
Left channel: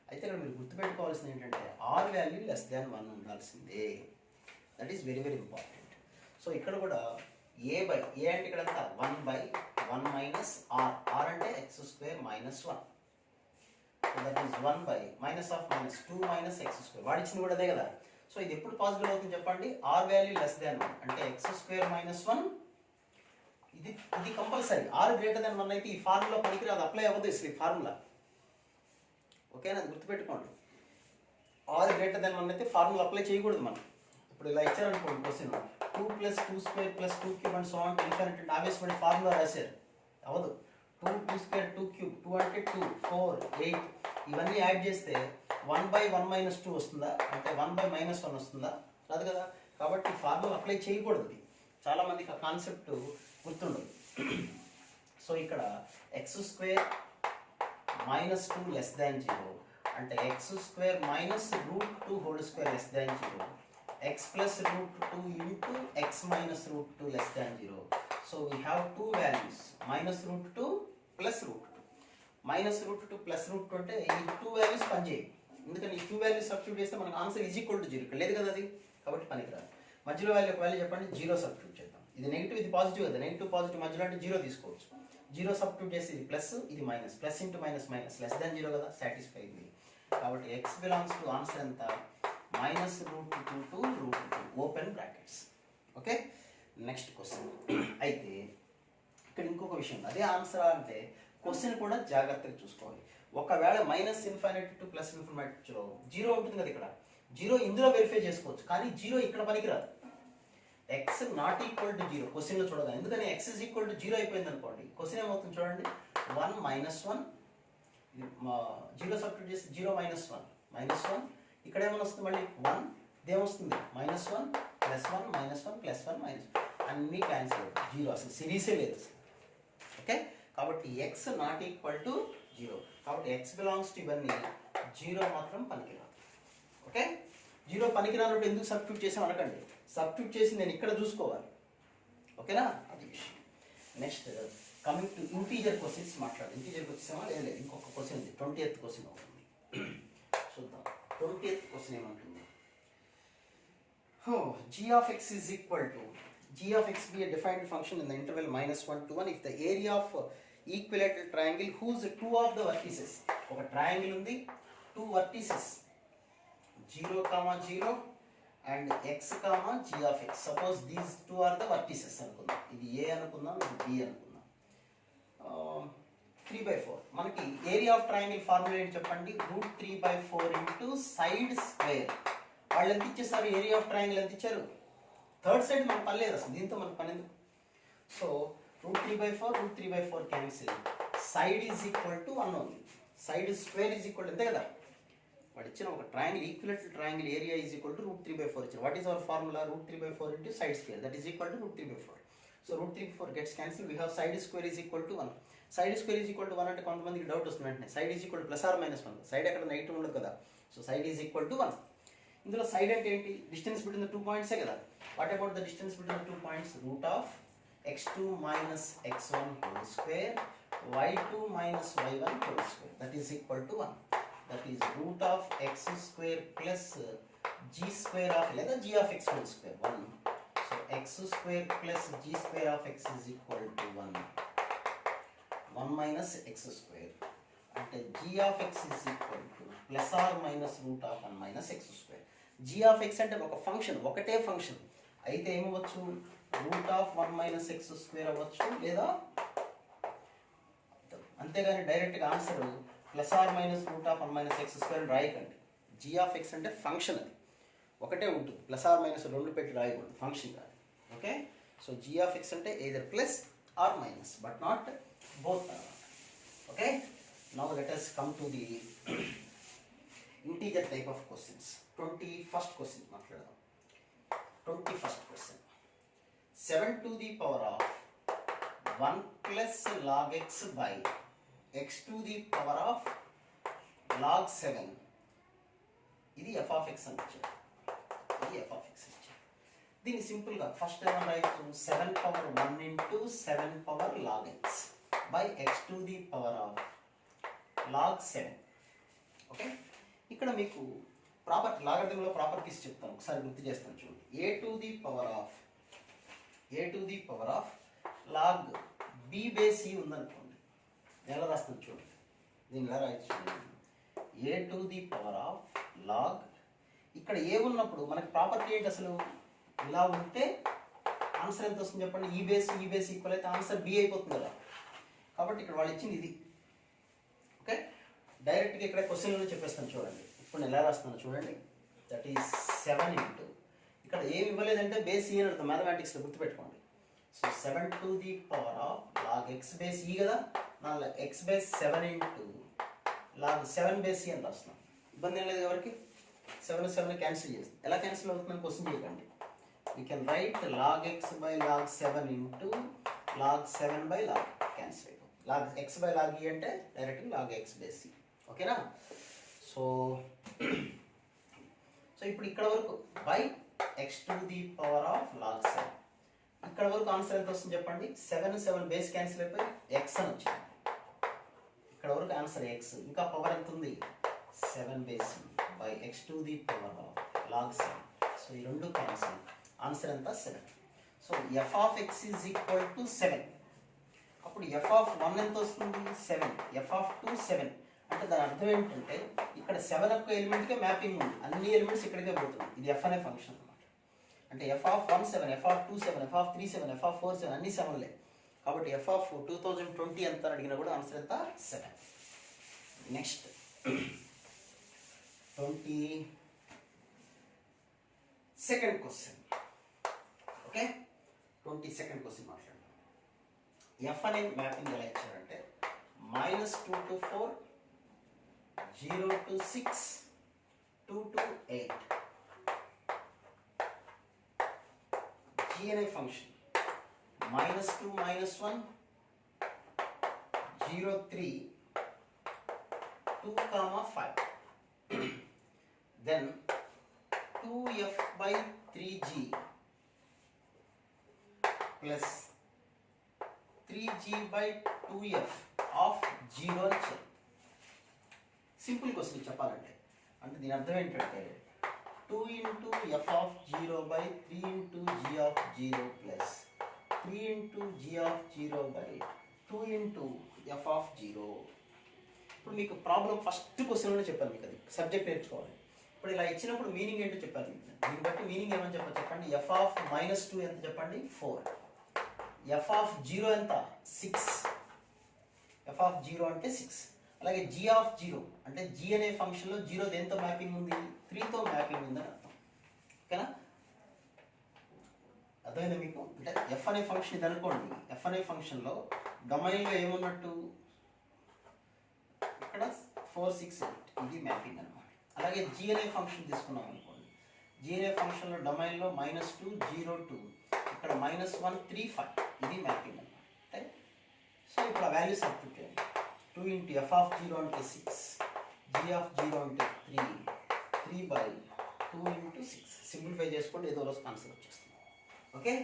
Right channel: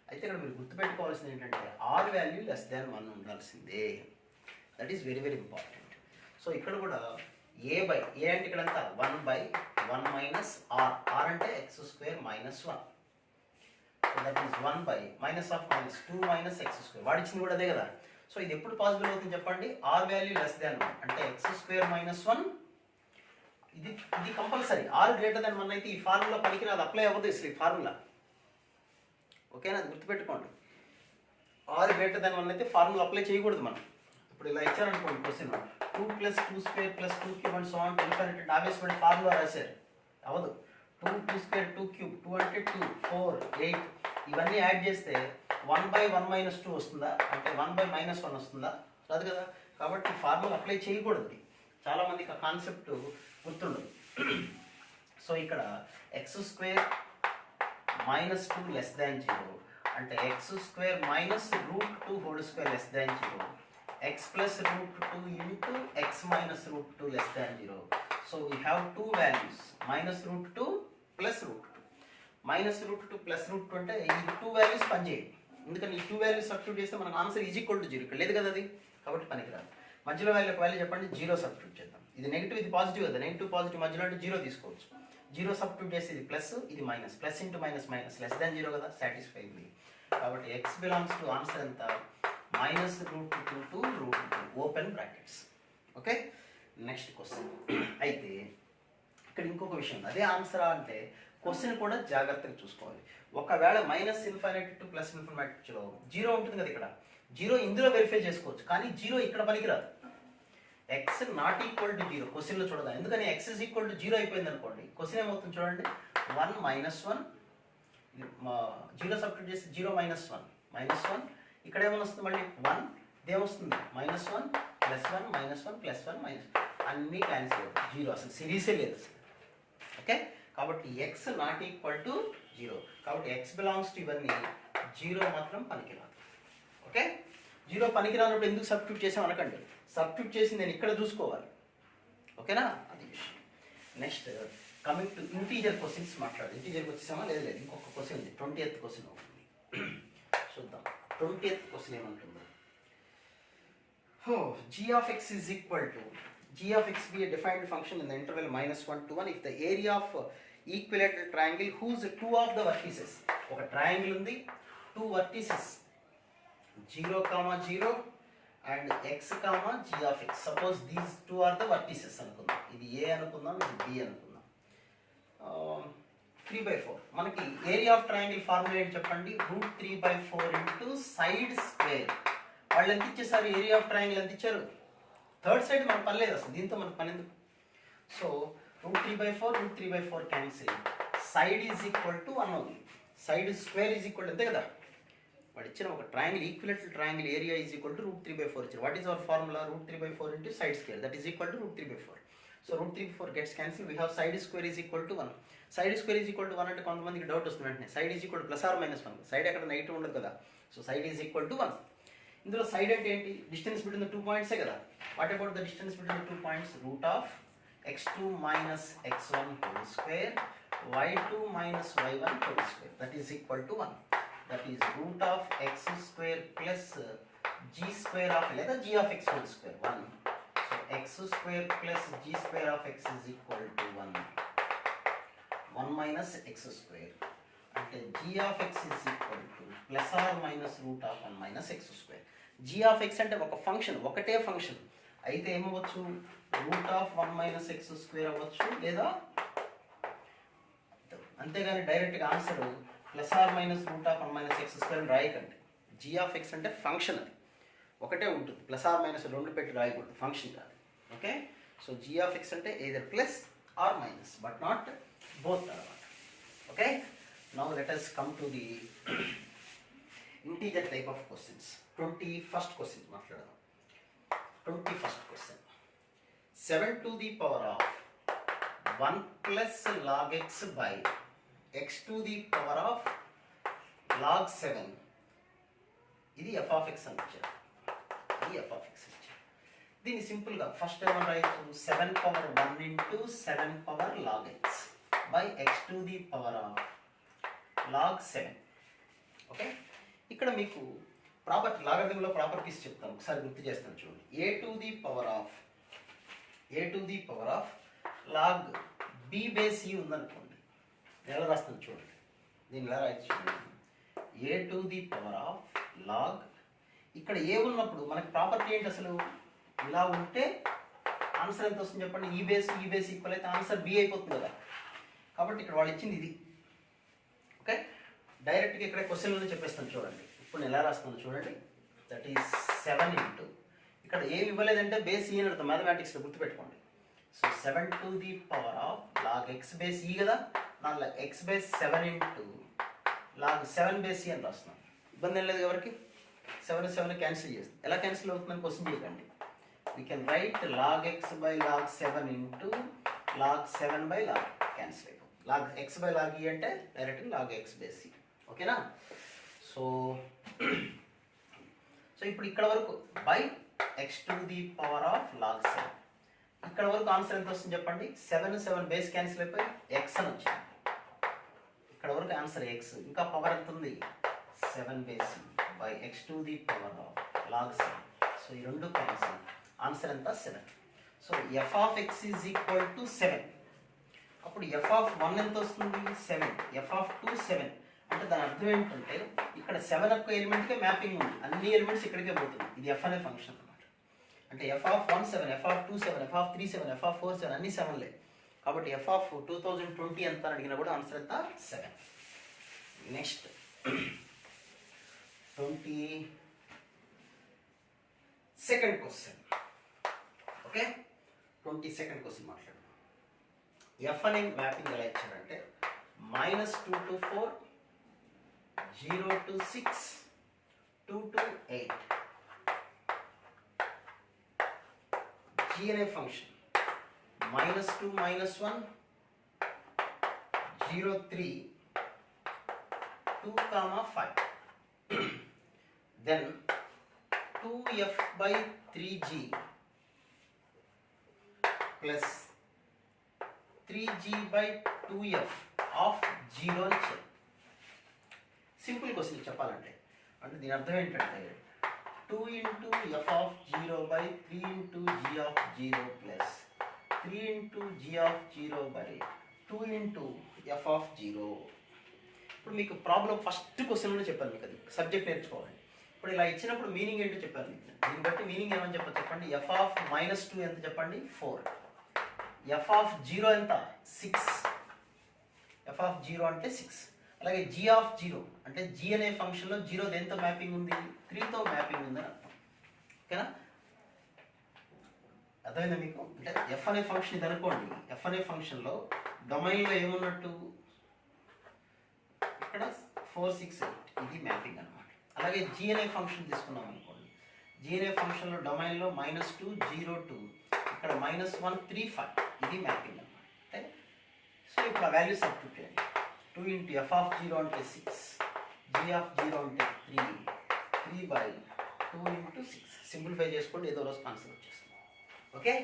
అయితే ఇక్కడ మీరు గుర్తుపెట్టుకోవాల్సింది ఏంటంటే r వాల్యూ లెస్ దాన్ 1 ఉండాల్సిందే. That is very very important. So ఇక్కడ కూడా a అంటే ఇక్కడ అంతా 1/1 మైనస్ r. r అంటే x square minus 1. So that is 1 minus of minus 2 minus x square. వాడిచ్చింది కూడా అదే కదా. సో ఇది ఎప్పుడు పాసిబుల్ అవుతుంది చెప్పండి? r వాల్యూ లెస్ దాన్ 1 అంటే x స్క్వేర్ మైనస్ 1. ఇది కంపల్సరీ. r గ్రేటర్ దాన్ 1 అయితే ఈ ఫార్ములా పనికిరాదు, అప్లై అవ్వదు అసలు ఈ ఫార్ములా. ఓకేనా? అది గుర్తుపెట్టుకోండి. r గ్రేటర్ దాన్ 1 అయితే ఫార్ములా అప్లై చేయకూడదు మనం. ఇప్పుడు ఇలా ఇచ్చారనుకోండి question 2 + 2² + 2³ and so on to infinity obviously formula రాశారు, అవ్వదు. 2 2² 2³ 2 అంటే 2 4 8 ఇవన్నీ యాడ్ చేస్తే 1/1 మైనస్ 2 వస్తుందా? అంటే 1/-1 వస్తుందా? రాదు కదా. కాబట్టి ఫార్ములా అప్లై చేయకూడదు. చాలా మందికి ఆ కాన్సెప్ట్ గుర్తుండదు. సో ఇక్కడ x square minus 2 less than 0 అంటే x square minus √2 whole square less than 0, x plus √2 into x minus √2 less than 0. So we have two values, minus √2 plus √2. Minus √2 plus √2 అంటే ఈ టూ వాల్యూస్ పనిచేయి. ఎందుకంటే ఈ టూ వాల్యూస్ సబ్స్టిట్యూట్ చేస్తే మనకు ఆన్సర్ ఈజ్ ఈక్వల్ టు 0. ఇక్కడ లేదు కదా అది, కాబట్టి పనికిరాదు. మధ్యలో వాల్యూ ఒక వాల్యూ చెప్పండి, 0 సబ్స్టిట్యూట్ చేద్దాం. ఇది నెగిటివ్, ఇది పాజిటివ్ కదా. నెగిటివ్ పాజిటివ్ మధ్యలో అంటే 0 తీసుకోవచ్చు. 0 సబ్స్టిట్యూట్ చేస్తే ఇది ప్లస్, ఇది minus. Plus into minus minus less than 0 కదా, సాటిస్ఫై ఇది. కాబట్టి x బిలాంగ్స్ టు ఆన్సర్ ఎంత? minus √2 to √2 open brackets. Okay, next question. అయితే ఇక్కడ ఇంకొక విషయం, అదే ఆన్సరా అంటే క్వశ్చన్ కూడా జాగ్రత్తగా చూసుకోవాలి. ఒకవేళ మైనస్ ఇన్ఫినిటీ టు ప్లస్ ఇన్ఫినిటీలో 0 ఉంటుంది కదా, ఇక్కడ 0 ఇందులో వెరిఫై చేసుకోవచ్చు, కానీ 0 ఇక్కడ పనికిరాదు. x నాట్ ఈక్వల్ టు 0 క్వశ్చన్లో చూడదా. ఎందుకని x ఇస్ ఈక్వల్ టు 0 అయిపోయింది అనుకోండి, క్వశ్చన్ ఏమవుతుంది చూడండి. 1 మైనస్ 1 0 సబ్స్టిట్యూట్ చేసి 0 మైనస్ 1 మైనస్ 1. ఇక్కడ ఏమైనా వస్తుంది మళ్ళీ 1, ఇదేమొస్తుంది -1 +1 -1 +1 -1 అన్నీ క్యాన్సిల్ అవుతాయి. 0 అసలు సిరీసే లేదు. ఓకే, కాబట్టి x నాట్ ఈక్వల్ టు 0. కాబట్టి x బిలాంగ్స్ టు ఇవన్నీ 0 మాత్రం పనికిరాదు. ఓకే, 0 పనికిరానప్పుడు ఎందుకు సబ్స్టిట్యూట్ చేసాం అనకండి. సబ్స్టిట్యూట్ చేసి నేను ఇక్కడ చూసుకోవాలి. ఓకేనా, అది విషయం. Next coming to integer questions మాట్లాడాలి. ఇంటీజర్కి వచ్చేసామా? లేదు, ఇంకొక క్వశ్చన్ ఉంది. 20th క్వశ్చన్ అవుతుంది, చూద్దాం. 20th క్వశ్చన్ ఏమంటుందో. g of x is equal to g of x be a defined function in the interval -1 to 1 if the area of equilateral triangle whose two of the vertices, ఒక ట్రయాంగిల్ ఉంది, 2 vertices 0, 0 and x, g of x. suppose these two are the vertices అనుకుందాం. ఇది a అనుకుందాం, ఇది b అనుకుందాం. 3/4 మనకి ఏరియా ఆఫ్ ట్రయాంగిల్ ఫార్ములా ఏంటి చెప్పండి? √3/4 ఇంటూ సైడ్ స్క్వేర్. వాళ్ళు ఎంత ఇచ్చేసారు? ఏరియా ఆఫ్ ట్రయాంగిల్ ఎంత ఇచ్చారు? థర్డ్ సైడ్ మనకు పనిలేదు అసలు, దీంతో మనకు పని ఎందుకు? So √3/4 cancel. Side is equal to 1 అవుతుంది. సైడ్ స్క్వేర్ ఈజ్ ఈక్వల్ అంతే కదా. వాడు ఇచ్చిన ఒక triangle, equilateral triangle area is equal to √3/4 ఇచ్చారు. What is our formula? √3/4 into side square, that is equal to √3/4. So √3/4 gets cancel. We have side square is equal to 1. Side square is equal to 1 అంటే కొంతమందికి డౌట్ వస్తుంది వెంటనే. Side is equal to +or -1. Side ఎక్కడ నెగిటివ్ ఉండదు కదా. So side is equal to 1. ఇందులో సైడ్ అంటే ఏంటి? డిస్టెన్స్ బిట్వీన్ ద 2 పాయింట్సే కదా. What about the distance between the 2 points? √(x2 - x1) whole square y2 - y1 whole square, that is equal to 1. That is √(x² plus g² of లేదా g of x whole square 1. So x² plus g² of x is equal to 1. 1 minus x² అంటే g of x is equal to +or -√1 minus x². g of x అంటే ఒక ఫంక్షన్, ఒకటే ఫంక్షన్ అయితే ఏమవచ్చు? √1 minus x² అవ్వచ్చు, లేదా అంతేగాని డైరెక్ట్గా ఆన్సర్ +or -√1 minus x² అని రాయకండి. g of x అంటే ఫంక్షన్, అది ఒకటే ఉంటుంది. +or - 2 పెట్టి రాయకూడదు, ఫంక్షన్ కాదు. Okay, so g of x అంటే either plus or minus but not both అన్నమాట. Okay, now let us come to the integer type of questions. 21st question మాట్లాడదాం. 21st question. 7 to the power of 1 plus log x by x to the power of log 7. ఇది f of x అని ఇచ్చారు. ఇది f of x ఇచ్చారు. దీన్ని సింపుల్గా ఫస్ట్ ఏమని రాయొచ్చు, 7 power 1 into 7 power log x by x to the power of log 7. Okay, ఇక్కడ మీకు ప్రాపర్టీ లాగరిథంలో ప్రాపర్టీస్ చెప్తాను, ఒకసారి గుర్తు చేస్తాను చూడండి. a to the power of log b base e ఉందనుకోండి, ఎలా రాస్తాను చూడండి. దీన్ని ఎలా రాయొచ్చు చూడండి. a to the power of log, ఇక్కడ ఏ ఉన్నప్పుడు మనకి ప్రాపర్టీ ఏంటి అసలు, ఇలా ఉంటే ఆన్సర్ ఎంత వస్తుంది చెప్పండి. ఈ బేస్ ఈక్వల్ అయితే ఆన్సర్ బి అయిపోతుంది కదా. కాబట్టి ఇక్కడ వాళ్ళు ఇచ్చింది ఇది. ఓకే, డైరెక్ట్గా ఇక్కడ క్వశ్చన్లోనే చెప్పేస్తాను చూడండి. ఇప్పుడు నేను ఎలా రాస్తున్నాను చూడండి. దట్ ఈస్ 7 ఇంటూ, ఇక్కడ ఏమి ఇవ్వలేదంటే బేస్ ఈ అని అర్థం మ్యాథమెటిక్స్లో, గుర్తుపెట్టుకోండి. So 7 to the power of log x base ఈ కదా, నా x base 7 into log 7 base ఈ అని రాస్తున్నాను. ఇబ్బంది ఏం లేదు ఎవరికి. 7 క్యాన్సిల్ చేస్తాం. ఎలా క్యాన్సిల్ అవుతుందని క్వశ్చన్ చేయకండి. we can write log x by log 7 into log 7 by log, cancel అయిపోతుంది. log x by log e అంటే డైరెక్ట్గా log x బేస్ ఈ. ఓకేనా. సో ఇప్పుడు ఇక్కడ వరకు by x to the power of log 7, ఇక్కడ వరకు ఆన్సర్ ఎంత వస్తుంది చెప్పండి. 7 బేస్ క్యాన్సిల్ అయిపోయి x అని వచ్చింది. ఇక్కడ వరకు ఆన్సర్ x, ఇంకా పవర్ ఎంత ఉంది 7 base by x to the power of log 7. So ఈ రెండు క్యాన్సిల్, ఆన్సర్ ఎంత 7. So f of x is equal to 7. అప్పుడు f of 1 ఎంత వస్తుంది 7, f of 2 7. అంటే దాని అర్థం ఏంటంటే ఇక్కడ 7 ఒక్క ఎలిమెంట్కే మ్యాపింగ్ ఉంది, అన్ని ఎలిమెంట్స్ ఇక్కడికే పోతుంది. ఇది f అనే ఫంక్షన్ అనమాట. అంటే f of 1 7, f of 2 7, f of 3 7, f of 4 7, అన్ని 7లే. కాబట్టి f of 2020 ఎంత అని అడిగినా కూడా ఆన్సర్ ఎంత 7. Next 22nd question. Okay, 22nd question మాట్లాడదాం. f అనే మ్యాపింగ్ ఎలా ఇచ్చారంటే -2 to 4, 0 to 6, 2 to 8. g అనే function -2 -1, 0 3, 2, 5. then 2f by 3g plus 3g by 2f of 0 అని చెప్పారు. సింపుల్ క్వశ్చన్ చెప్పాలంటే, అంటే దీని అర్థం ఏంటంటే 2 into f of 0 by 3 into g of 0 plus 3 into g of 0 by 2 into f of 0. ఇప్పుడు మీకు ప్రాబ్లం ఫస్ట్ క్వశ్చన్లోనే చెప్పాను మీకు, అది సబ్జెక్ట్ నేర్చుకోవాలి. ఇప్పుడు ఇలా ఇచ్చినప్పుడు మీనింగ్ ఏంటో చెప్పాను మీకు. దీన్ని బట్టి మీనింగ్ ఏమని చెప్పండి. f of -2 ఎంత చెప్పండి 4, f of 0 ఎంత 6, f of 0 అంటే 6. అలాగే g of 0 అంటే g అనే ఫంక్షన్లో 0 దేంతో మ్యాపింగ్ ఉంది 3తో మ్యాపింగ్ ఉందని అర్థం. ఓకేనా, అర్థమైందా మీకు. అంటే f అనే ఫంక్షన్ ఇది అనుకోండి. f అనే ఫంక్షన్లో డొమైన్లో ఏమున్నట్టు ఇక్కడ 4 6 8 ఇది మ్యాపింగ్ అనమాట. అలాగే g అనే ఫంక్షన్ తీసుకున్నాం అనుకోండి. g అనే ఫంక్షన్లో డొమైన్లో -2 0 2, ఇక్కడ -1 3 5 ఇది మ్యాపింగ్ అనమాట. అంటే సో ఇప్పుడు ఆ వాల్యూస్ సబ్స్టిట్యూట్ చేయండి. 2 into f of 0 అంటే 6, g of 0 అంటే 3, 3 by 2 into 6. సింప్లిఫై చేసుకోండి, ఏదో రోజు ఆన్సర్ వచ్చేస్తుంది. Okay,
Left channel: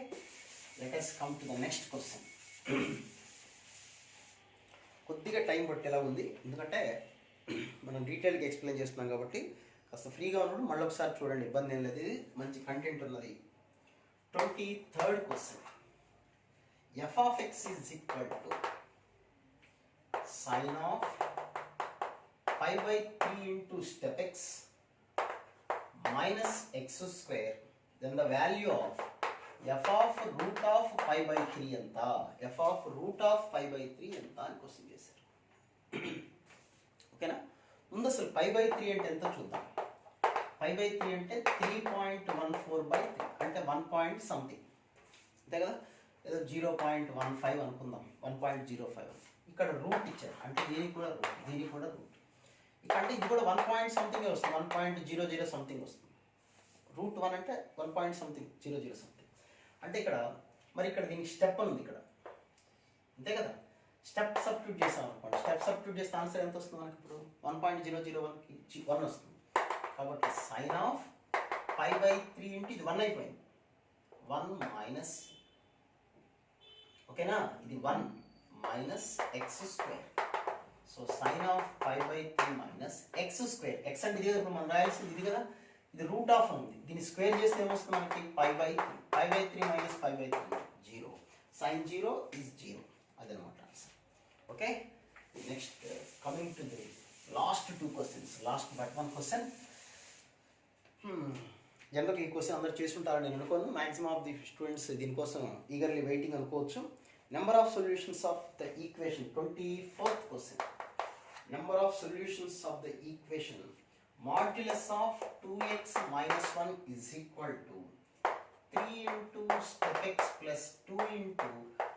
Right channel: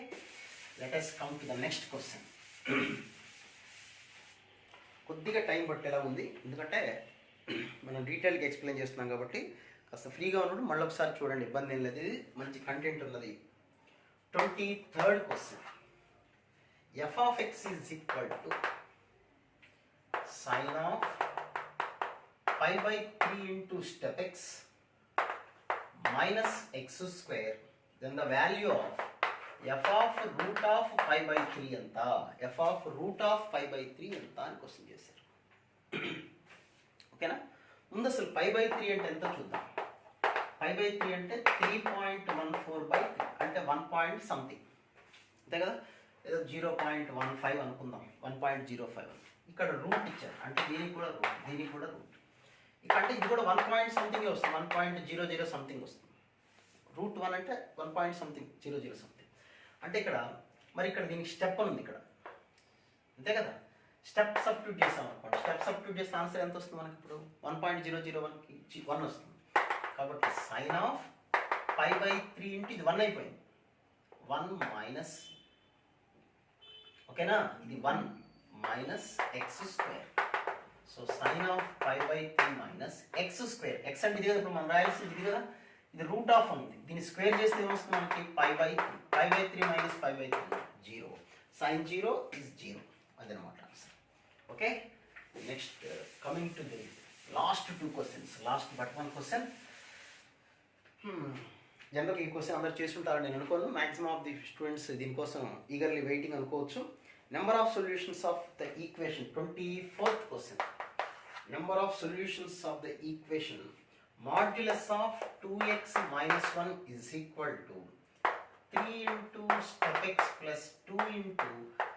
let us come to the next question. కొద్దిగా టైం పట్టేలా ఉంది, ఎందుకంటే మనం డీటెయిల్గా ఎక్స్ప్లెయిన్ చేస్తున్నాం కాబట్టి కాస్త ఫ్రీగా ఉన్నప్పుడు మళ్ళీ ఒకసారి చూడండి, ఇబ్బంది ఏం లేదు. ఇది మంచి కంటెంట్ ఉన్నది. 23rd question. f of x is equal to sin of pi by 3 into step x minus x square, then the value of f of root of pi by 3 ఎంత, f of root of pi by 3 ఎంత అని క్వశ్చన్ చేశారు. ఓకేనా, ముందు అసలు pi by 3 అంటే ఎంత చూద్దాం. pi by 3 అంటే 3.14/3 అంటే 1 పాయింట్ సంథింగ్, అంతే కదా. ఏదో 0.15 అనుకుందాం, 1.05. ఇక్కడ రూట్ ఇచ్చారు అంటే దీనికి కూడా రూట్, దీనికి కూడా రూట్. ఇక్కడ అంటే ఇది కూడా 1 పాయింట్ సంథింగ్ వస్తుంది, 1.00 సంథింగ్ వస్తుంది. రూట్ 1 అంటే 1 పాయింట్ సంథింగ్ 00 సంథింగ్. అంటే ఇక్కడ మరి ఇక్కడ దీనికి స్టెప్ అని ఉంది ఇక్కడ, అంతే కదా. స్టెప్ సబ్స్టిట్యూట్ చేసాం అనుకోండి, స్టెప్ సబ్స్టిట్యూట్ చేస్తే ఆన్సర్ ఎంత వస్తుంది మనకి ఇప్పుడు 1.001కి 1 వస్తుంది. కాబట్టి సైన్ ఆఫ్ π/3 ఇంటూ ఇది 1 అయిపోయింది, 1 మైనస్, ఓకేనా, ఇది 1 minus x square. So sine of π/3 minus x square. X అంటే ఇది కదా, ఇప్పుడు మనం రాయాల్సింది ఇది కదా, ఇది రూట్ ఆఫ్ ఉంది, దీన్ని స్క్వేర్ చేస్తే ఏమొస్తుంది మనకి π/3. π/3 మైనస్ π/3 0. సైన్ 0 ఈజ్ 0, అదనమాట answer. Okay, next coming to the last 2 questions. Last but 1 question. జనరల్గా ఈ క్వశ్చన్ అందరు చేస్తుంటారని నేను అనుకోను. మ్యాక్సిమం ఆఫ్ ది స్టూడెంట్స్ దీనికోసం ఈగర్లీ వెయిటింగ్ అనుకోవచ్చు. Number of solutions of the equation, 24th question. Number of solutions of the equation modulus of 2x minus 1 is equal to 3 into step x plus 2 into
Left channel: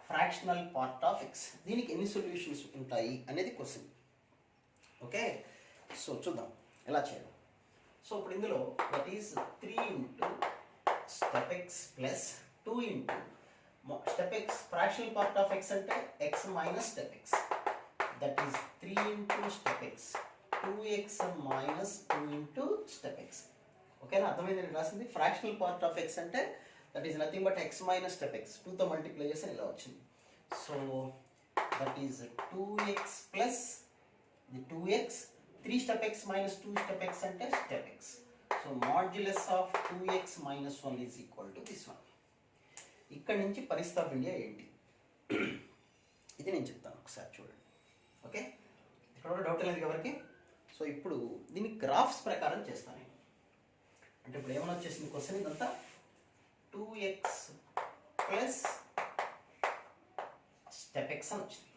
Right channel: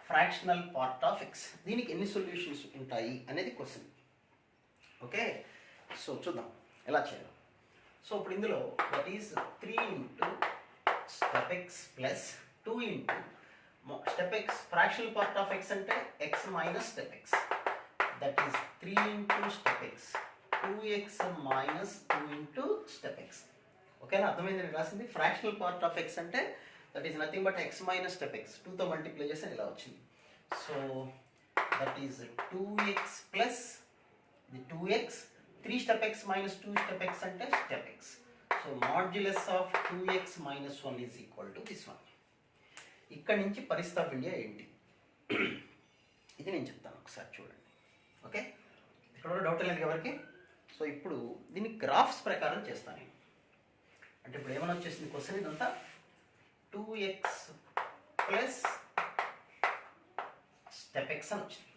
fractional part of x. దీనికి ఎన్ని సొల్యూషన్స్ ఉంటాయి అనేది క్వశ్చన్. ఓకే, సో చూద్దాం ఎలా చేయాలి. సో ఇప్పుడు ఇందులో that is 3 into step x plus 2 into step x, fractional part of x అంటే x minus step x, that is 3 into step x, 2x minus 2 into step x. ఓకేనా, అర్థమైంది నేను రాసింది. ఫ్రాక్షనల్ పార్ట్ ఆఫ్ x అంటే that is nothing but x minus step x, 2తో మల్టిప్లై చేస్తే ఇలా వచ్చింది. So that is 2x plus the 2x, 3 step x minus 2 step x అంటే step x. So modulus of 2x minus 1 is equal to this one. ఇక్కడ నుంచి పరిస్థాపించే ఏంటి ఇది నేను చెప్తాను, ఒకసారి చూడండి. ఓకే, ఇక్కడ కూడా డౌట్ లేదు ఎవరికి. సో ఇప్పుడు దీన్ని గ్రాఫ్స్ ప్రకారం చేస్తాను నేను. అంటే ఇప్పుడు ఏమైనా వచ్చేసింది క్వశ్చన్, ఇదంతా 2x ప్లస్ స్టెప్ x అని వచ్చింది.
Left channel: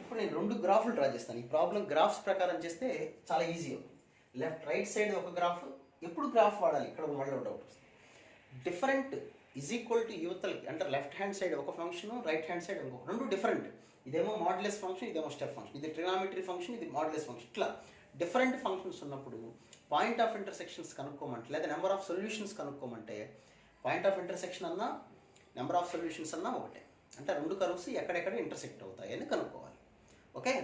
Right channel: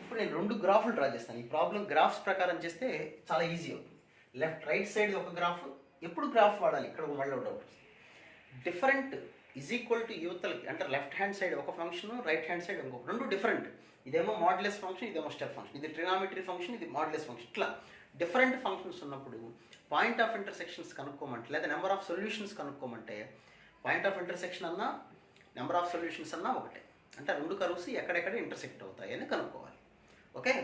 ఇప్పుడు నేను 2 గ్రాఫ్లు డ్రా చేస్తాను. ఈ ప్రాబ్లం గ్రాఫ్స్ ప్రకారం చేస్తే చాలా ఈజీ అవుతుంది. లెఫ్ట్ రైట్ సైడ్ ఒక గ్రాఫ్, ఎప్పుడు గ్రాఫ్ వాడాలి ఇక్కడ మళ్ళీ doubt. Different is equal to యువతలకి, అంటే లెఫ్ట్ హ్యాండ్ సైడ్ ఒక ఫంక్షన్, రైట్ హ్యాండ్ సైడ్ ఇంకొక, 2 డిఫరెంట్. ఇదేమో మాడ్యులస్ ఫంక్షన్, ఇదేమో స్టెప్ ఫంక్షన్, ఇది ట్రినామెట్రీ ఫంక్షన్, ఇది మాడ్యులస్ ఫంక్షన్. ఇట్లా డిఫరెంట్ ఫంక్షన్స్ ఉన్నప్పుడు పాయింట్ ఆఫ్ ఇంటర్సెక్షన్స్ కనుక్కోమంటే, లేదా నెంబర్ ఆఫ్ సొల్యూషన్స్ కనుక్కోమంటే, పాయింట్ ఆఫ్ ఇంటర్సెక్షన్ అన్నా నెంబర్ ఆఫ్ సొల్యూషన్స్ అన్నా ఒకటే. అంటే 2 కర్వ్స్ ఎక్కడెక్కడ ఇంటర్సెక్ట్ అవుతాయి అని కనుక్కోవాలి. ఓకే,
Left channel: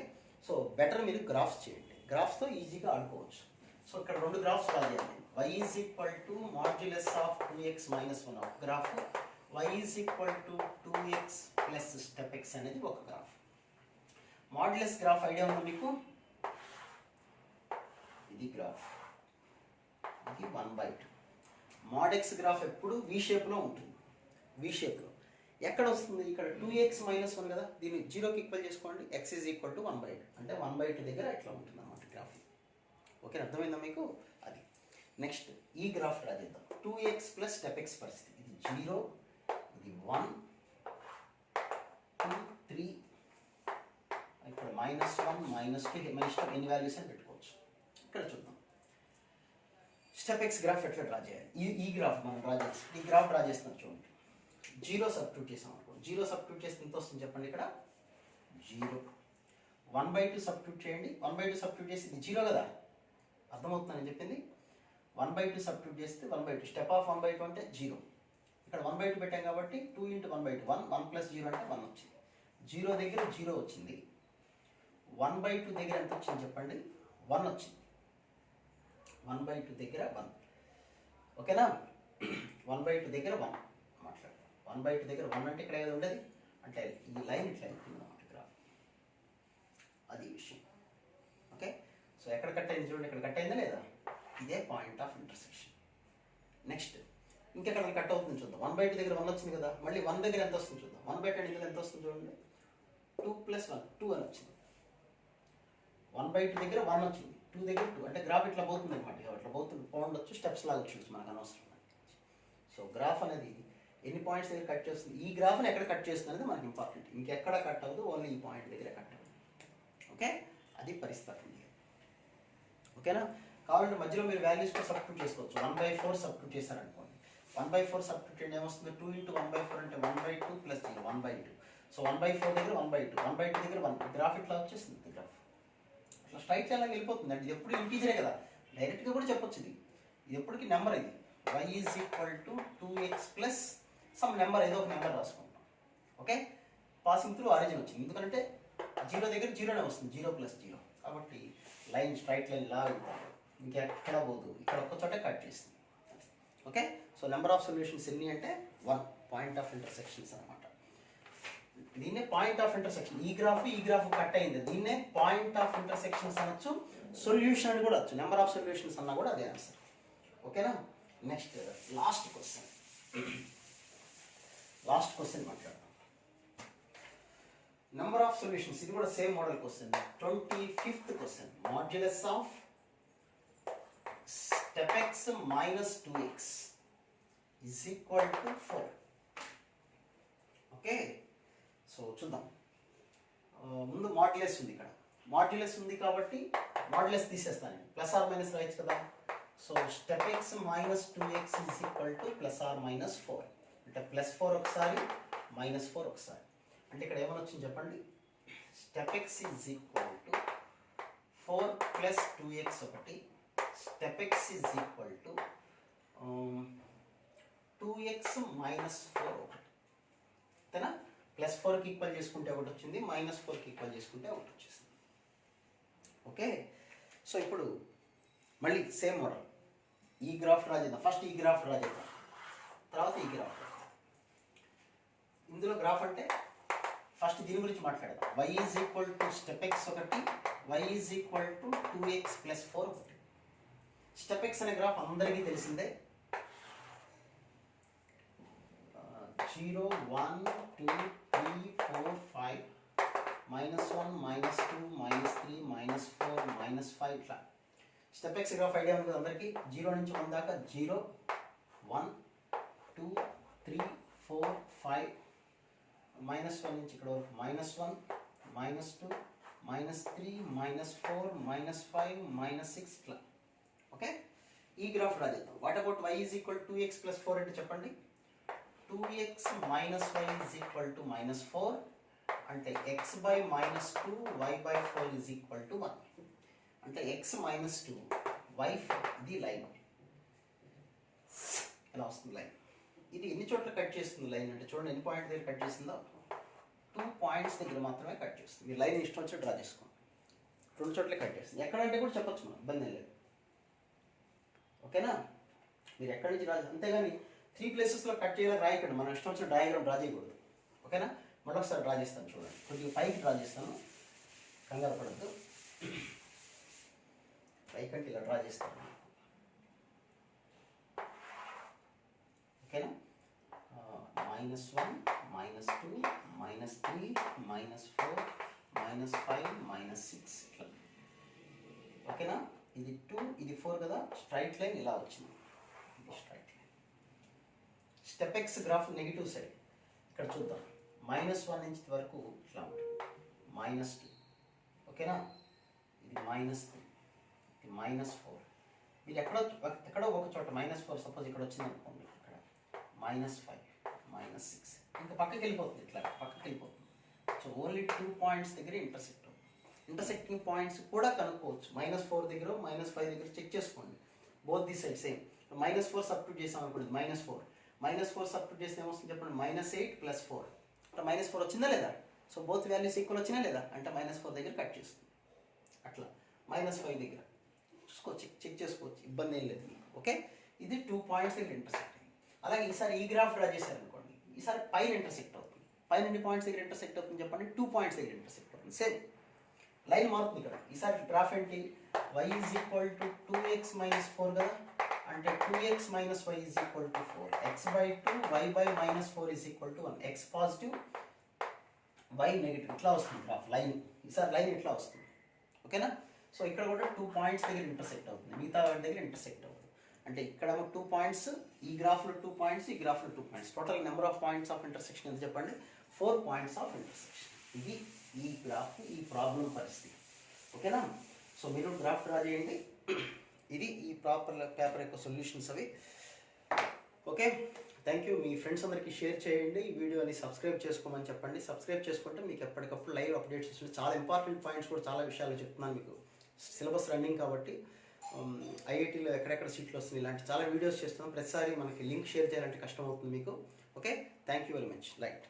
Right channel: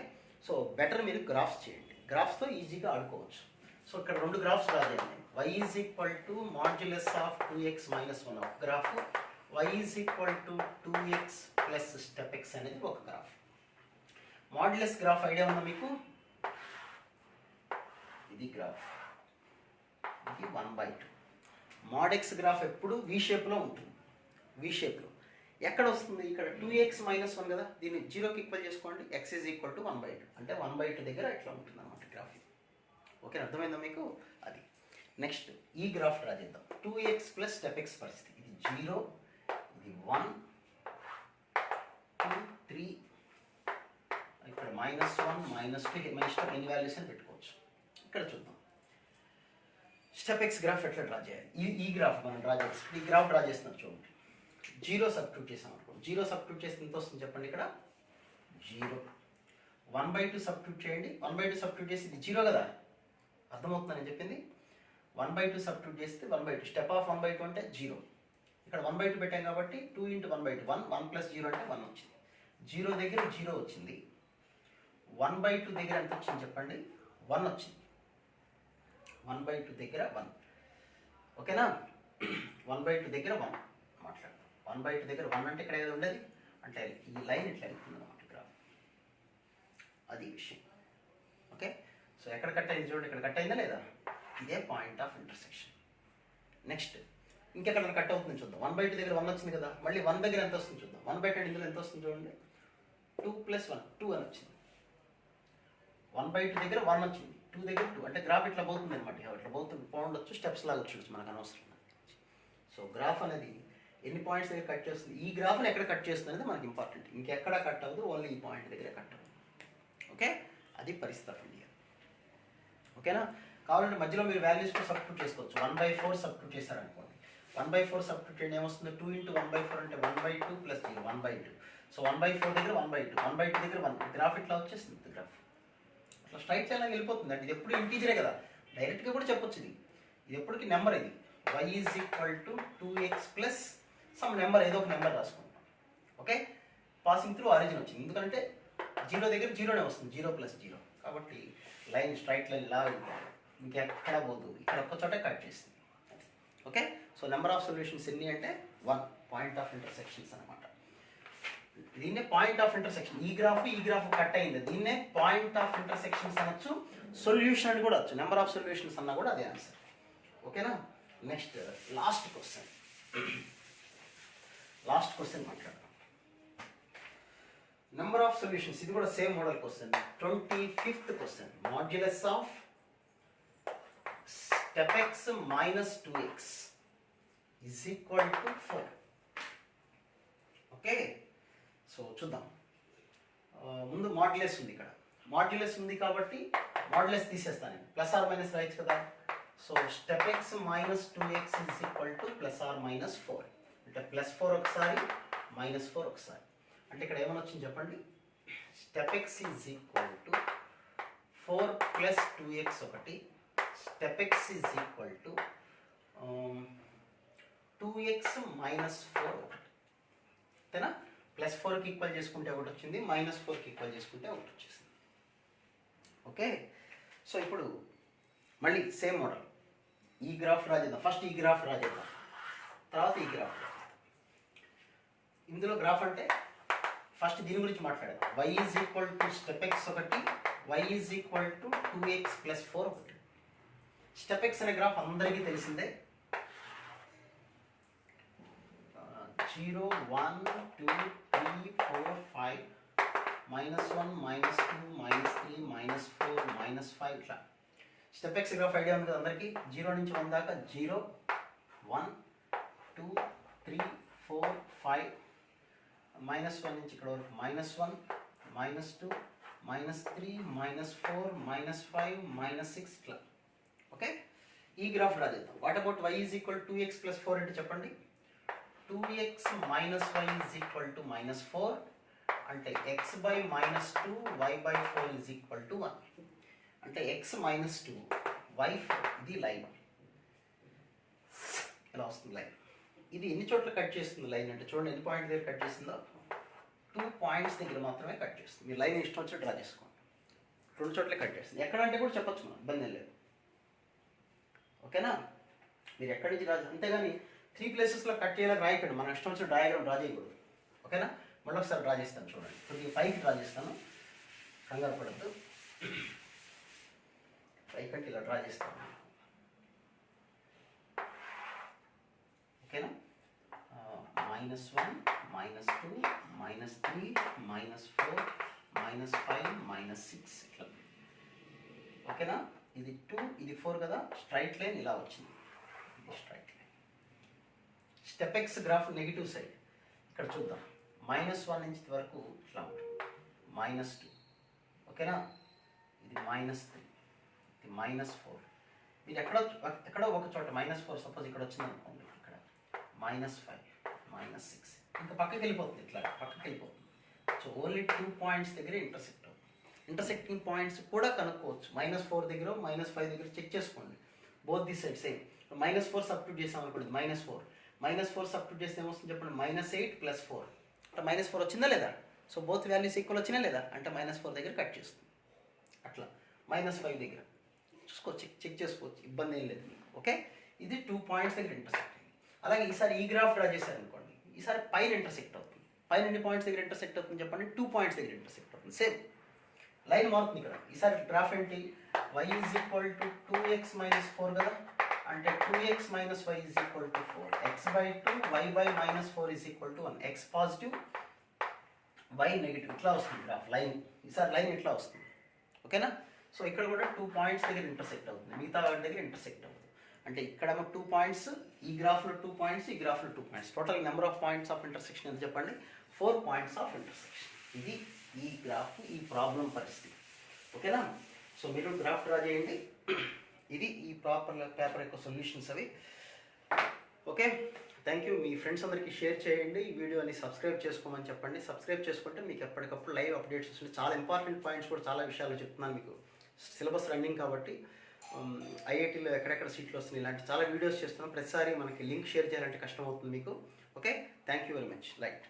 సో బెటర్ మీరు గ్రాఫ్స్ చేయండి, గ్రాఫ్స్తో ఈజీగా ఆడుకోవచ్చు. సో ఇక్కడ 2 గ్రాఫ్స్ రాయాలి. y is equal to modulus of 2x minus 1 ఒక graph, y is equal to 2x plus step x అనేది ఒక గ్రాఫ్. మాడ్యులస్ గ్రాఫ్ ఐడియా ఉందా మీకు? ఇది గ్రాఫ్, ఇది 1/2. మాడ్ x గ్రాఫ్ ఎప్పుడు వి షేప్లో ఉంటుంది. వి షేప్లో ఎక్కడ వస్తుంది? ఇక్కడ 2x minus 1 కదా, దీన్ని 0కి ఈక్వల్ చేసుకోండి, x ఈజ్ ఈక్వల్ టు 1/2 అంటే 1/2 దగ్గర ఇట్లా ఉంటుంది అన్నమాట గ్రాఫ్. ఓకే, అర్థమైందా మీకు? అది నెక్స్ట్ ఈ గ్రాఫ్ డ్రా చేద్దాం. 2x ప్లస్ స్టెప్ x పరిస్థితి, ఇది 0, ఇది 1, 2, 3, ఇక్కడ -1 -2, మన ఇష్టం ఎన్ని వాల్యూస్ అని పెట్టుకోవచ్చు. ఇక్కడ చూద్దాం స్టెప్ x గ్రాఫ్ ఎట్లా డ్రా చేయాలి. ఈ గ్రాఫ్ మనం డ్రా చేస్తాం, ఈ గ్రాఫ్ డ్రా చేస్తున్నాం చూడండి. 0 సబ్స్టిట్యూట్ చేసాం అనుకోండి, 0 సబ్స్టిట్యూట్ చేస్తే ఎంత వస్తుంది చెప్పండి. ఇక్కడ 0, 1/2 సబ్స్టిట్యూట్ చేయండి, 1/2 సబ్స్టిట్యూట్ చేస్తే ఇది 0 కదా, అర్థమవుతుందని చెప్పింది. 1/2 సబ్స్టిట్యూట్ చేస్తే 1/2, స్టెప్ ఆఫ్ 1/2 అంటే 0. ఇక్కడ 1/2 పెట్టాం కాబట్టి 2 into 1/2, 1 ప్లస్ 0 అంటే 1 వచ్చింది. 0 దగ్గర 0 వచ్చింది, 1/2 దగ్గర ఎంత వచ్చింది చెప్పండి? 1 వచ్చింది. 1/2 దగ్గర 1, ఓకేనా. 1/2 దగ్గర 1 మాట్లాడతాం. 1/2 దగ్గర 1 అంటే ఇక్కడ ఏదో ఉండేది, అంటే ఈ లైన్ ఇట్లా వెళ్తుంది అన్నమాట గ్రాఫ్, అది విషయం. ఓకే, సో ఎక్కడ కట్ అయింది చూడండి, ఇక్కడ కట్ అయిందా లేదా, ఇదే పాయింట్ ఆఫ్ ఇంటర్సెక్షన్. నెక్స్ట్ ఇంకెక్కడ కట్ అవుతుంది చూద్దాం. 1/2 దగ్గర 1 వచ్చింది కదా, మళ్ళీ 1 దగ్గర ఎంత వస్తుంది చూద్దాం. 1/2 ఇందులో ఎంత వస్తుంది చూడండి, 2 + 1 2 అని వచ్చింది. 1/2 దగ్గర 1 వచ్చింది, 2 దగ్గర 2, అంటే గ్రాఫ్ ఇట్లా పోతుంది అనమాట. ఇట్లా పోతుంది, పోండొచ్చు, స్టెప్స్ లాగా వచ్చి మనకు అనవసరం. సో గ్రాఫ్ అనేది ఎన్ని పాయింట్స్ దగ్గర కట్ చేస్తుంది, ఈ గ్రాఫ్ని ఎక్కడ కట్ చేస్తుంది అనేది మనకి ఇంపార్టెంట్. ఇంకెక్కడ కట్ అవ్వదు, ఓన్లీ ఈ పాయింట్ దగ్గర కట్ అవ్వదు. ఓకే, అది పరిస్థితి. ఓకేనా, కావాలంటే మధ్యలో మీరు వాల్యూస్తో సబ్స్టిట్యూట్ చేసుకోవచ్చు. 1/4 సబ్స్టిట్యూట్ చేశారనుకోండి, 1/4 సబ్స్టిట్యూట్ చేయండి, ఏమొస్తుంది? 2 into 1/4 అంటే 1/2 ప్లస్ 1/2. సో 1/4 దగ్గర 1/2, 1/2 దగ్గర 1, గ్రాఫ్ ఇట్లా వచ్చేస్తుంది. గ్రాఫ్ అట్లా స్ట్రైట్ లైన్ లాగా వెళ్ళిపోతుంది. అంటే ఇది ఎప్పుడు ఇంటీజరే కదా, డైరెక్ట్గా కూడా చెప్పొచ్చు. ఇది ఎప్పటికీ నెంబర్. ఇది y is equal to 2x plus some number ఏదో ఒక నెంబర్ రాసుకుంటాం. ఓకే, పాసింగ్ త్రూ ఆరిజిన్ వచ్చింది, ఎందుకంటే 0 దగ్గర 0నే వస్తుంది, 0 + 0. కాబట్టి లైన్ స్ట్రైట్ లైన్ ఇలా వెళ్తాం, మీకు ఎక్కడ పోదు, ఇక్కడ ఒక్క చోట కట్ చేస్తుంది. Okay, so number of solutions ఎన్ని అంటే 1, పాయింట్ ఆఫ్ ఇంటర్సెక్షన్స్ అనమాట. దీన్నే పాయింట్ ఆఫ్ ఇంటర్సెక్షన్. ఈ గ్రాఫ్ కట్ అయింది, దీన్నే పాయింట్ ఆఫ్ ఇంటర్సెక్షన్స్ అనొచ్చు, సొల్యూషన్ అని కూడా వచ్చు. నెంబర్ ఆఫ్ సొల్యూషన్స్ అన్నా కూడా అదే ఆన్సర్. ఓకేనా, నెక్స్ట్ లాస్ట్ క్వశ్చన్ మాట్లాడదాం. నెంబర్ ఆఫ్ సొల్యూషన్స్, ఇది కూడా same model question. 25th question. Modulus of step x minus 2x is equal to 4. Okay, so చూద్దాం. ముందు మాడ్యులస్ ఉంది, ఇక్కడ మాడ్యులస్ ఉంది కాబట్టి మాడ్యులస్ తీసేస్తాను నేను, ప్లస్ ఆర్ మైనస్ రాయొచ్చు కదా. So step X minus 2x is equal to plus or minus 4. అంటే +4 ఒకసారి, -4 ఒకసారి. అంటే ఇక్కడ ఏమని వచ్చింది చెప్పండి. Step X is equal to 4 + 2x ఒకటి, step X is equal to 2x - 4 ఒకటి. అంతేనా, +4కి ఈక్వల్ చేసుకుంటే ఒకటి వచ్చింది, -4కి ఈక్వల్ చేసుకుంటే ఒకటి వచ్చేసింది. ఓకే, సో ఇప్పుడు మళ్ళీ సేమ్ మోడల్. ఈ గ్రాఫ్ డ్రా చేద్దాం. ఫస్ట్ ఈ గ్రాఫ్ డ్రా చేద్దాం, తర్వాత ఈ గ్రాఫ్. ఇందులో గ్రాఫ్ అంటే ఫస్ట్ దీని గురించి మాట్లాడదాం. y is equal to step X ఒకటి, y is equal to 2x + 4 ఒకటి. స్టెప్ ఎక్స్ అనే గ్రాఫ్ అందరికీ తెలిసిందే. 0, 1, 2, 3, 4, 5, -1, -2, -3, -4, -5 ఇట్లా. స్టెప్ ఎక్స్ గ్రాఫ్ ఐడియా ఉంది కదా అందరికీ. 0 నుంచి 1 దాకా 0, 1, 2, 3, 4, 5, -1 నుంచి ఇక్కడ వరకు -1, -2, -3, -4, -5, -6 ఇట్లా. ఓకే, ఈ గ్రాఫ్ డ్రా చేద్దాం. What about y is equal 2x + 4 అంటే చెప్పండి. 2x - y is equal to -4, అంటే x/-2 y/4 is equal to 1. అంటే x - 2 y/4 ఇది లైన్ ఎలా వస్తుంది లైన్. ఇది ఎన్ని చోట్ల కట్ చేస్తుంది లైన్ అంటే చూడండి, ఎన్ని పాయింట్ దగ్గర కట్ చేస్తుందో. 2 పాయింట్స్ దగ్గర మాత్రమే కట్ చేస్తుంది. మీరు లైన్ ఇష్టం వచ్చి డ్రా చేసుకోండి. 2 చోట్ల కట్ చేస్తుంది. ఎక్కడంటే కూడా చెప్పొచ్చు మనం, ఇబ్బంది ఏం లేదు. ఓకేనా, మీరు ఎక్కడి నుంచి డ్రా చేస్తారు, అంతేగాని 3 ప్లేసెస్లో కట్ చేయాలని రాయకండి. మనం ఇష్టం వచ్చిన డయాగ్రామ్ డ్రా చేయకూడదు. ఓకేనా, మళ్ళీ ఒకసారి డ్రా చేస్తాను చూడండి. కొద్దిగా పైకి డ్రా చేస్తాను, కంగారు పడద్దు. పైకంటే ఇలా డ్రా చేస్తాను. ఓకేనా, -1, -2, -3, -4, -5, -6 ఇట్లా. ఓకేనా, ఇది 2, ఇది 4 కదా. స్ట్రైట్ లైన్ ఇలా వచ్చింది, straight line. Step X graph negative side ఇక్కడ చూద్దాం. -1 నుంచి వరకు ఇట్లా ఉంటుంది, -2. ఓకేనా, ఇది -3, ఇది -4. మీరు ఎక్కడో ఒక చోట -4 సపోజ్ ఇక్కడ వచ్చింది అనుకోండి, ఇక్కడ -5, -6 ఇంకా పక్కకి వెళ్ళిపోతుంది, ఇట్లా పక్కకి వెళ్ళిపోతుంది. సో ఓన్లీ 2 పాయింట్స్ దగ్గర ఇంటర్సెక్ట్ అవుతుంది. ఇంటర్సెక్టింగ్ పాయింట్స్ కూడా కనుక్కోవచ్చు. -4 దగ్గర, -5 దగ్గర చెక్ చేసుకోండి. Both the side same. -4 substitute చేసాం అనుకోండి, -4 సబ్స్టిట్యూట్ చేస్తే ఏమొస్తుంది చెప్పండి, -8 + 4. అంటే -4 వచ్చిందా లేదా. సో బోత్ వాల్యూస్ ఈక్వల్ వచ్చినా లేదా అంటే -4 దగ్గర కట్ చేస్తుంది. అట్లా -5 దగ్గర చూసుకోవచ్చు, చెక్ చేసుకోవచ్చు, ఇబ్బంది ఏం లేదు. ఓకే, ఇది 2 పాయింట్స్ దగ్గర ఇంటర్సెక్ట్ అయింది. అలాగే ఈసారి ఈ గ్రాఫ్ డ్రా చేశారనుకోండి, ఈసారి పైన ఇంటర్సెక్ట్ అవుతుంది. పైన ఎన్ని పాయింట్స్ దగ్గర ఇంటర్సెక్ట్ అవుతుంది చెప్పండి, 2 పాయింట్స్ దగ్గర ఇంటర్సెక్ట్ అవుతుంది. సేమ్ లైన్ మారుతుంది ఇక్కడ. ఈసారి గ్రాఫ్ ఏంటి, y is equal to 2x - 4 కదా. అంటే 2x - y is equal to 4, x/2 y/-4 is equal to 1. x positive, y negative ఇట్లా వస్తుంది గ్రాఫ్ లైన్. ఈసారి లైన్ ఇట్లా వస్తుంది. ఓకేనా, సో ఇక్కడ కూడా 2 పాయింట్స్ దగ్గర ఇంటర్సెక్ట్ అవుతుంది, మిగతా వాటి దగ్గర ఇంటర్సెక్ట్ అవుతుంది. అంటే ఇక్కడ 2 పాయింట్స్, ఈ గ్రాఫ్లో 2 పాయింట్స్, ఈ గ్రాఫ్లో 2 points. Total number of points of intersection ఎంత చెప్పండి, 4 పాయింట్స్ ఆఫ్ ఇంటర్సెక్షన్. ఇది ఈ గ్రాఫ్, ఈ ప్రాబ్లం పరిస్థితి. ఓకేనా, సో మీరు గ్రాఫ్ డ్రా చేయండి. ఇది ఈ పేపర్ యొక్క సొల్యూషన్స్ అవి. Okay, thank you. Me friends అందరికీ షేర్ చేయండి. ఈ వీడియోని సబ్స్క్రైబ్ చేసుకోమని చెప్పండి. సబ్స్క్రైబ్ చేసుకుంటే మీకు ఎప్పటికప్పుడు లైవ్ అప్డేట్స్ వస్తుంది. చాలా ఇంపార్టెంట్ పాయింట్స్ కూడా చాలా విషయాలు చెప్తున్నాను మీకు. సిలబస్ రన్నింగ్ కాబట్టి ఐఐటీలో ఎక్కడెక్కడ సీట్లు వస్తుంది, ఇలాంటి చాలా వీడియోస్ చేస్తున్నాం. ప్రతిసారి మనకి లింక్ షేర్ చేయాలంటే కష్టం అవుతుంది మీకు. Okay, thank you very much. Right.